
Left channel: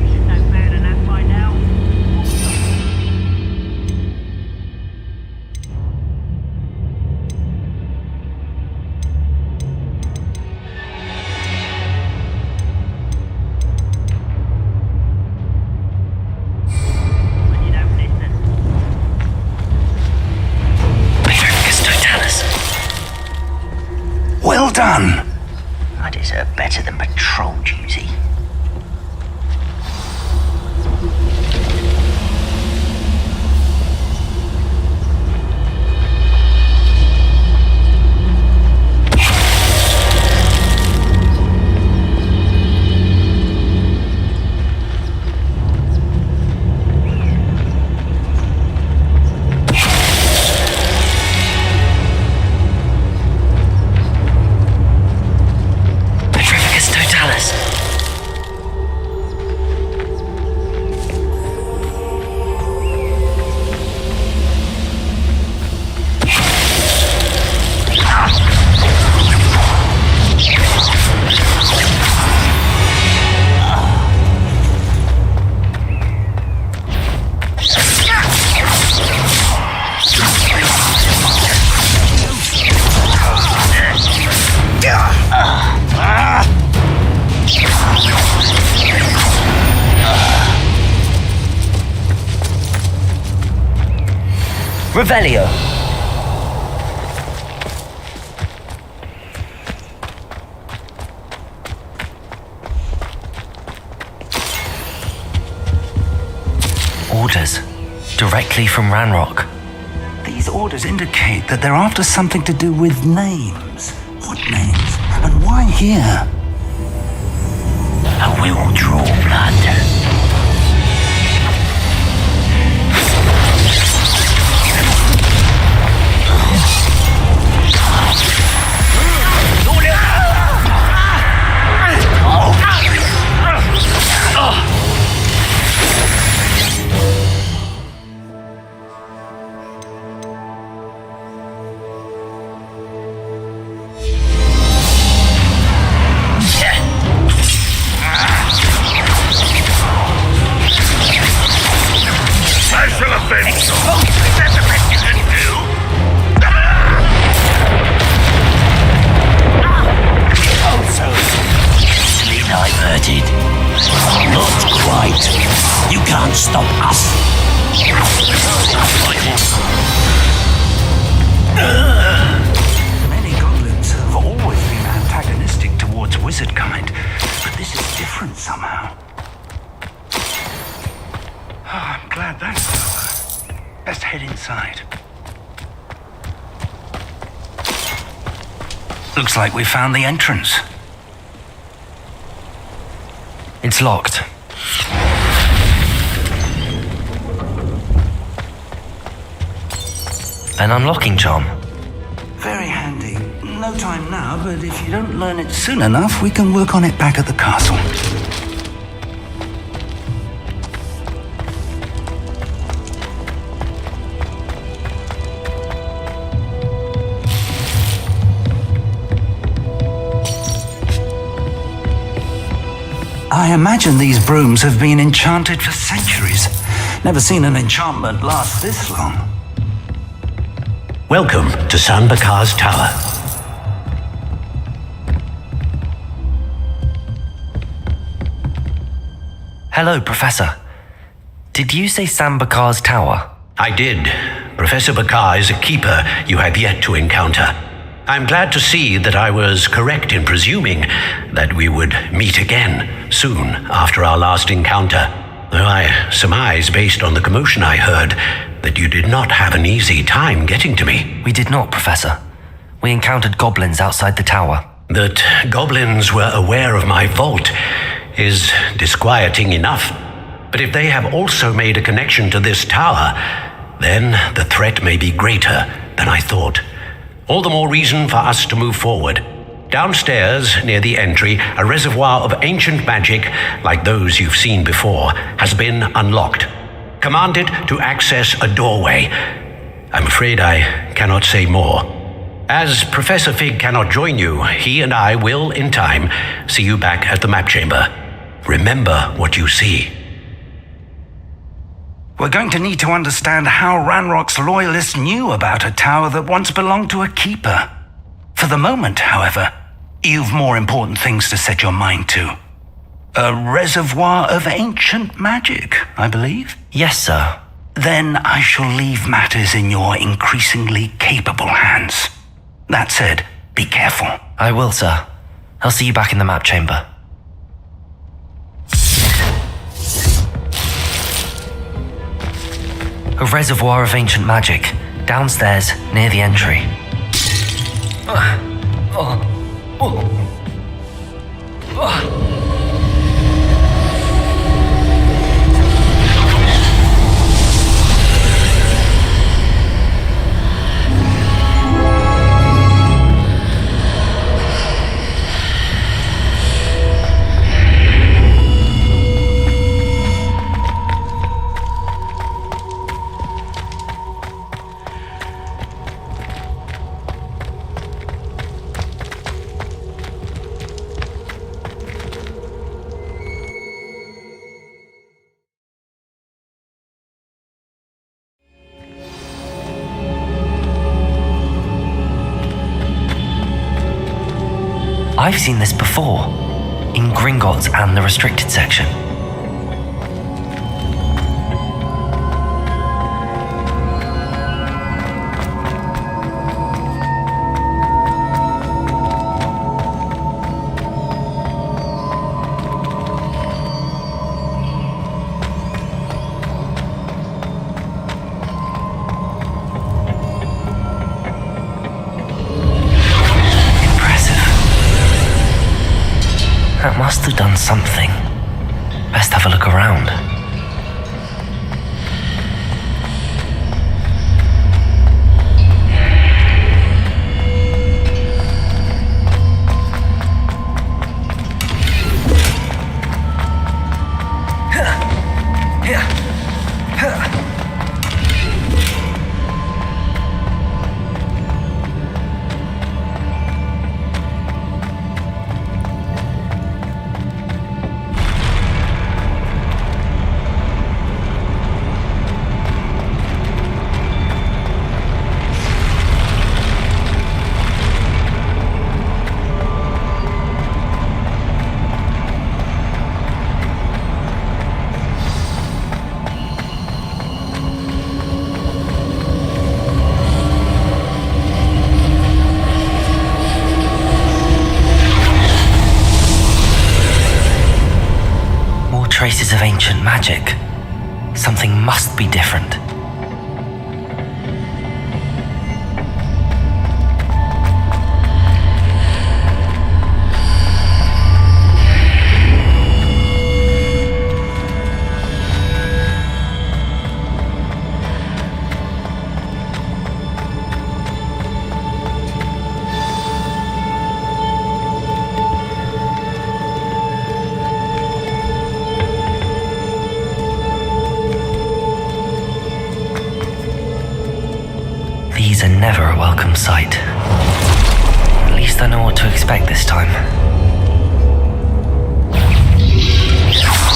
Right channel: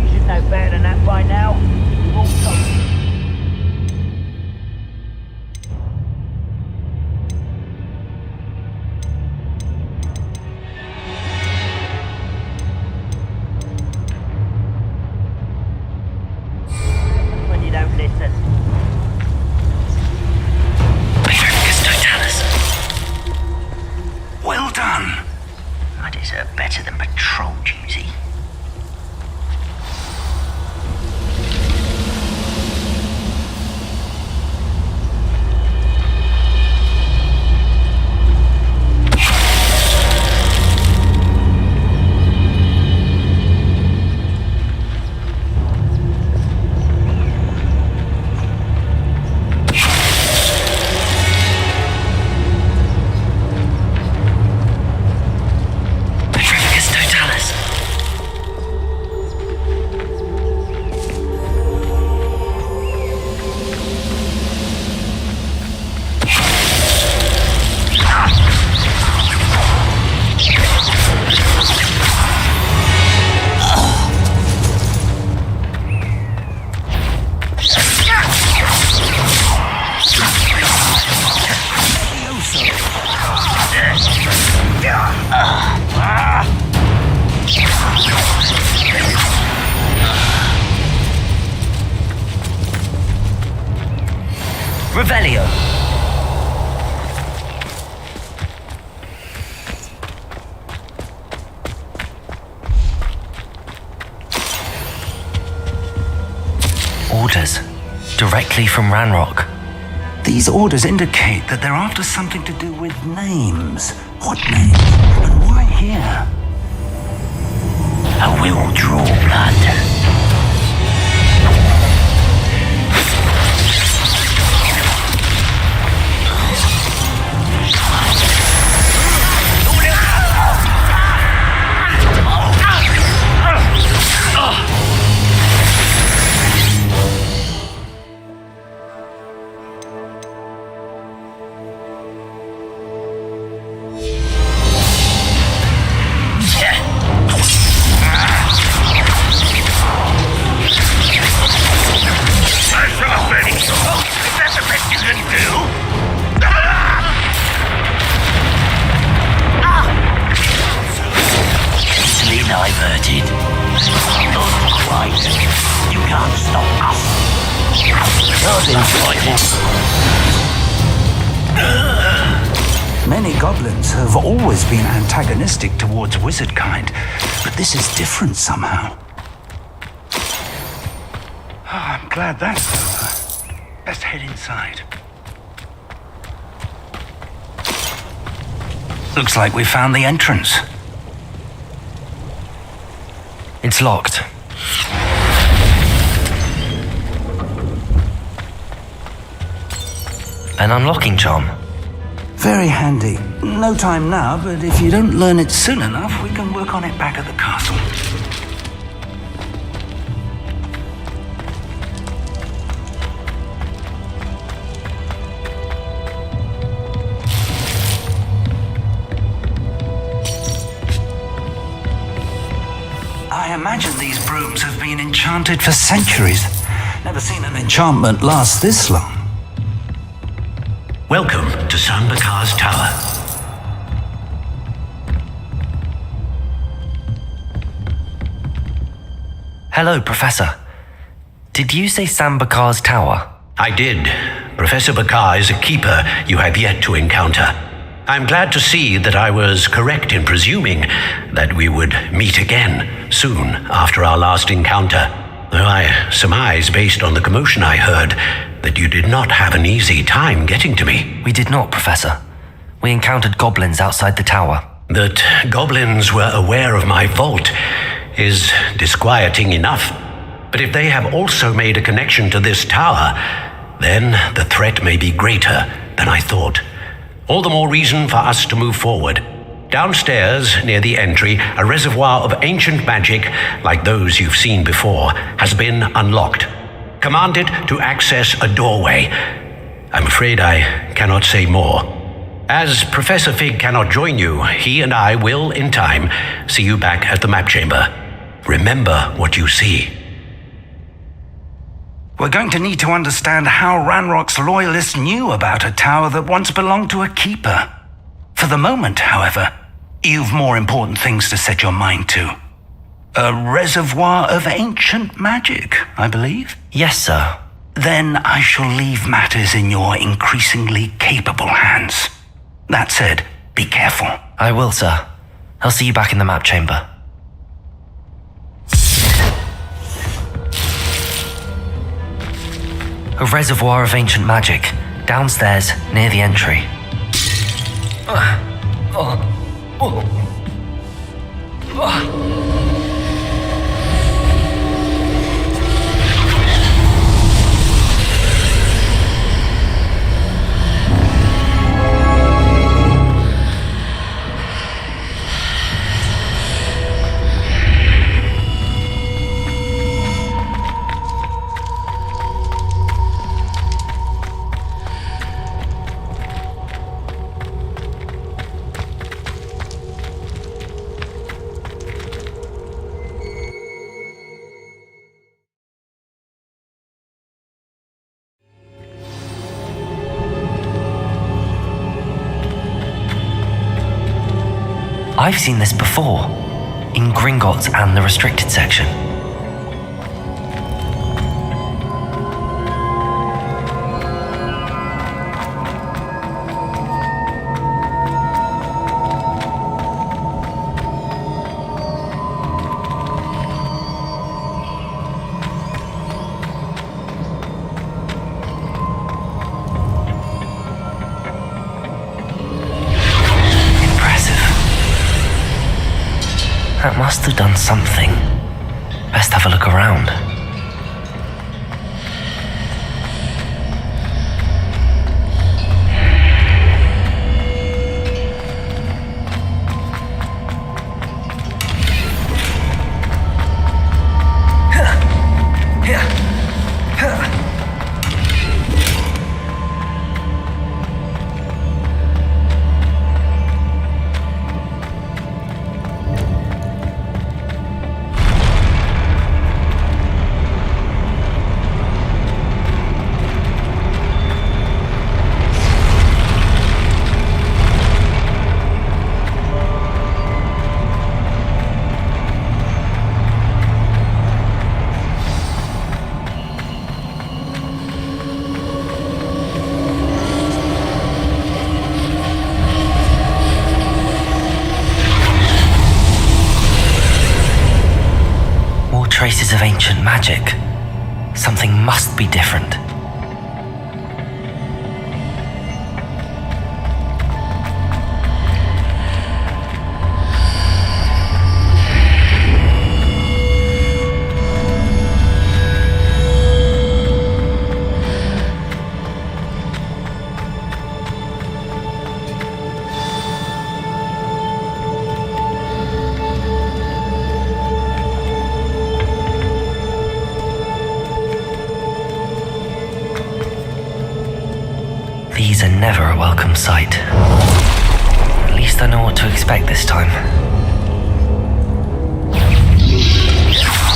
You should know better than that by now. When you don't listen. Petrificus Totalis. Well done. I deserve better than patrol duty. Revelio. Orders. Directly from Ranrock. These orders indicate that they're after something to do with names. What names? And why here? I will draw blood. I shall avenge you. Oh, is that the best you can do? Easily diverted. You can't stop us. Many goblins have always been antagonistic towards wizard kind, but this is different somehow. Oh, I'm glad that's over. Best head inside. Looks like we found the entrance. It's locked. An unlocking charm. Very handy. No time now, but if you don't learn it soon enough, we can work on it back at the castle. I imagine these brooms have been enchanted for centuries. Never seen an enchantment last this long. Welcome to Sanbakar's Tower. Hello, Professor. Did you say Sambakar's Tower? I did. Professor Bakar is a keeper you have yet to encounter. I'm glad to see that I was correct in presuming that we would meet again soon after our last encounter. Though I surmise, based on the commotion I heard, that you did not have an easy time getting to me. We did not, Professor. We encountered goblins outside the tower. That goblins were aware of my vault is disquieting enough. But if they have also made a connection to this tower, then the threat may be greater than I thought. All the more reason for us to move forward. Downstairs, near the entry, a reservoir of ancient magic, like those you've seen before, has been unlocked. Command it to access a doorway. I'm afraid I cannot say more. As Professor Fig cannot join you, he and I will, in time, see you back at the map chamber. Remember what you see. We're going to need to understand how Ranrock's loyalists knew about a tower that once belonged to a keeper. For the moment, however, you've more important things to set your mind to. A reservoir of ancient magic, I believe? Yes, sir. Then I shall leave matters in your increasingly capable hands. That said, be careful. I will, sir. I'll see you back in the map chamber. A reservoir of ancient magic, downstairs near the entry. I've seen this before, in Gringotts and the restricted section. That must have done something. Best have a look around. Traces of ancient magic. Something must be different. These are never a welcome sight. At least I know what to expect this time.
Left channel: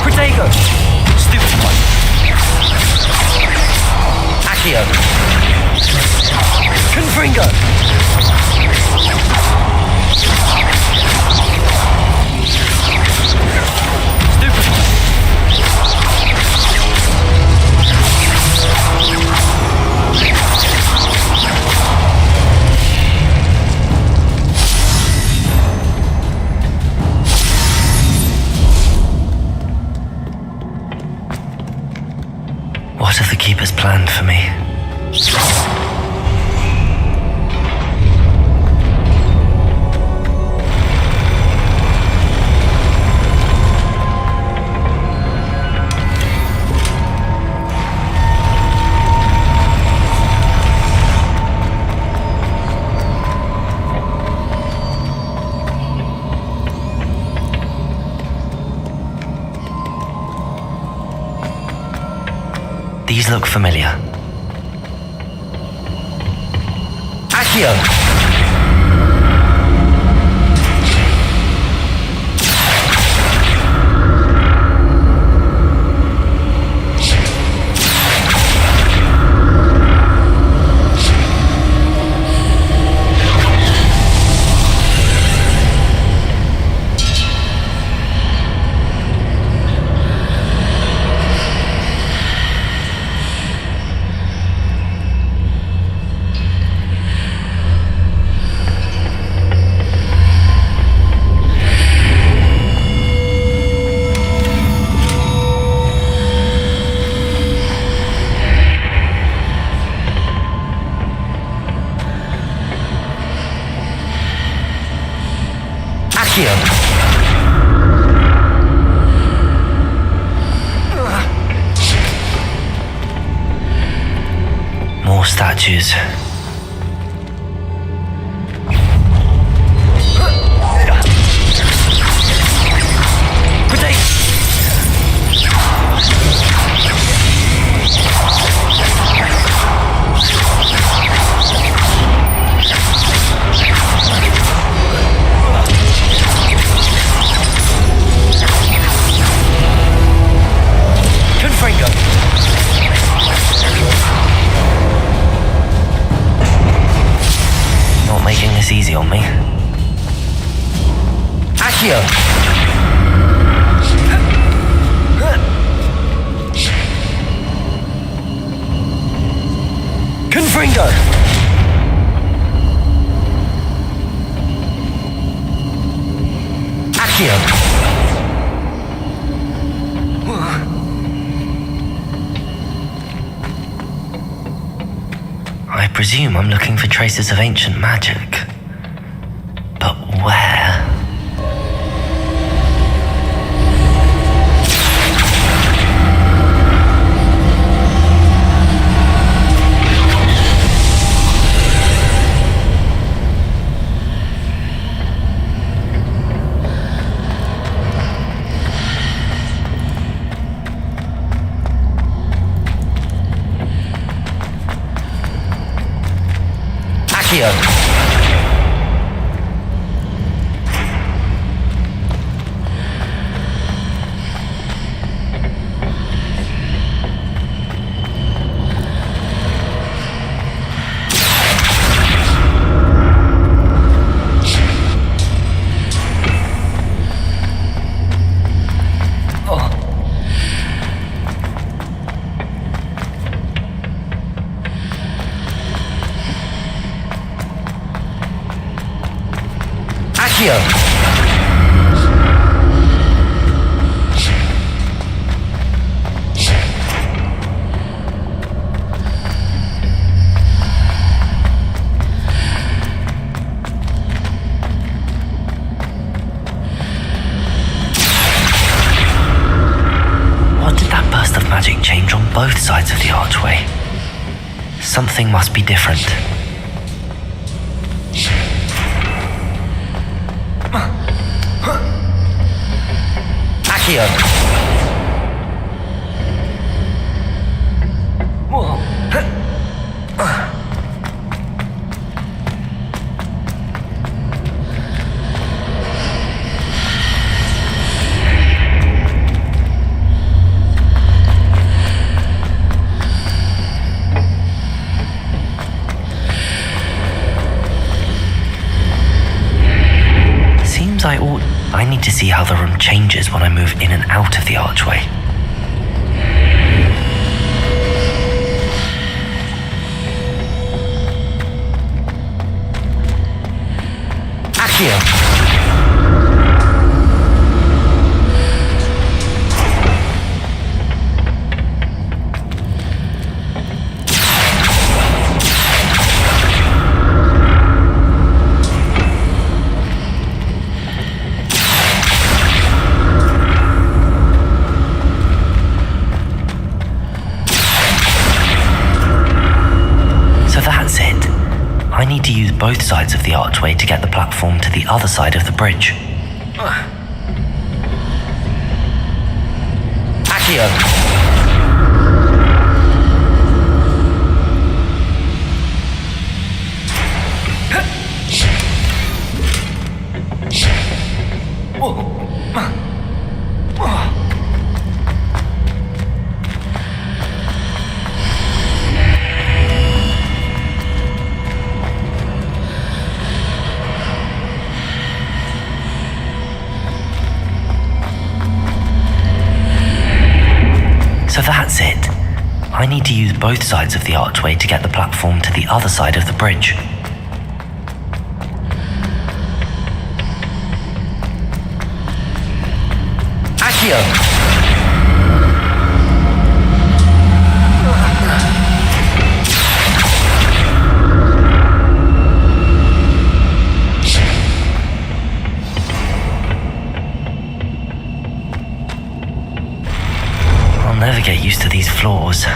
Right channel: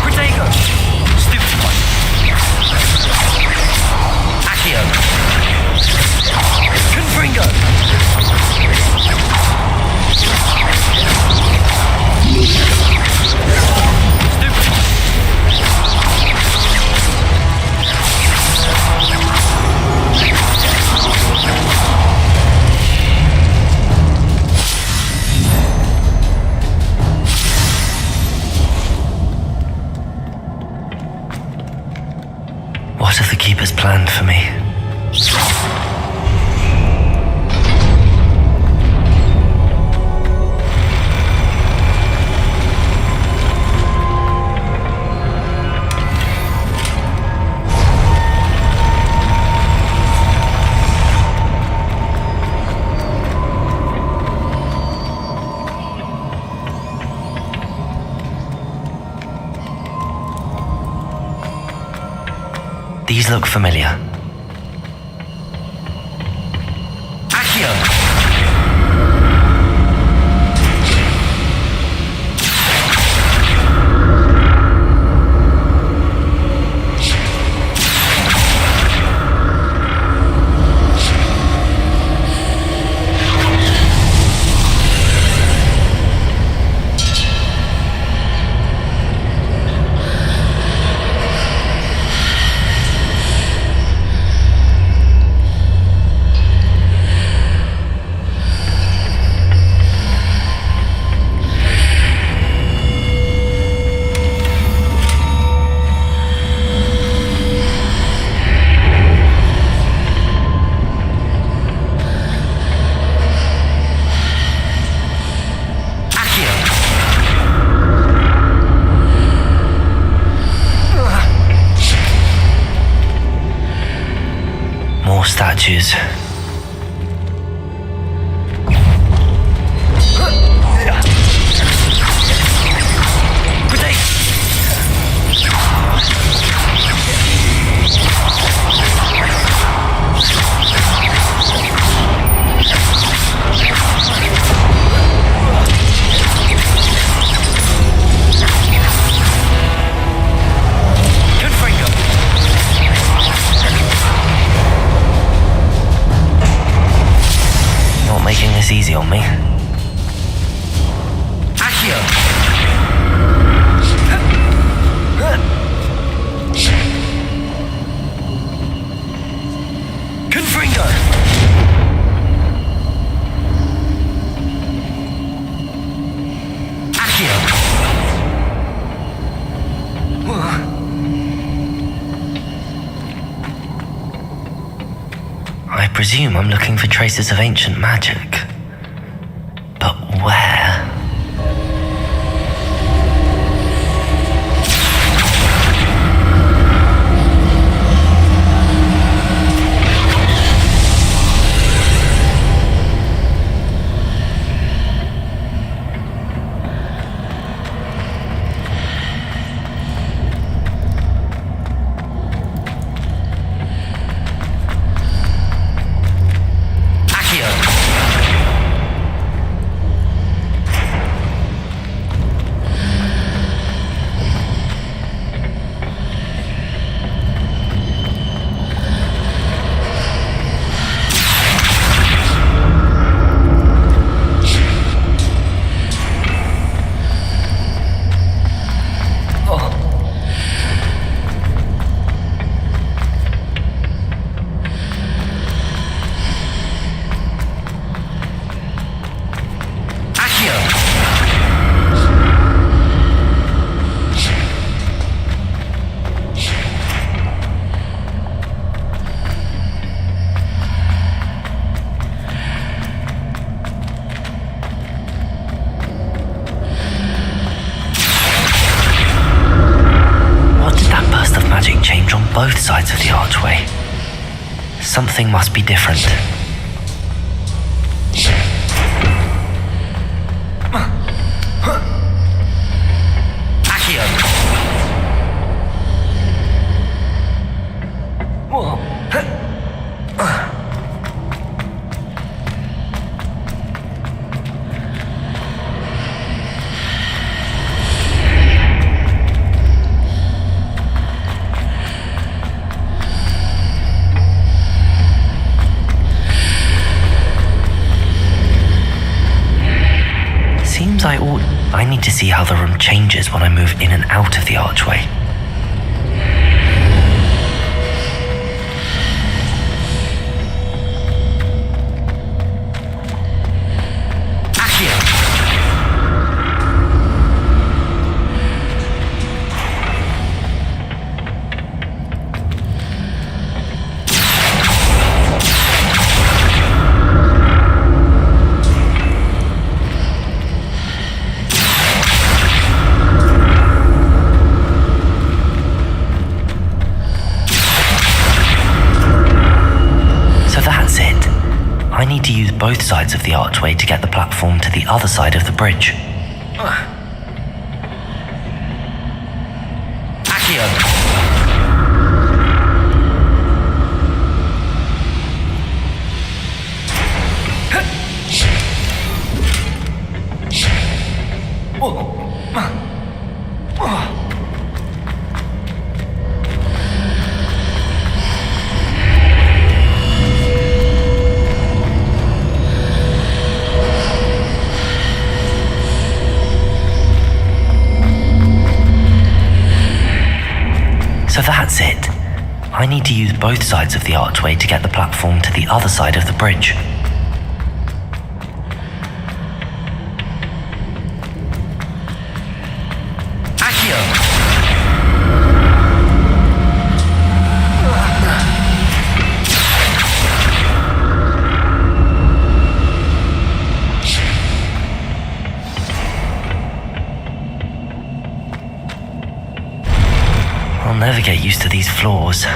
Protego! Stupid one. Accio! Confringo! Stupid one. What have the Keepers planned for me? These look familiar. Accio! More statues. Not making this easy on me. Accio! Confringo! Accio! I presume I'm looking for traces of ancient magic. But where? What did that burst of magic change on both sides of the archway? Something must be different. Accio! Seems I need to see how the room changes when I move in and out of the archway. Accio! So that's it. I need to use both sides of the archway to get the platform to the other side of the bridge. Accio! So that's it. I need to use both sides of the archway to get the platform to the other side of the bridge. Accio! I'll never get used to these floors.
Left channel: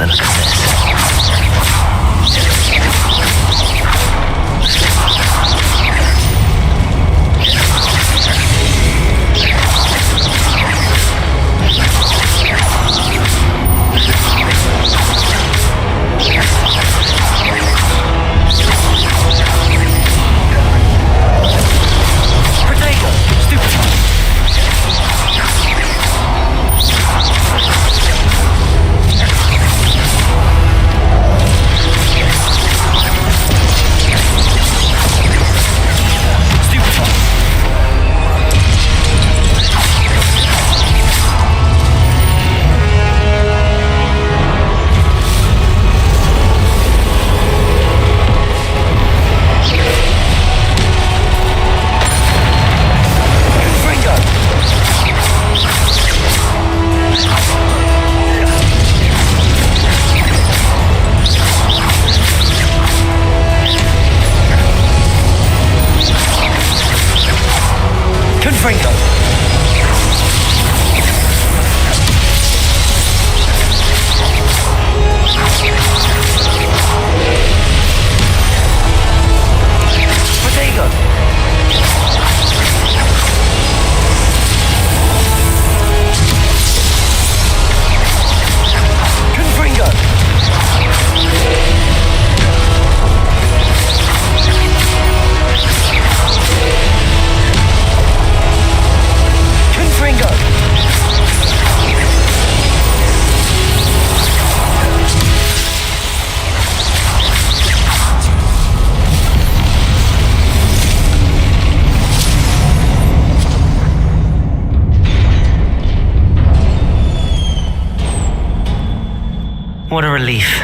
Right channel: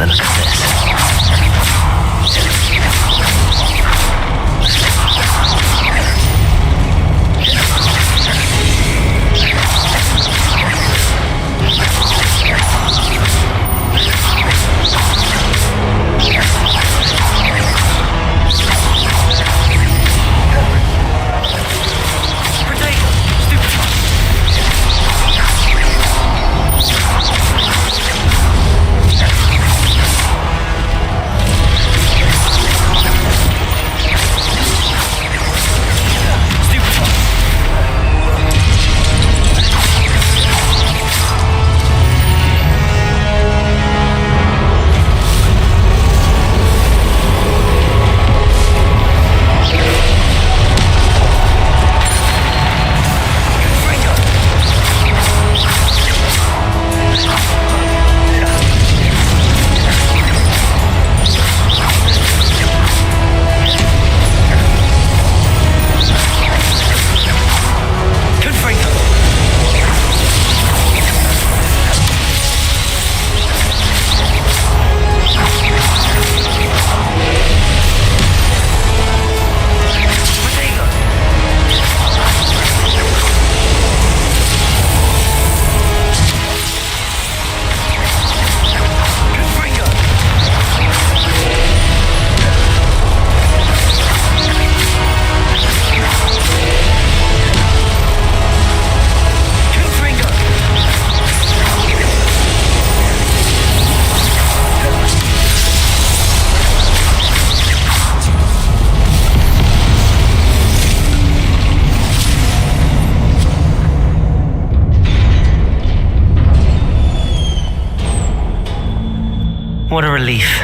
The look of this. What a relief.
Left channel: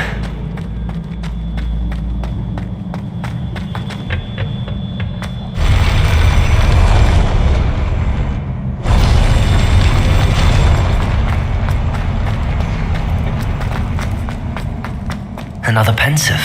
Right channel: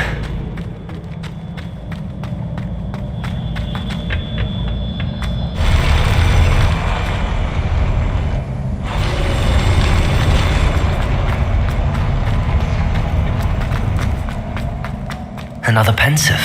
Another pensive.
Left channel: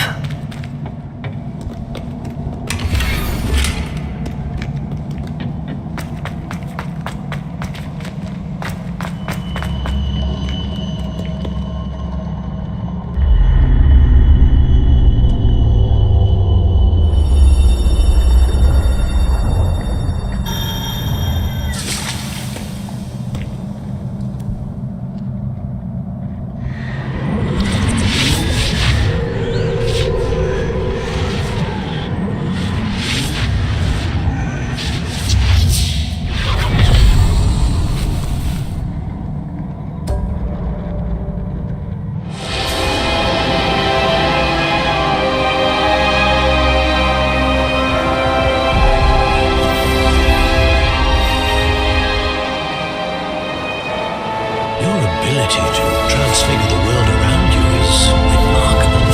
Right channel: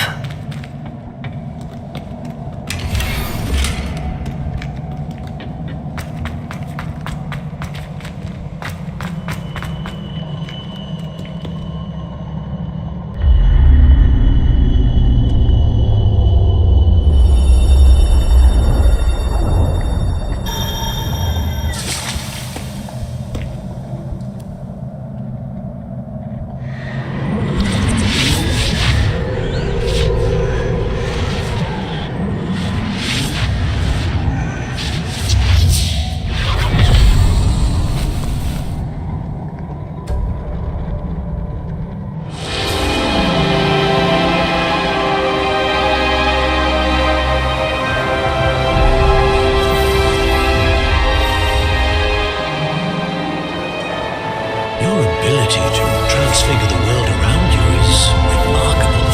to transfigure the world around you is remarkable.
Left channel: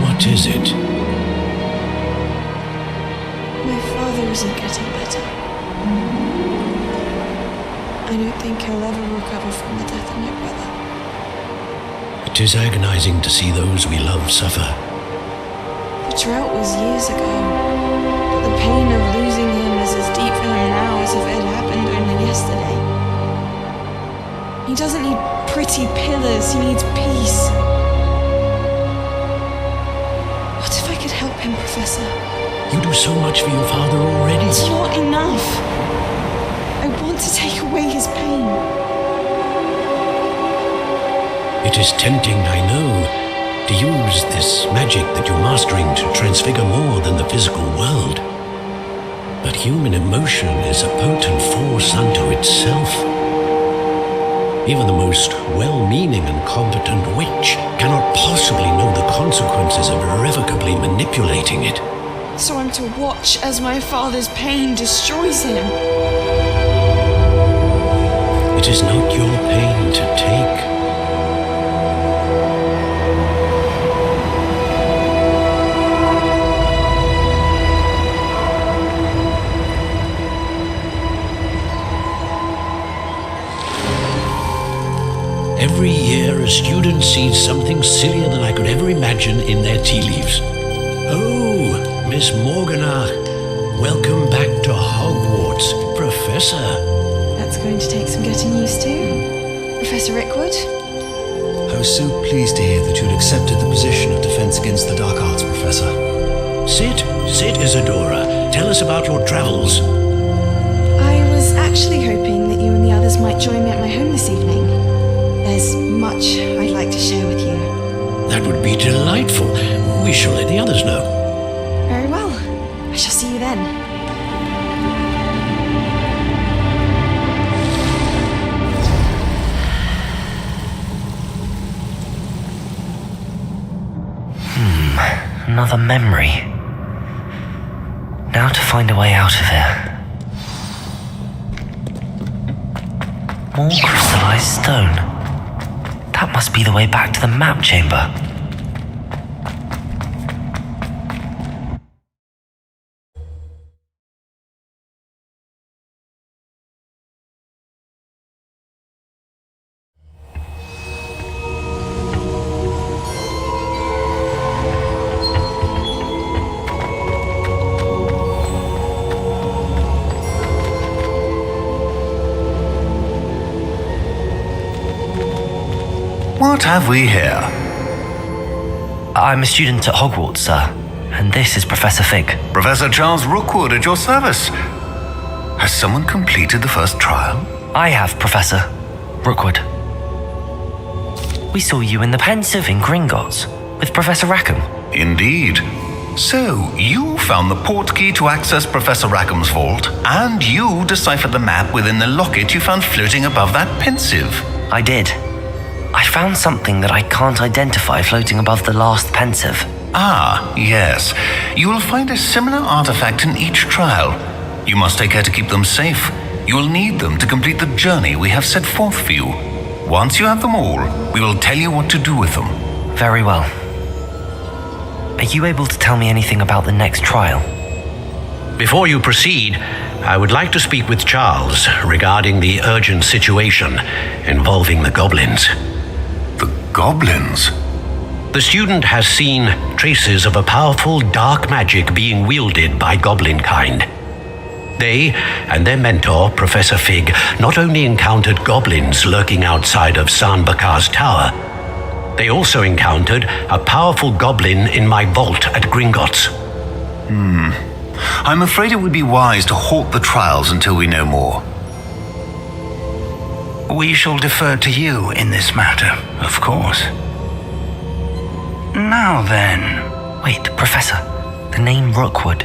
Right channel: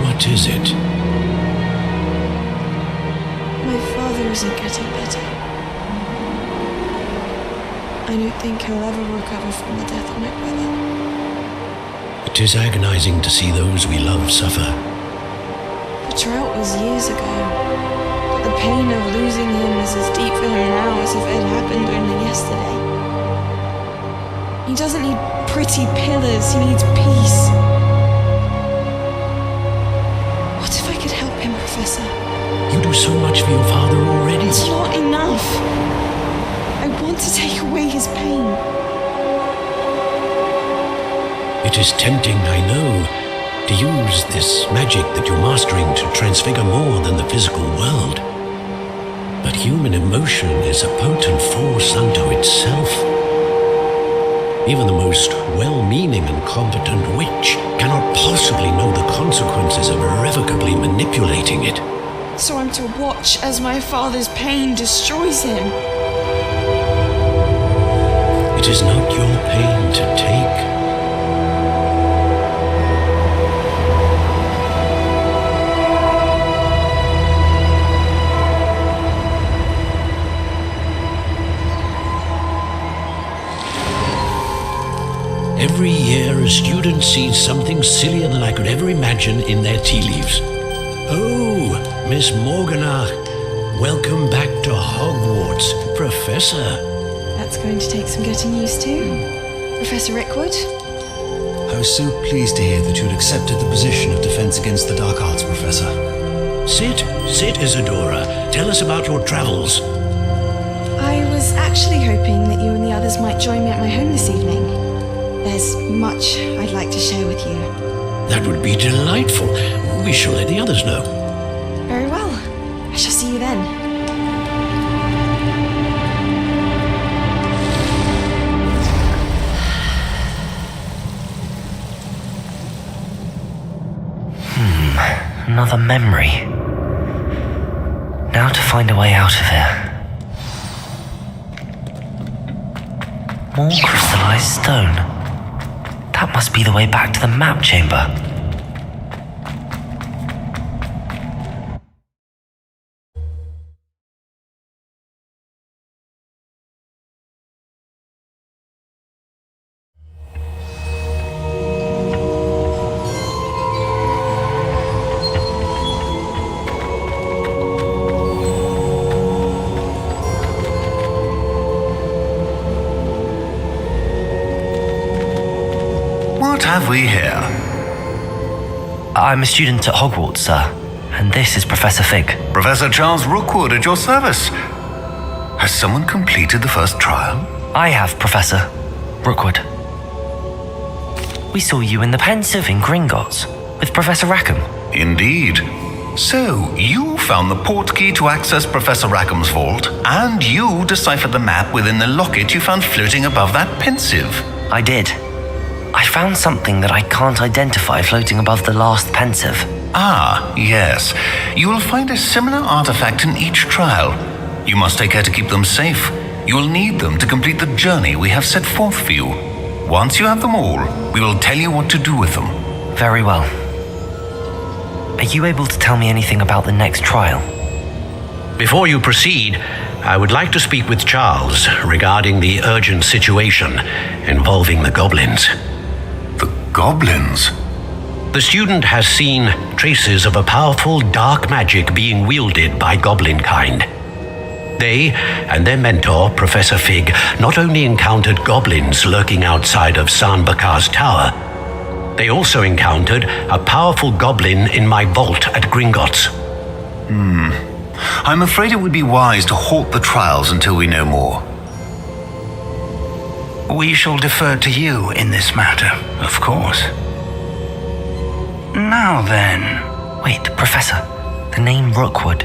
What is it? My father isn't getting better. I don't think he'll ever recover from the death of my brother. It is agonizing to see those we love suffer. The drought was years ago, but the pain of losing him is as deep for him now as if it had happened only yesterday. He doesn't need pretty pillars, he needs peace. What if I could help him, Professor? You do so much for your father already. It's not enough. I want to take away his pain. It is tempting, I know, to use this magic that you're mastering to transfigure more than the physical world. But human emotion is a potent force unto itself. Even the most well-meaning and competent witch cannot possibly know the consequences of irrevocably manipulating it. So I'm to watch as my father's pain destroys him. It is not your pain to take. Every year, a student sees something sillier than I could ever imagine in their tea leaves. Oh, Miss Morganach, welcome back to Hogwarts, Professor. That's going to take some getting used to. Professor Rickwood? I was so pleased to hear that you'd accepted the position of Defense Against the Dark Arts, Professor. Sit, Isadora. Tell us about your travels. I was actually hoping that you and the others might join me at my home this evening. There's much I'd like to share with you. That would be delightful. We shall let the others know. Very well. I shall see you then. Another memory. Now to find a way out of here. More crystallized stone. That must be the way back to the map chamber. What have we here? I'm a student at Hogwarts, sir, and this is Professor Fig. Professor Charles Rookwood at your service. Has someone completed the first trial? I have, Professor Rookwood. We saw you in the Pensive in Gringotts with Professor Rackham. Indeed. So, you found the portkey to access Professor Rackham's vault, and you deciphered the map within the locket you found floating above that Pensive. I did. I found something that I can't identify floating above the last Pensive. Ah, yes. You will find a similar artifact in each trial. You must take care to keep them safe. You will need them to complete the journey we have set forth for you. Once you have them all, we will tell you what to do with them. Very well. Are you able to tell me anything about the next trial? Before you proceed, I would like to speak with Charles regarding the urgent situation involving the goblins. The goblins? The student has seen traces of a powerful dark magic being wielded by goblin kind. They and their mentor, Professor Fig, not only encountered goblins lurking outside of San Bakar's tower, they also encountered a powerful goblin in my vault at Gringotts. I'm afraid it would be wise to halt the trials until we know more. We shall defer to you in this matter, of course. Now then. Wait, Professor, the name Rookwood.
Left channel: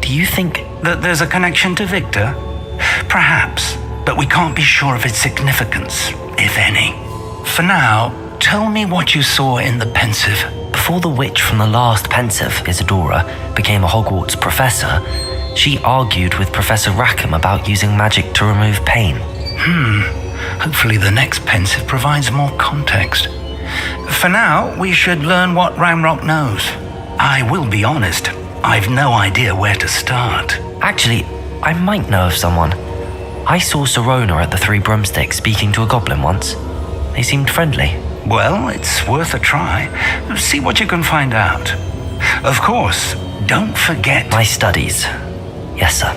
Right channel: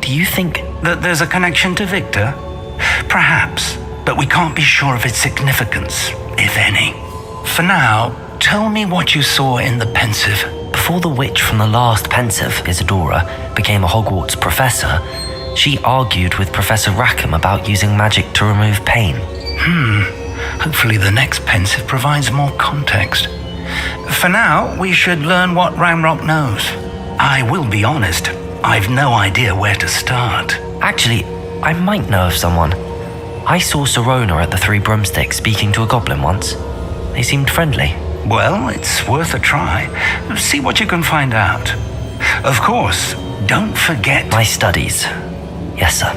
Do you think that there's a connection to Victor? Perhaps, but we can't be sure of its significance, if any. For now, tell me what you saw in the Pensive. Before the witch from the last Pensive, Isadora, became a Hogwarts professor, She argued with Professor Rackham about using magic to remove pain. Hopefully the next pensive provides more context. For now, we should learn what Ramrock knows. I will be honest, I've no idea where to start. Actually, I might know of someone. I saw Sirona at the Three Broomsticks speaking to a goblin once. They seemed friendly. Well, it's worth a try. See what you can find out. Of course, don't forget... My studies. Yes, sir.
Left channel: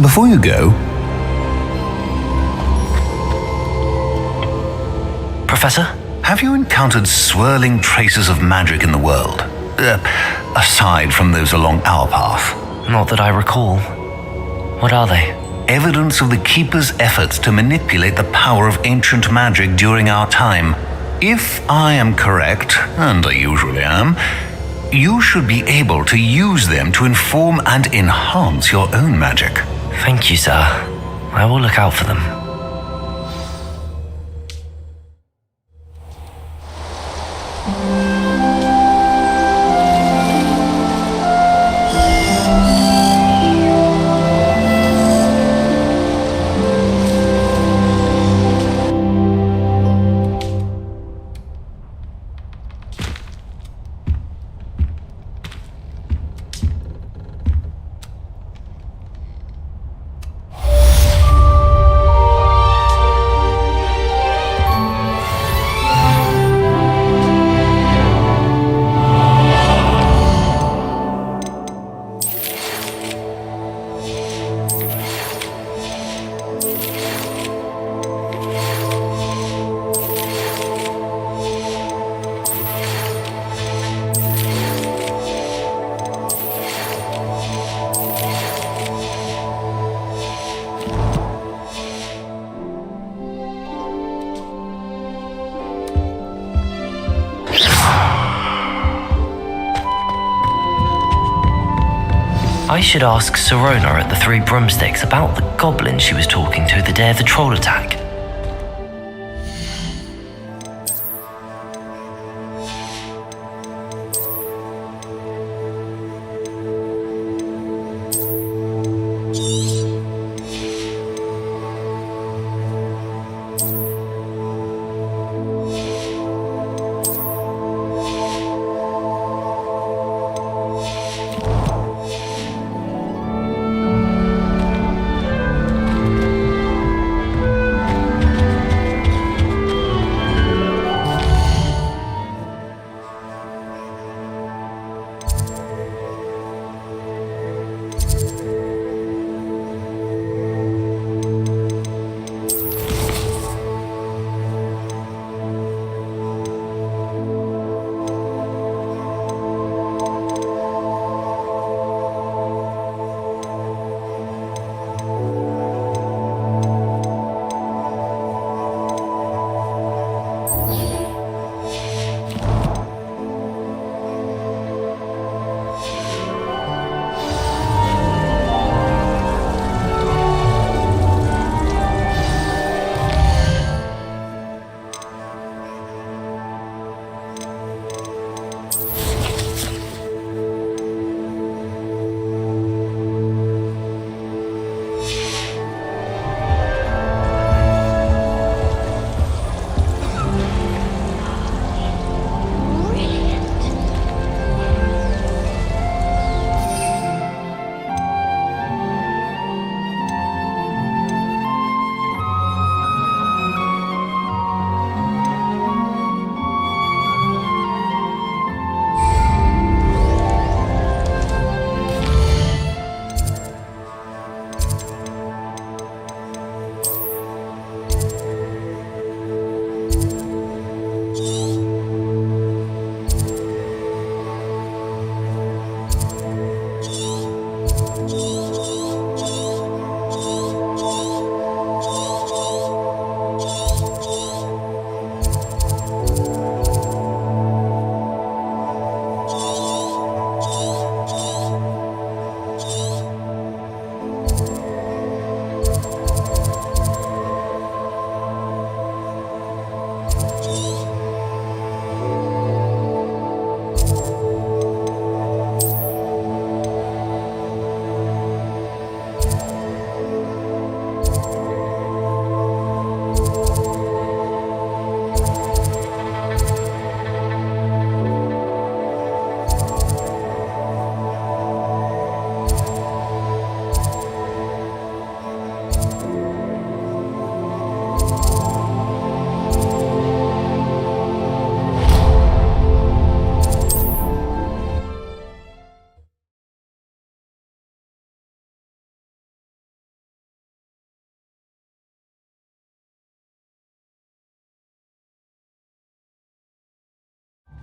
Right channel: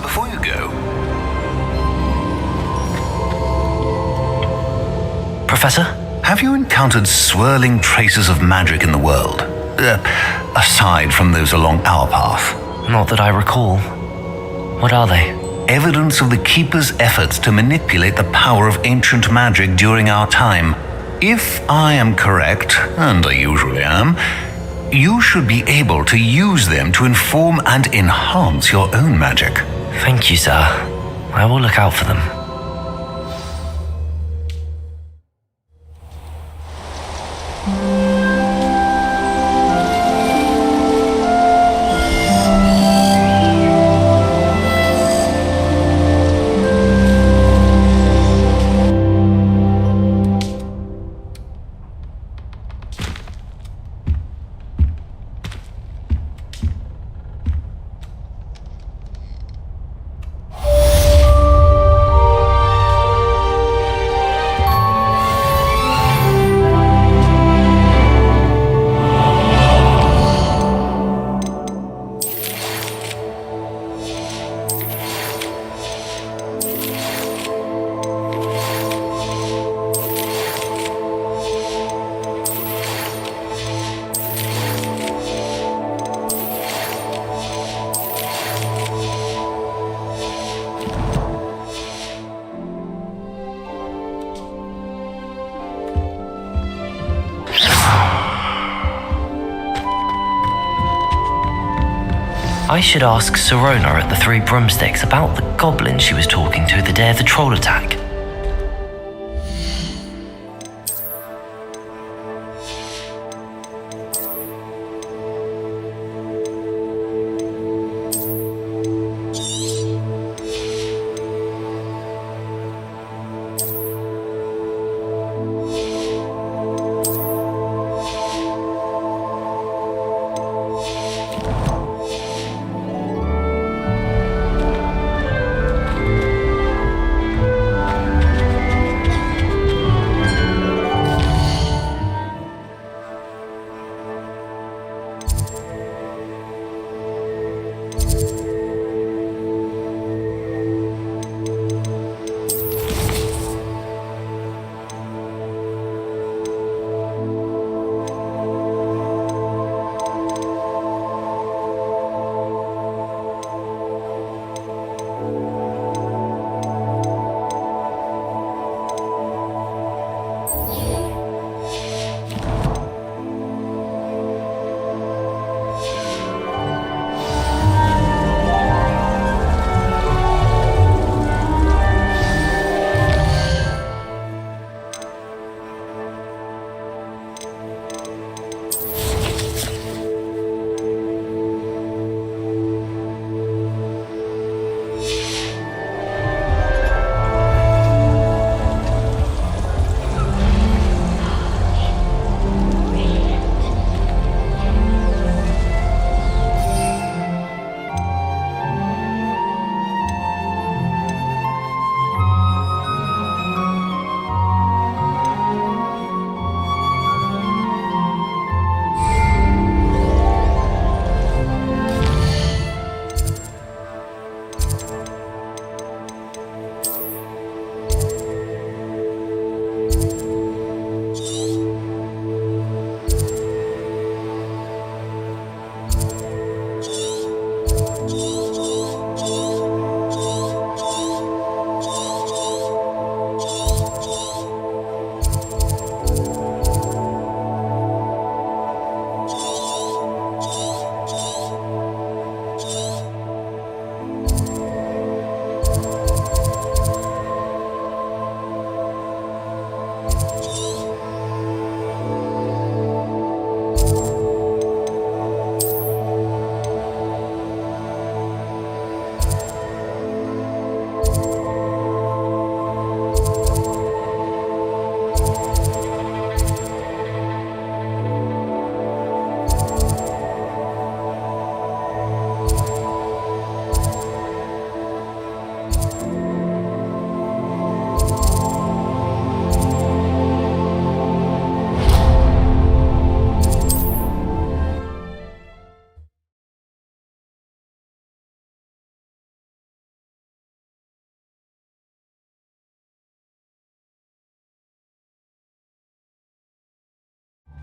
Before you go... Professor? Have you encountered swirling traces of magic in the world? Aside from those along our path? Not that I recall. What are they? Evidence of the Keeper's efforts to manipulate the power of ancient magic during our time. If I am correct, and I usually am, you should be able to use them to inform and enhance your own magic. Thank you, sir. I will look out for them. I should ask Sirona at the Three Broomsticks about the goblin she was talking to the day of the troll attack.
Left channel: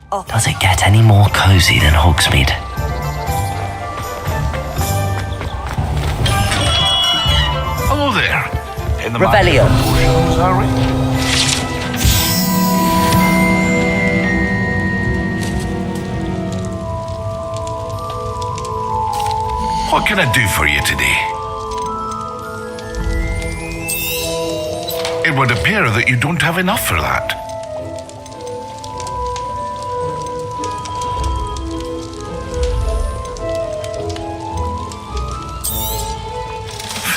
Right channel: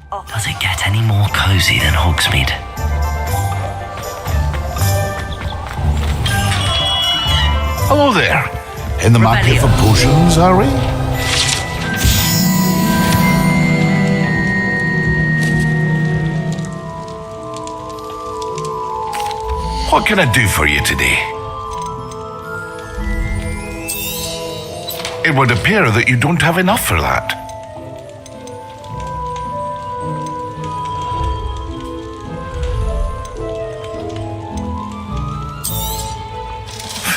Does it get any more cozy than Hogsmeade? Hello there. In the Revelio. market for potions, are we? What can I do for you today? It would appear that you don't have enough for that.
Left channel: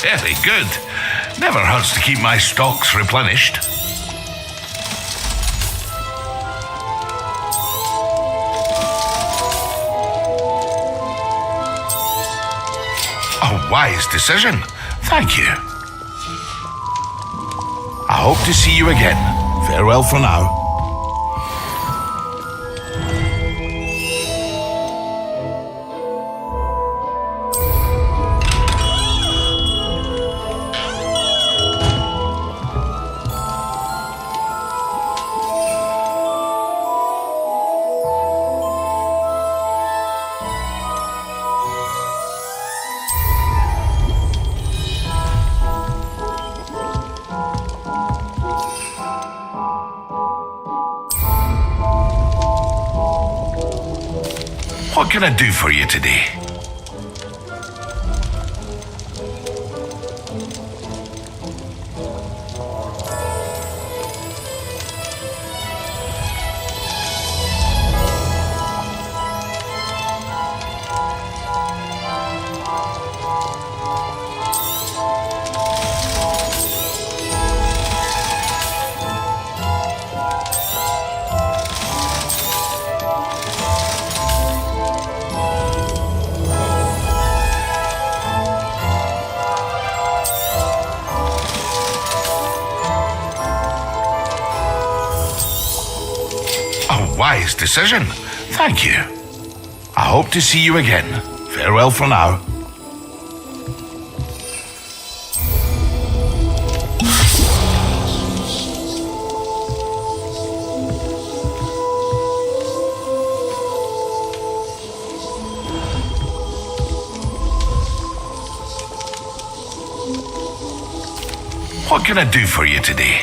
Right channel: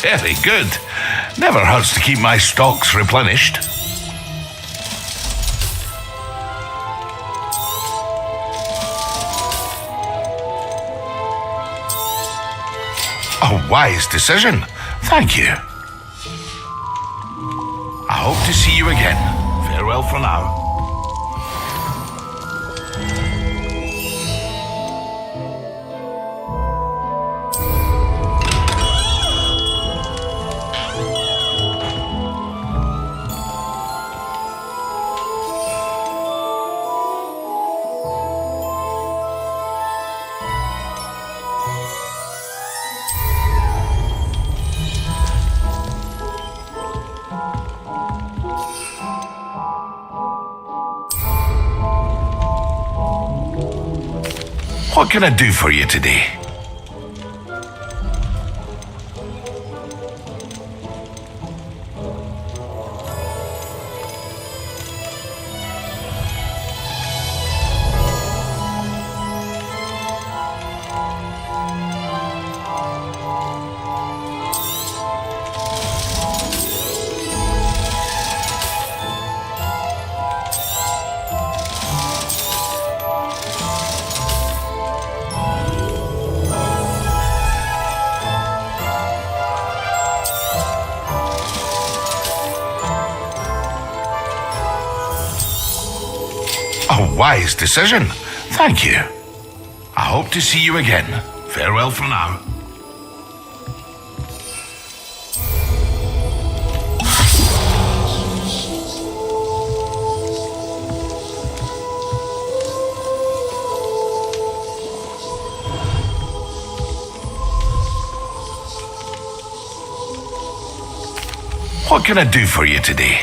Very good. Never hurts to keep my stocks replenished. A wise decision. Thank you. I hope to see you again. Farewell for now. What can I do for you today? A wise decision. Thank you. I hope to see you again. Farewell for now. What can I do for you today?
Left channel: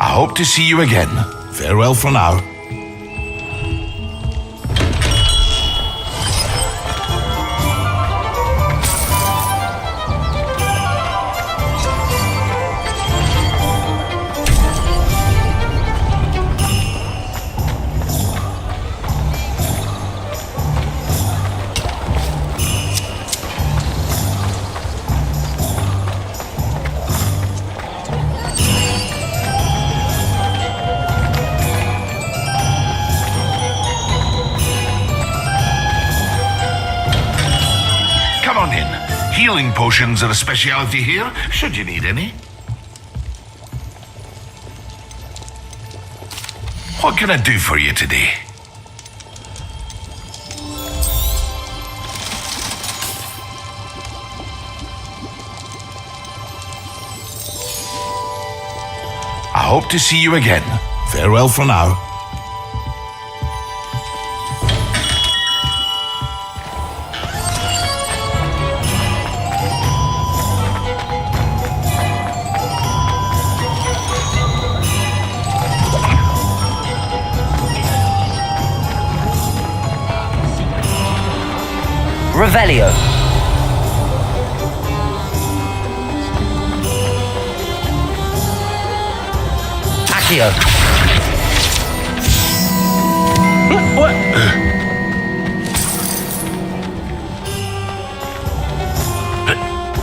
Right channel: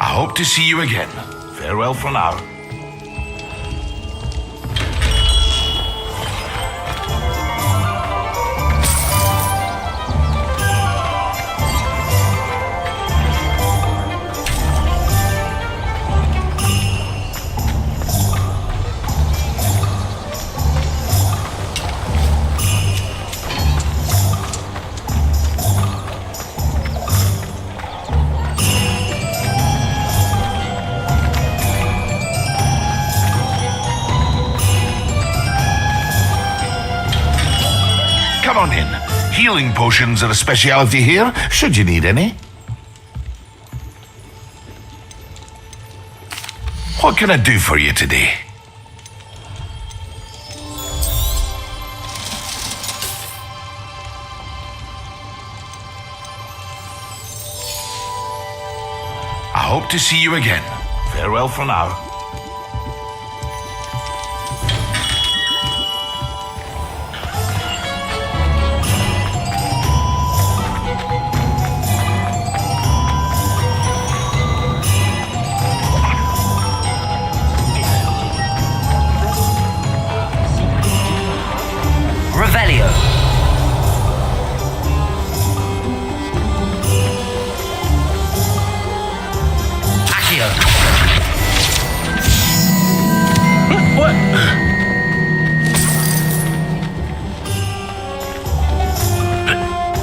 I hope to see you again. Farewell for now. Come on in. Healing potions are a speciality here, should you need any. What can I do for you today? I hope to see you again. Farewell for now. Revelio. Accio. What?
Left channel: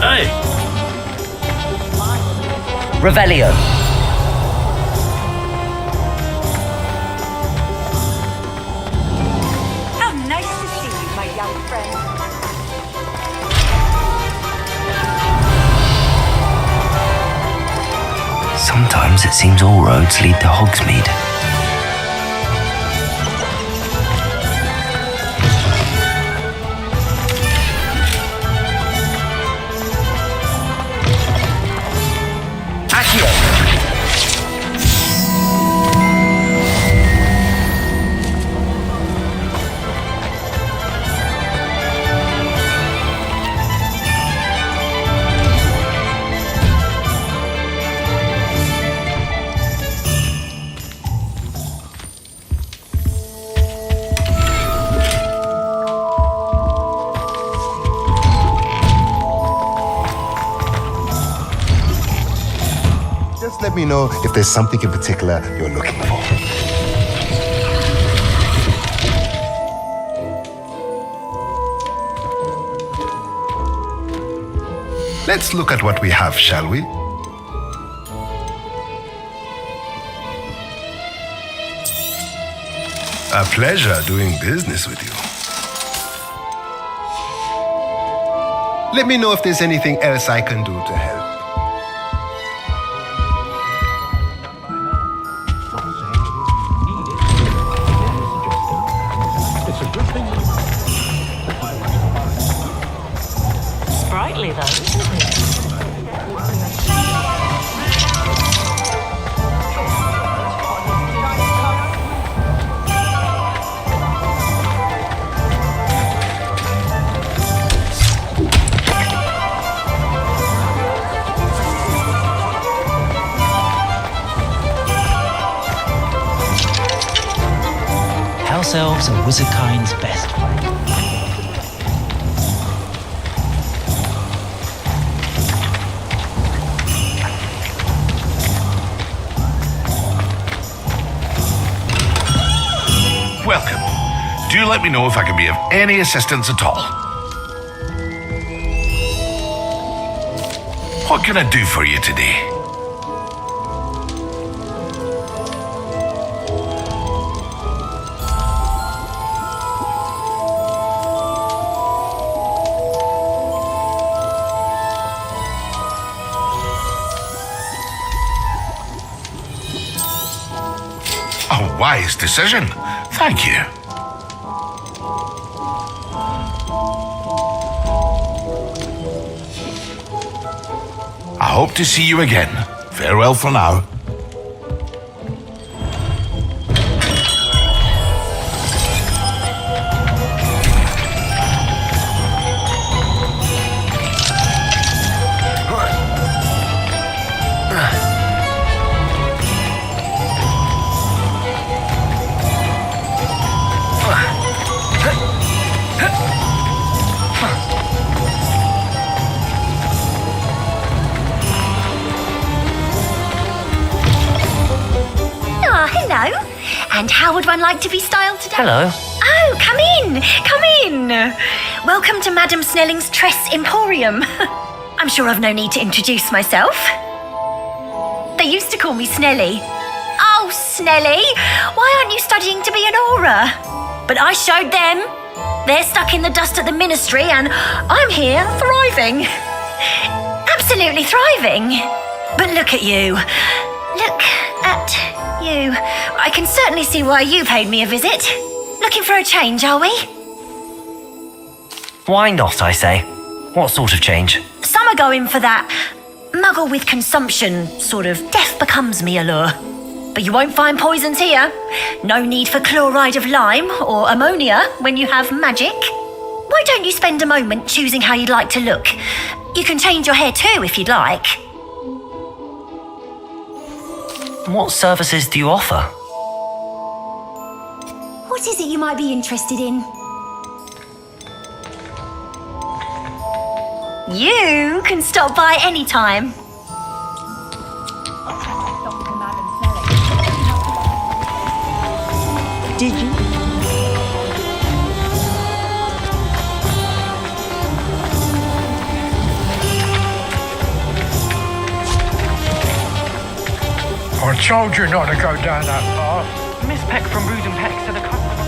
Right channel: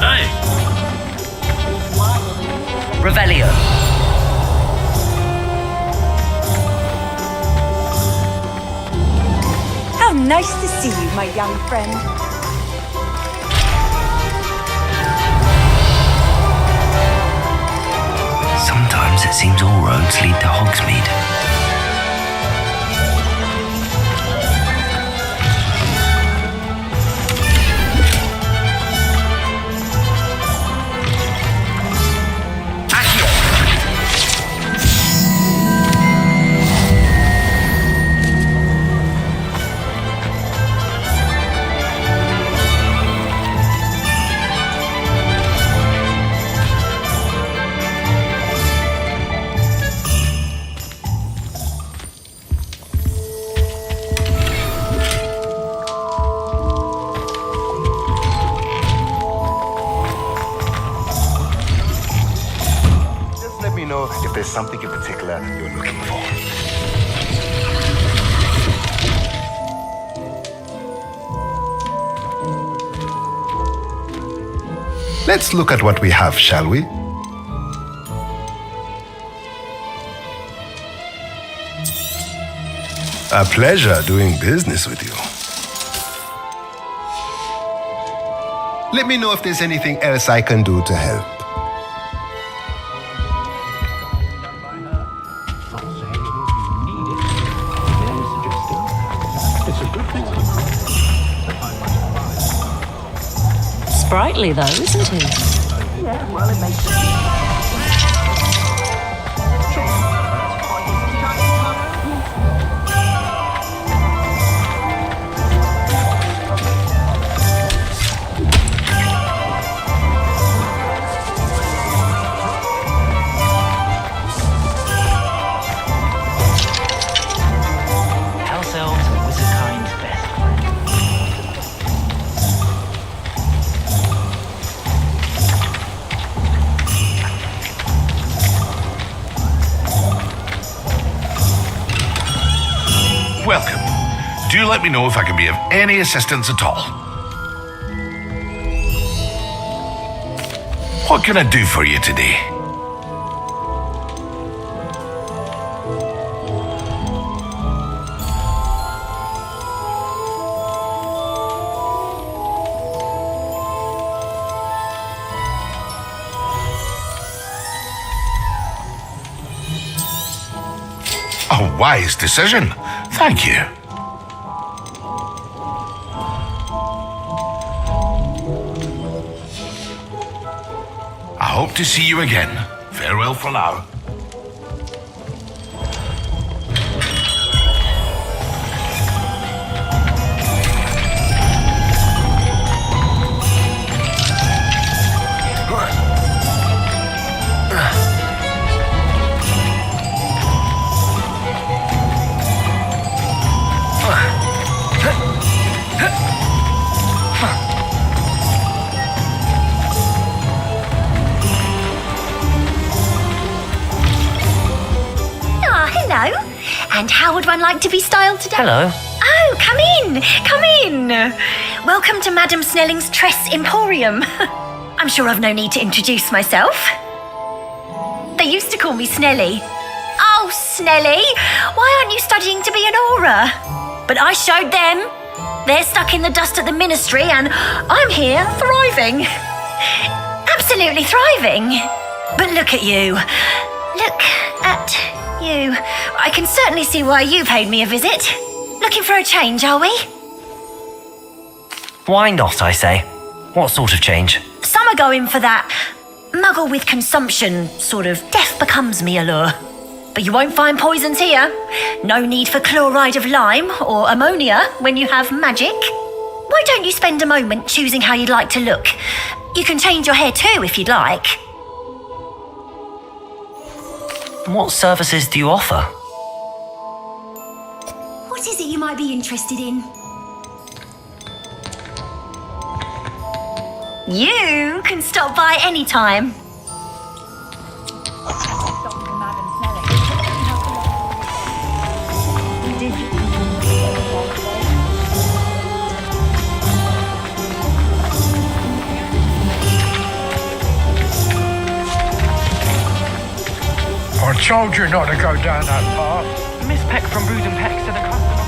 Hey. Revelio. How nice to see you, my young friend. Sometimes it seems all roads lead to Hogsmeade. me know if there's something in particular you're looking for. Let's look at what we have, shall we? A pleasure doing business with you. Let me know if there's anything else I can do to help. It's a good thing. Sprightly, though, isn't it? House elves are wizard kind's best. Welcome. Do let me know if I can be of any assistance at all. What can I do for you today? A wise decision. Thank you. I hope to see you again. Farewell for now. Hello. And how would one like to be styled today? Hello. Oh, come in. Come in. Welcome to Madame Snelling's Tress Emporium. I'm sure I've no need to introduce myself. They used to call me Snelly. Oh, Snelly, why aren't you studying to be an aura? But I showed them. They're stuck in the dust at the ministry and I'm here thriving. Absolutely thriving. But look at you. Look at you. I can certainly see why you paid me a visit. Looking for a change, are we? Why not, I say? What sort of change? Some are going for that muggle with consumption, sort of death becomes me allure. But you won't find poisons here. No need for chloride of lime or ammonia when you have magic. Why don't you spend a moment choosing how you'd like to look? You can change your hair too if you'd like. What services do you offer? What is it you might be interested in? You can stop by anytime. Did you? I told you not to go down that path. Miss Peck from Brood and Peck said a customer.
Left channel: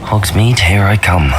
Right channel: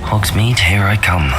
Hogsmeade, here I come.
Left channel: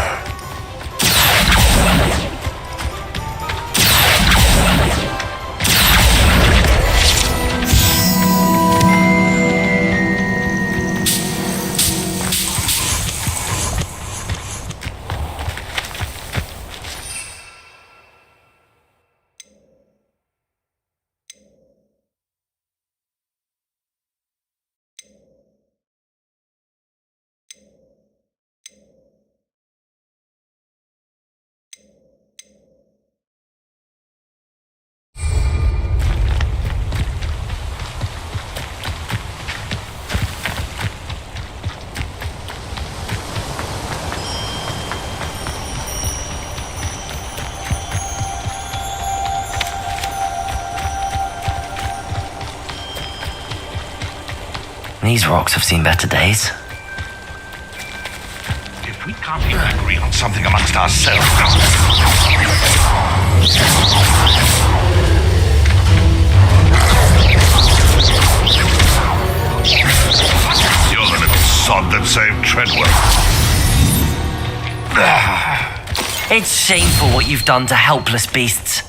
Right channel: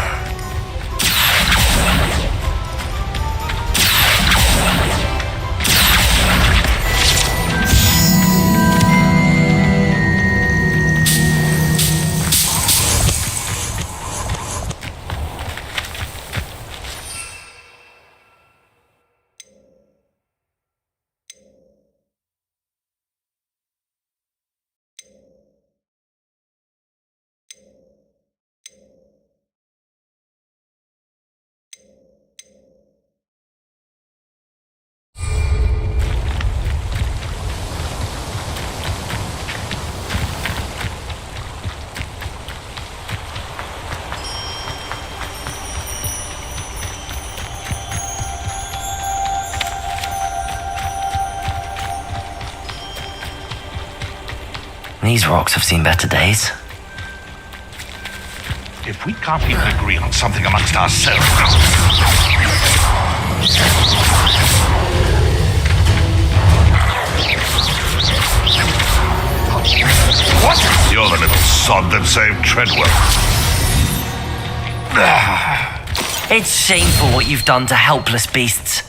These rocks have seen better days. If we can't even agree on something amongst ourselves. You're the little sod that saved Treadwell. It's shameful what you've done to helpless beasts.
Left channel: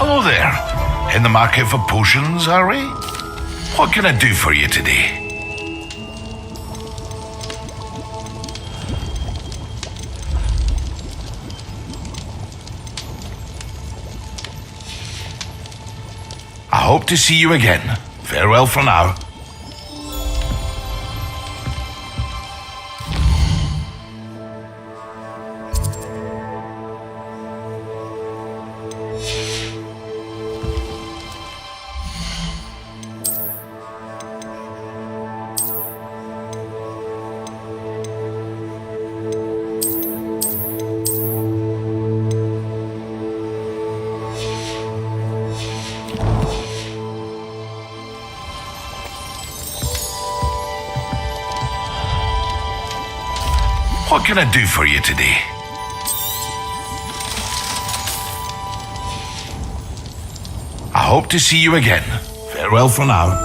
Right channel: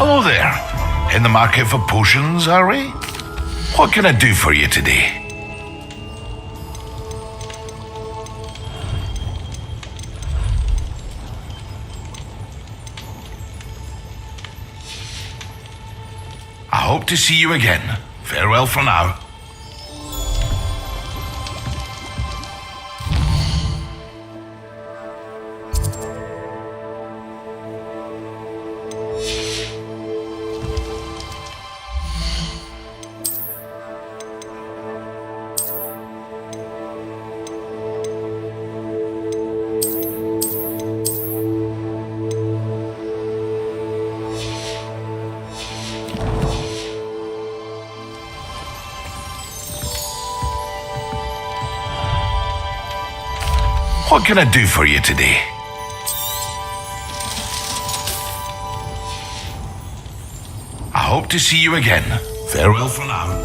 Hello there. In the market for potions, are we? What can I do for you today? I hope to see you again. Farewell for now. What can I do for you today? I hope to see you again. Farewell for now.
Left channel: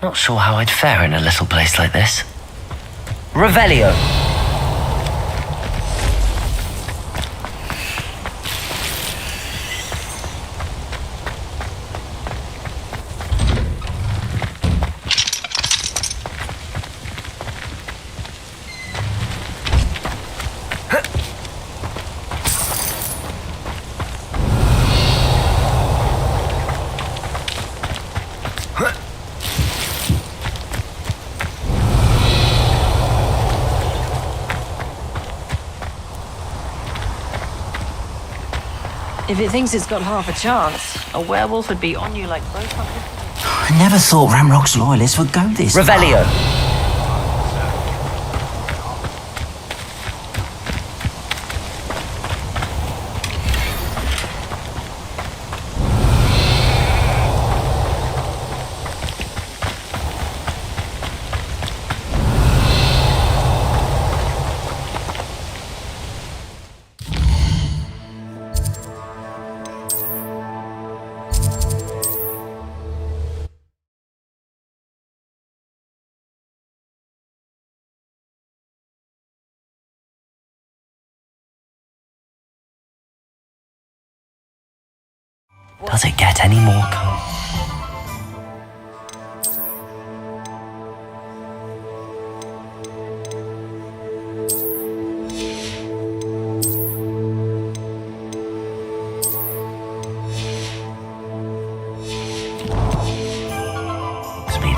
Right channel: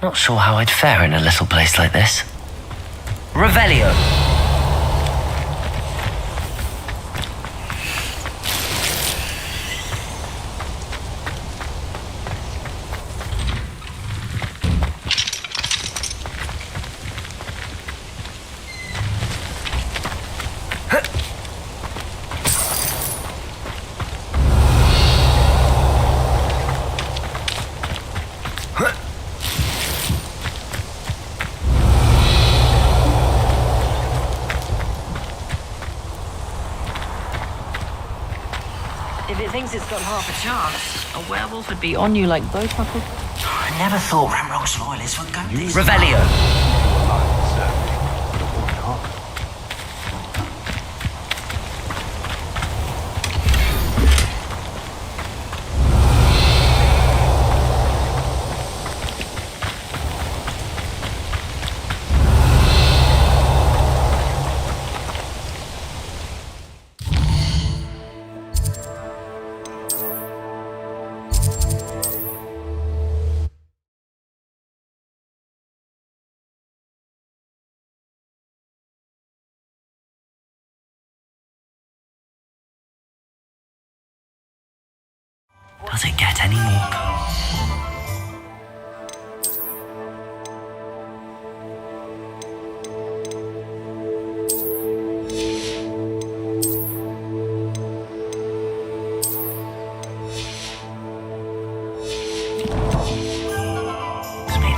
Not sure how I'd fare in a little place like this. Revelio! If it thinks it's got half a chance, a werewolf would be on you like both of them. I never thought Ramrock's loyalists would go this Revelio. Does it get any more cold? Speed.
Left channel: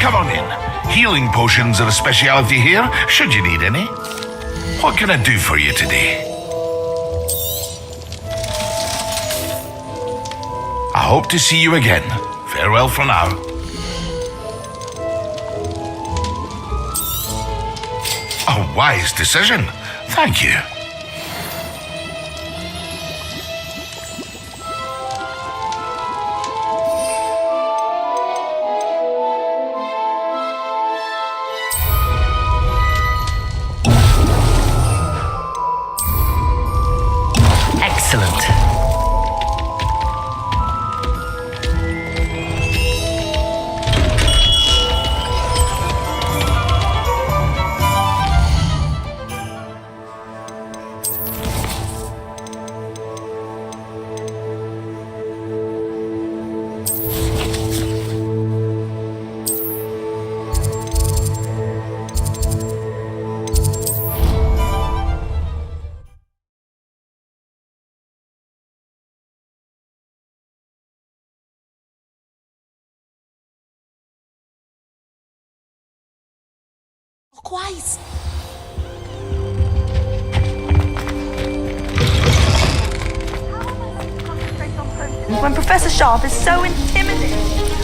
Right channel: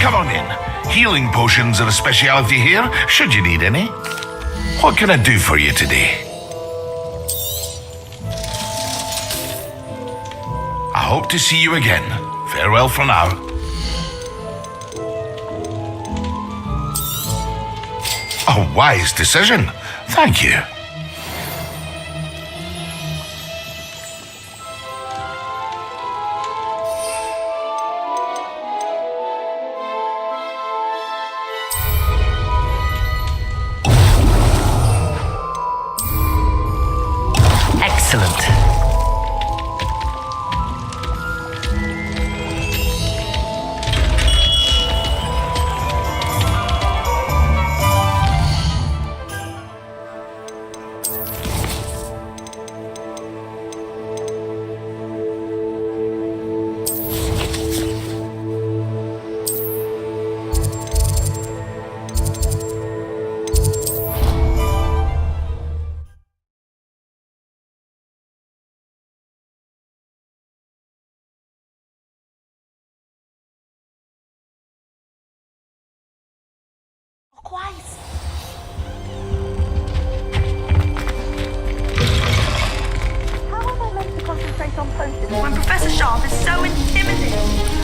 Come on in. Healing potions are a speciality here, should you need any. What can I do for you today? I hope to see you again. Farewell for now. A wise decision. Thank you. Excellent. Twice. How am I meant to concentrate on potions when Professor Sharp is so intimidating?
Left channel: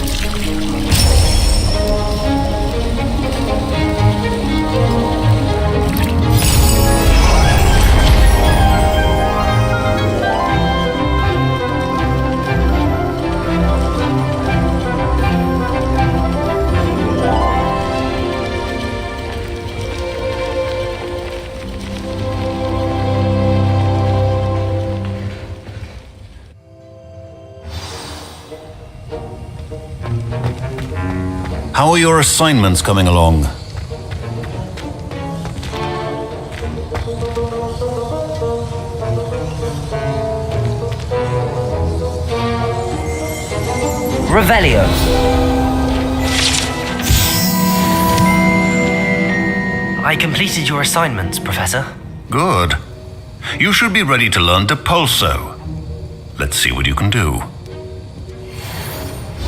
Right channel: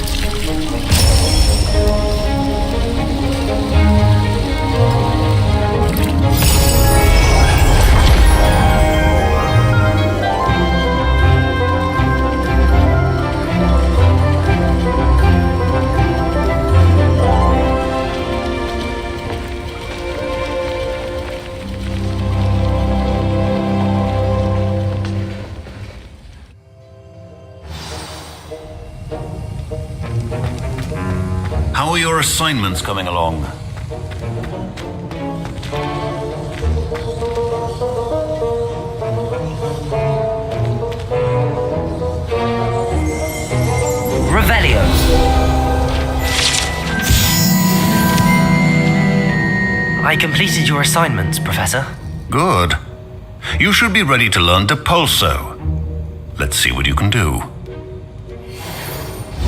How are your assignments coming along? Revelio. I completed your assignments, Professor. Good. You should be ready to learn Depulso. Let's see what you can do.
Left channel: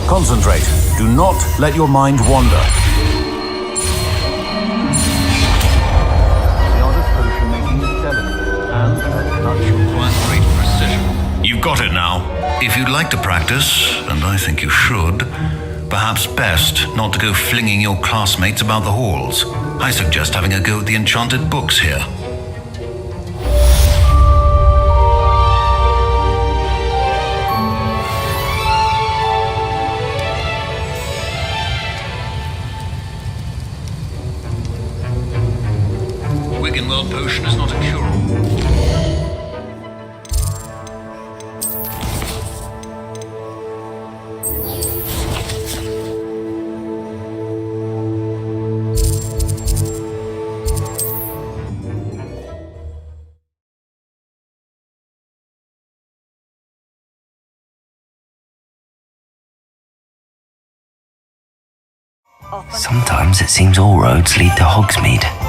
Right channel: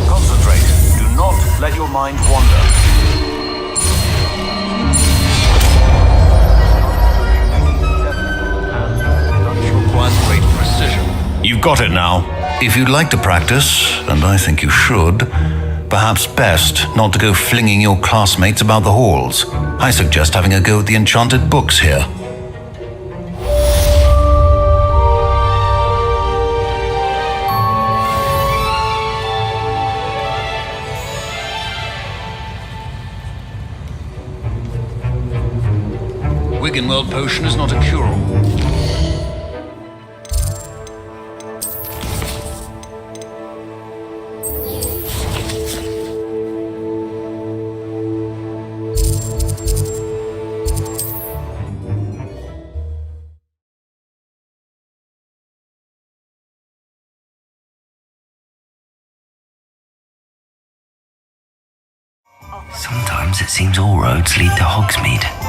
Concentrate. Do not let your mind wander. It requires great precision. You've got it now. If you'd like to practice, and I think you should, perhaps best not to go flinging your classmates about the halls. I suggest having a go at the enchanted books here. Wiggenweld potion is not a cure-all. Sometimes it seems all roads lead to Hogsmeade.